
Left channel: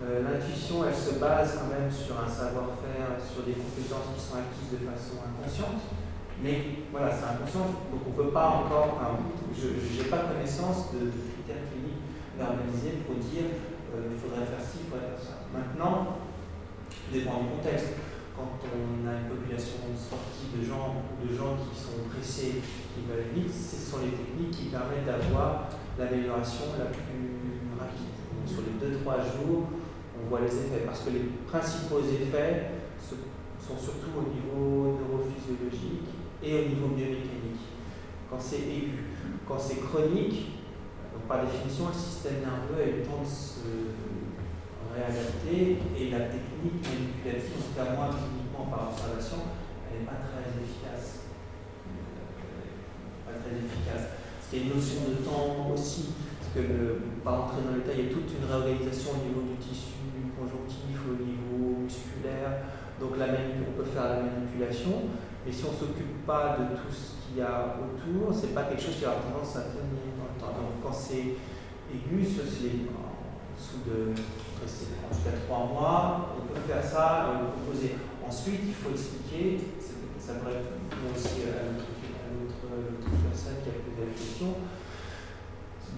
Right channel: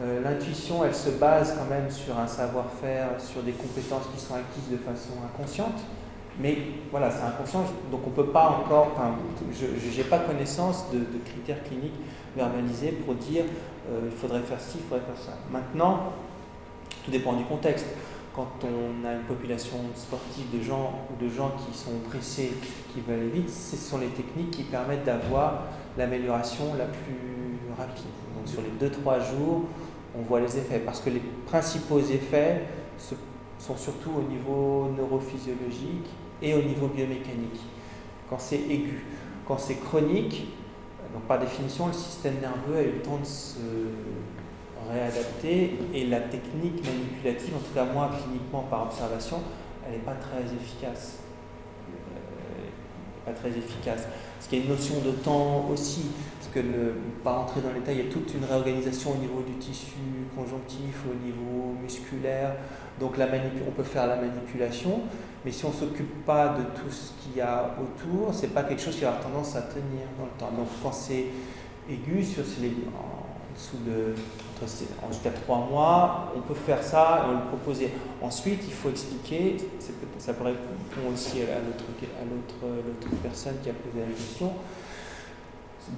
l'intuition, elle se base quand même sur un savoir-faire, sur des compétences qui sont acquises de façon inconsciente. Mais voilà, c'est inconscient, donc on ne peut pas encore, je n'ai pas connaissance de critères cliniques verbalisés pour dire il faudrait faire ci, il faudrait faire ça. Maintenant, tout dépend du contexte. Quand on a une population sportive de gens qui sont pressés, qui veulent aller vite, ce sont les techniques qui permettent d'avoir l'amélioration la plus rapide. Donc, sur les 2-3 jours, on voit les effets, parce que les principaux effets sont surtout au niveau neurophysiologique et au niveau biomécanique, quand c'est aigu. Quand c'est chronique, donc par définition, le système nerveux a eu le temps de se réadapter et la technique manipulative, en tout cas moi cliniquement par observation, elle n'est pas très efficace. Parce qu'il y a une notion de temps aussi, parce que pas entrer dans les détails, il y a toute une réorganisation au niveau du tissu conjonctif, au niveau musculaire. Donc on peut faire la manipulation, mais si on ne s'occupe pas de tout ce qu'il y a autour, c'est pas quelque chose qui va avoir tendance à tenir dans le temps. Donc quand c'est aigu, en tout cas 3 mois, on peut faire ça et le proposer. Ensuite, il faut expliquer, ça pourrait répondre aussi à l'autre personne qui a posé la question.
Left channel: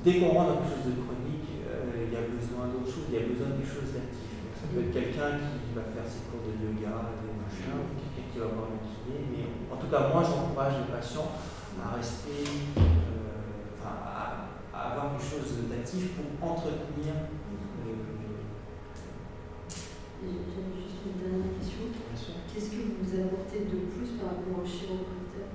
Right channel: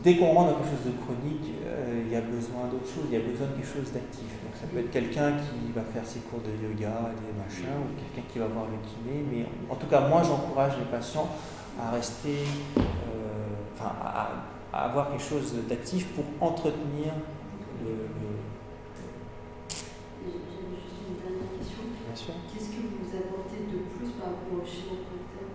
Dès qu'on rentre dans quelque chose de chronique, il y a besoin d'autre chose, il y a besoin de quelque chose d'actif. Donc ça peut être quelqu'un qui va faire ses cours de yoga, des machins, ou quelqu'un qui va voir le kiné, mais en tout cas moi j'encourage les patients à rester, à avoir quelque chose d'actif pour entretenir J'avais juste une dernière question. Bien sûr. Qu'est-ce que vous apportez de plus par rapport au chiropracteur,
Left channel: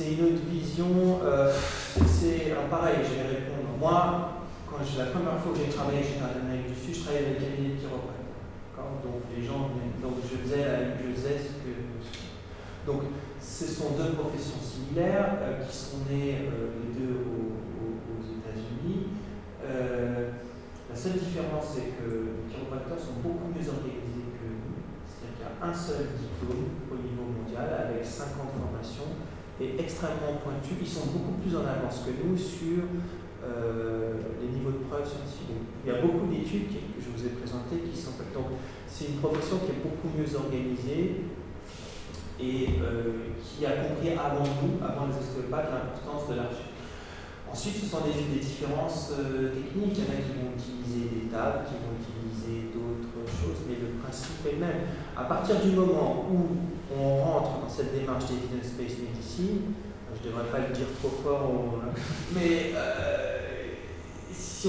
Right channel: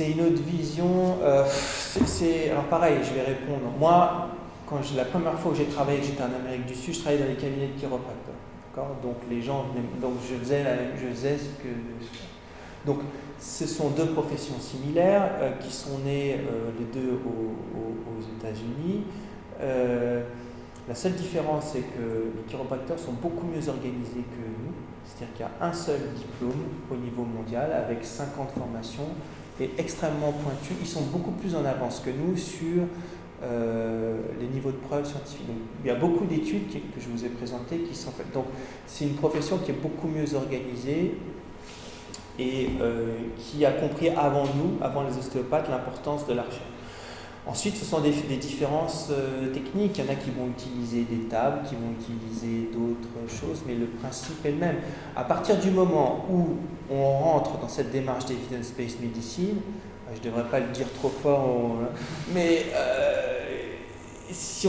c'est une autre vision. Alors pareil, je vais répondre. Moi, la première fois que j'ai travaillé, j'étais en Amérique du Sud, je travaillais dans les cabinets de chiropracteurs. Donc les gens venaient, donc je faisais ce que. Donc ce sont deux professions similaires qui sont nées les deux aux États-Unis. La seule différence, c'est que les chiropracteurs sont beaucoup mieux organisés que nous. C'est-à-dire qu'il y a un seul diplôme au niveau mondial avec 5 ans de formation et extrêmement pointu. Ils sont beaucoup plus en avance que nous sur les niveaux de preuves scientifiques. Donc, il y a beaucoup d'études que je vous ai présentées qui sont faites. Donc, c'est une profession qui est beaucoup mieux organisée et qui a compris avant nous, avant les ostéopathes, l'importance de la recherche. Ensuite, ce sont des différences techniques. Il y en a qui vont utiliser des tables, qui vont utiliser d'autres choses, mais le principe est le même. À partir du moment où on rentre dans cette démarche d'evidence-based medicine, je ne devrais pas le dire trop fort, mais si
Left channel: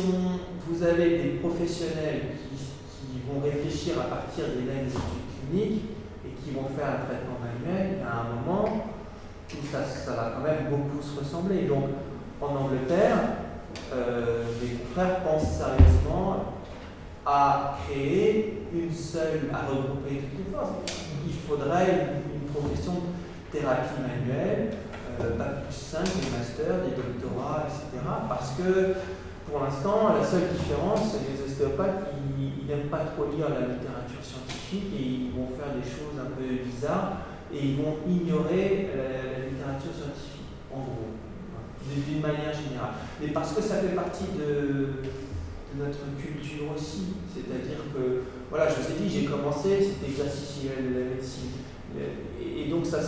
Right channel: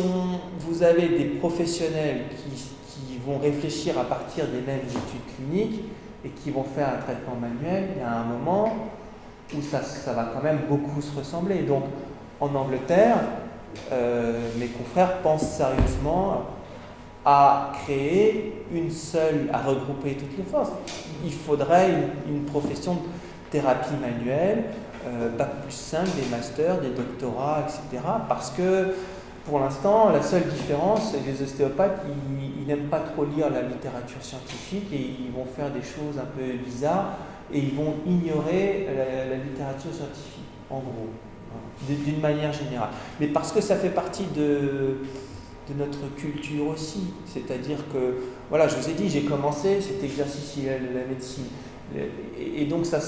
vous avez des professionnels qui vont réfléchir à partir des mêmes études cliniques et qui vont faire un traitement manuel, il y a un moment où ça va quand même beaucoup se ressembler. Donc, en Angleterre, mes confrères pensent sérieusement à créer à regrouper toutes les forces. Il faudrait une profession de thérapie manuelle, Bac plus 5, des masters, des doctorats, etc. Parce que, pour l'instant, la seule différence, c'est que les ostéopathes, ils n'aiment pas trop lire la littérature scientifique et ils vont faire des choses un peu bizarres et ils vont ignorer la littérature scientifique, en gros. D'une manière générale. Mais parce que ça fait partie de notre culture aussi. C'est-à-dire que, voilà, je vous ai dit, j'ai commencé, c'était exercice de la médecine. Et donc, il y a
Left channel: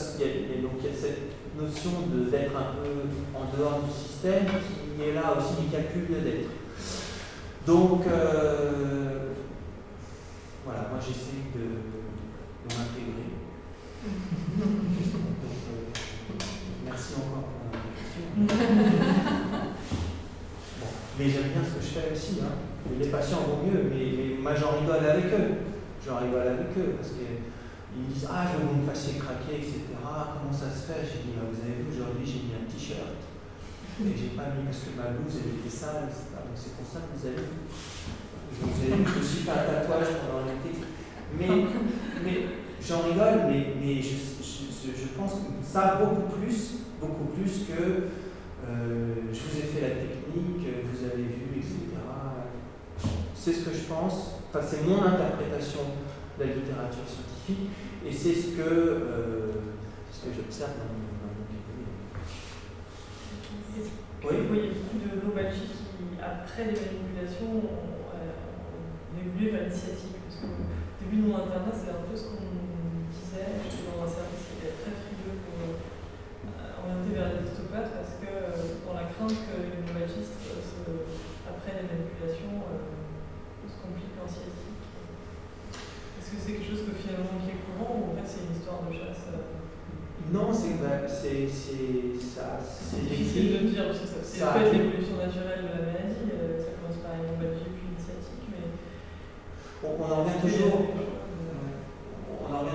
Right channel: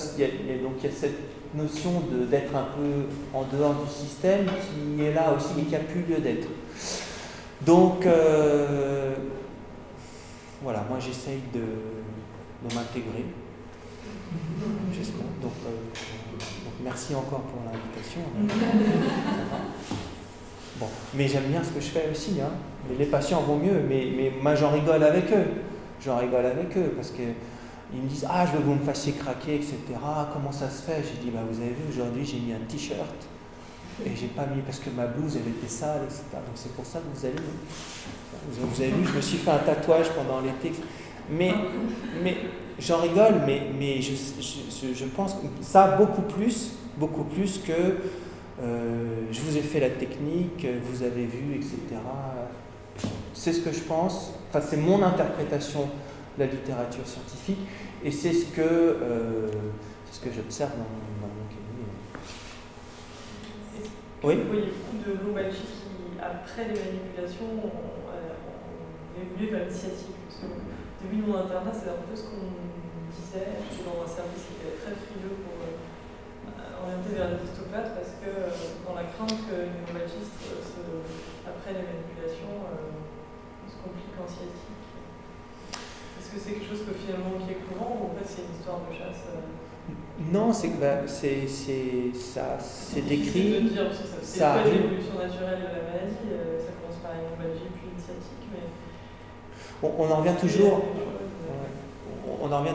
cette notion d'être un peu en dehors du système qui est là aussi, mais qui n'a plus lieu d'être. Donc, voilà, moi j'essaye de m'intégrer. Donc, merci encore pour l'invitation. Bon, mais j'aime bien ce que je fais aussi. Hein. Et les patients vont mieux, mais moi j'en rigole avec eux. Parce qu'ils me disent « Ah, je veux que vous me fassiez craquer, etc. Comment ça se fait ?» J'ai dit « Vous avez vu, aujourd'hui j'ai mis un t-shirt et j'ai pas mis parce que ma blouse elle était sale, etc. Donc c'est pour ça que vous avez vu. Vous avez vu, je me suis fait un tatouage pendant l'été. Mais j'en rigole, mais je pense que ça beaucoup plus que je vous ai fait la technique, vous avez vu, etc. C'est ce que je pense, enfin c'est mon interprétation de la littérature scientifique et c'est ce que j'observe dans mon cabinet. Oui, il y a beaucoup de globalistes qui, après les manipulations, ont évolué vers l'initiative. Parce que au début de mon internat, c'est un peu ce qu'on disait. J'étais dans un service qui était très frileux pour orienter vers les ostéopathes parce que dans la crainte que les globalistes, après les manipulations, se compliquent en sciatique. Est-ce que c'est quelque chose que finalement qui est courant ou en fait c'est une histoire de chasse Non, c'est décrit. De dire aussi c'est pas l'évolution naturelle de la maladie, ça commence par une lombalgie puis une sciatique, mais on en revient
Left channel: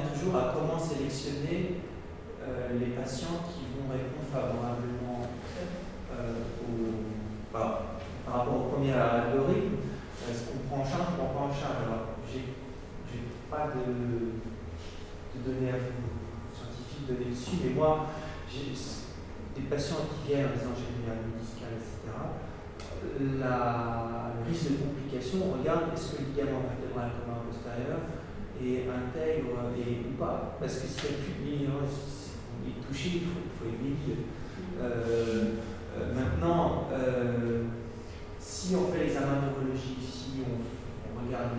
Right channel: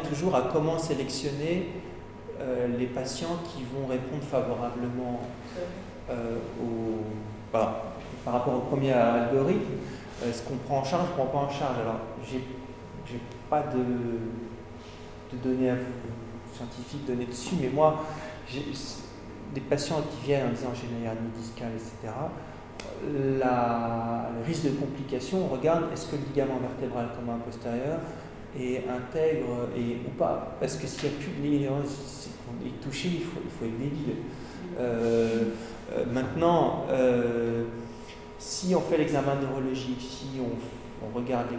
toujours à comment sélectionner les patients qui vont répondre favorablement par rapport au premier algorithme. Ce qu'on prend en charge, on prend pas en charge. Alors, j'ai pas de données à vous scientifiques données dessus, mais moi, j'ai des patients qui viennent en disant j'ai une hernie discale, etc. Le risque de complication, on regarde est-ce que le ligament vertébral commun postérieur est intègre ou pas. Parce que s'il n'y a plus de ligament touché, il faut aider. Maintenant, si on fait l'examen neurologique, si on regarde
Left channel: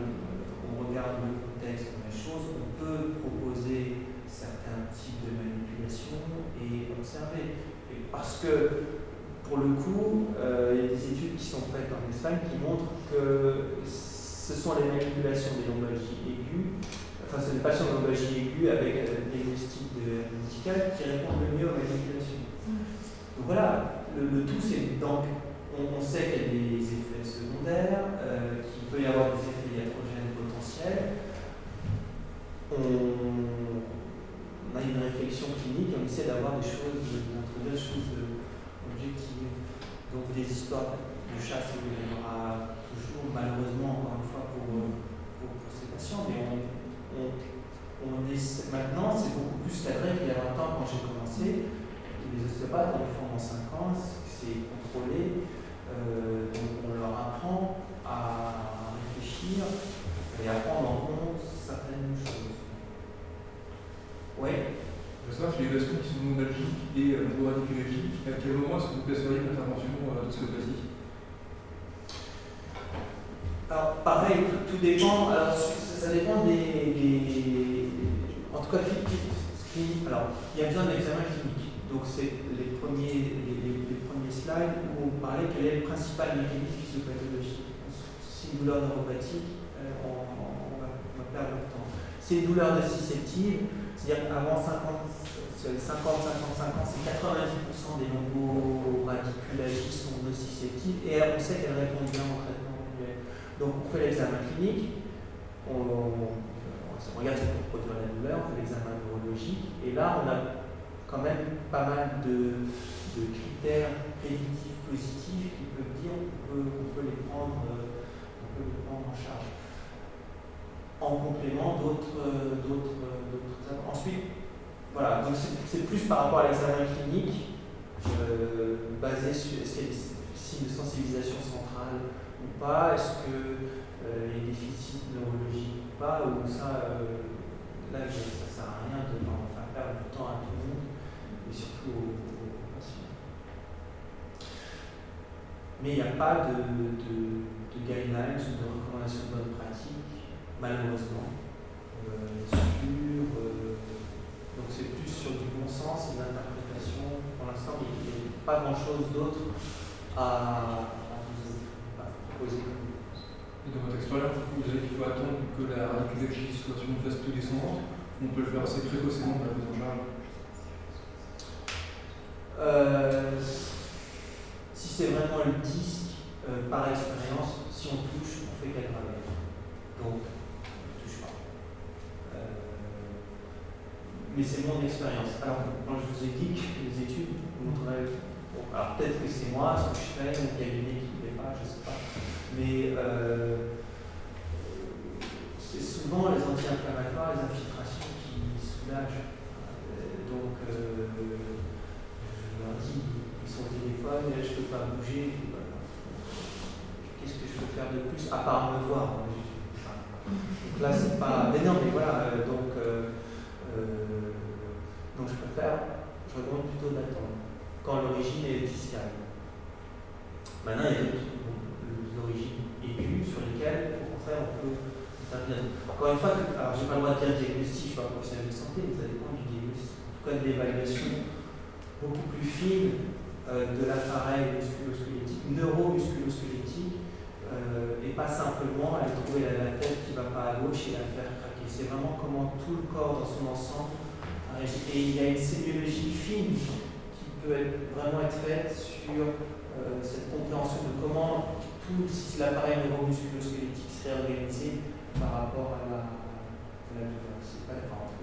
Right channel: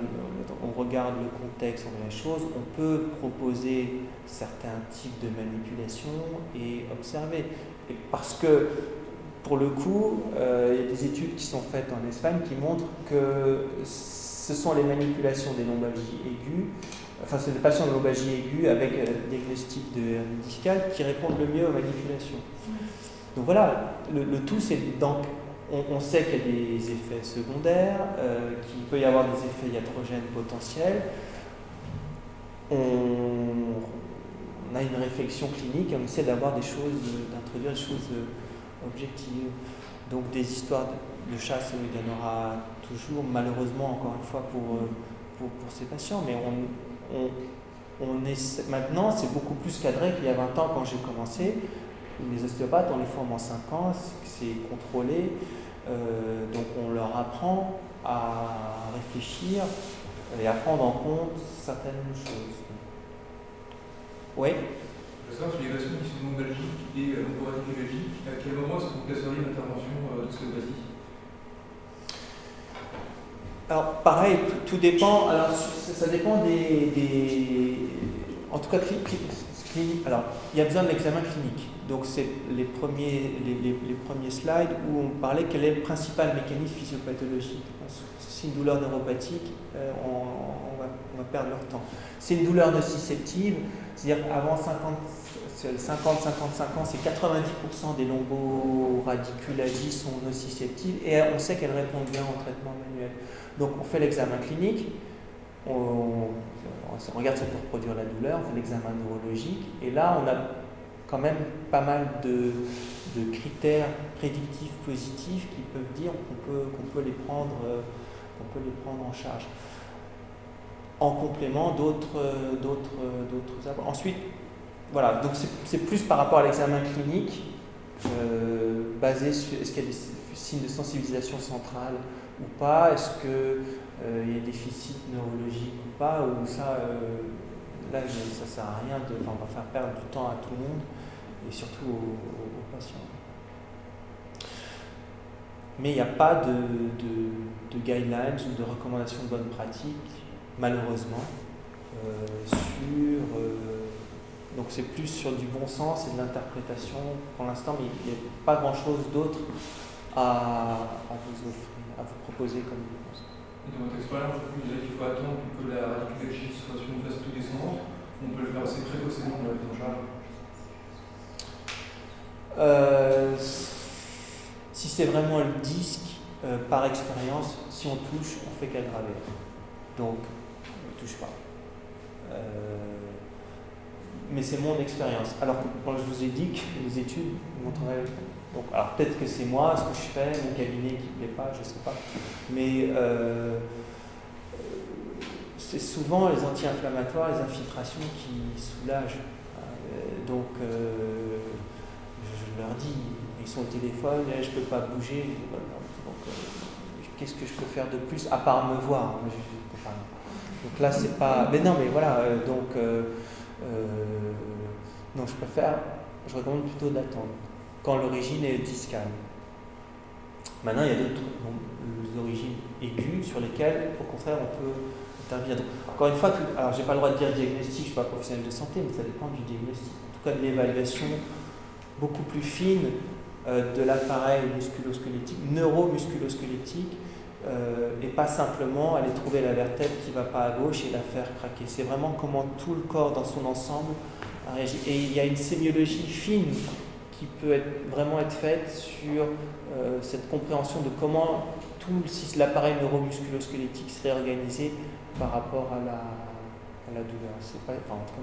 le contexte de la chose, on peut proposer certains types de manipulations et observer. Et parce que, pour le coup, il y a des études qui sont faites en Espagne qui montrent que ce sont les manipulations des lombalgies aiguës, enfin c'est des patients de lombalgie aiguë avec diagnostic de hernie discale qui répondent le mieux aux manipulations. Donc voilà, le tout c'est donc on sait qu'il y a des effets secondaires, qu'il peut y avoir des effets iatrogènes potentiels. On on a une réflexion clinique et on essaie d'introduire des choses objectives. Donc des histoires de chasse, il y en aura toujours, malheureusement, encore une fois, pour ces patients, mais maintenant, c'est beaucoup plus cadré qu'il y a 20 ans quand j'ai commencé. Les ostéopathes, on les forme en 5 ans, c'est contrôlé, donc on leur apprend à réfléchir et à prendre en compte certaines choses. Oui. Je veux savoir si les leçons qui sont lombalgiques et lomboradiculogiques, à quel moment est-ce que vous placeriez l'intervention d'ostéopathie? Alors pareil, tout dépend. Alors ça dépend en tout cas, alors il y a besoin de l'examen clinique. Donc c'est les premiers slides où on parlait quel est le principal mécanisme physiopathologique. Si une douleur neuropathique, on va perdre leur temps. C'est une douleur nociceptive, c'est-à-dire qu'avant 50-55 ans, c'est 90% des lomboradiculagies sont nociceptives et on sait qu'elles répondent bien au traitement manuel. Donc on fait l'examen clinique, on regarde ce pour produire la douleur, on fait l'examen neurologique et là on a quand même pas mal de critères prédictifs positifs qui peuvent dire qu'on peut les prendre en charge. En complément d'autres. Ensuite, voilà, donc c'est plus par rapport à l'examen clinique, basé sur est-ce qu'il y a des signes de sensibilisation centrale ou pas, est-ce qu'il y a des déficits neurologiques ou pas, ou ça, là, ça sert à rien on va faire perdre du temps à tout le monde, et surtout aux patients. Mais il n'y a pas de guidelines ou de recommandations de bonne pratique, malheureusement, donc c'est plus sur du bon sens et de l'interprétation pour l'instant, mais il n'y a pas grand-chose d'autre à vous proposer comme réponse. Et dans votre expérience, vous avez qu'il faut attendre que la radiculogie soit sur une phase plus descendante, on peut le faire assez précocement dans la prise en charge. Si c'est vraiment le disque, par expérience, si on touche, on fait qu'aggraver. Donc, on ne touche pas. Mais c'est mon expérience. Alors que quand je vous ai dit que les études montreraient. Bon, alors peut-être que c'est moi, ce que je fais, mon cabinet qui ne plaît pas, je ne sais pas. Mais c'est souvent les anti-inflammatoires, les infiltrations qui soulagent. Donc, je leur dis, ils sont au téléphone, je ne peux pas bouger. Qu'est-ce que je peux faire de plus à part me voir? Donc là, c'est pas. Mais non, mais voilà. Donc, je recommande plutôt d'attendre quand l'origine est discale. Maintenant, il y a d'autres origines aiguës sur lesquelles, au contraire, on peut intervenir. Encore une fois, alors j'ai pas le droit de dire diagnostic, je ne suis pas professionnel de santé, mais ça dépend du diagnostic. En tout cas, de l'évaluation beaucoup plus fine de l'appareil musculo-squelettique, neuromusculo-squelettique, et pas simplement aller trouver la vertèbre qui ne va pas à gauche et la faire craquer. C'est vraiment comment tout le corps dans son ensemble réagit. Et il y a une sémiologie fine qui peut vraiment être faite sur cette compréhension de comment tout l'appareil neuromusculo-squelettique serait organisé par rapport à la douleur.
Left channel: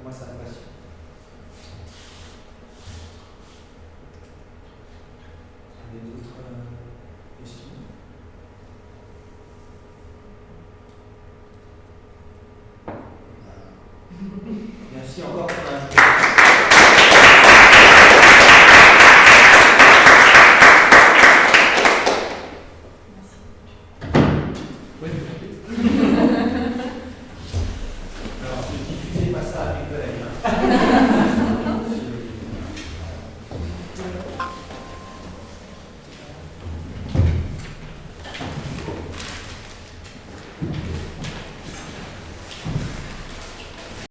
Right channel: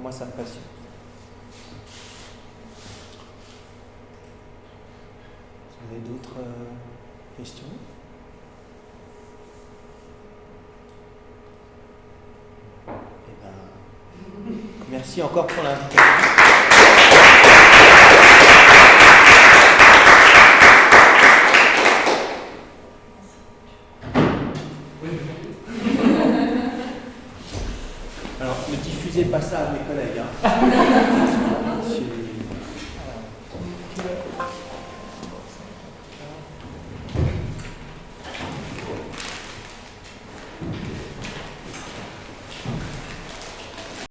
Moi, ça me passionne. Vous avez d'autres questions? Merci encore pour l'invitation. Alors, ne diffusez pas ça à mes collègues. Hein.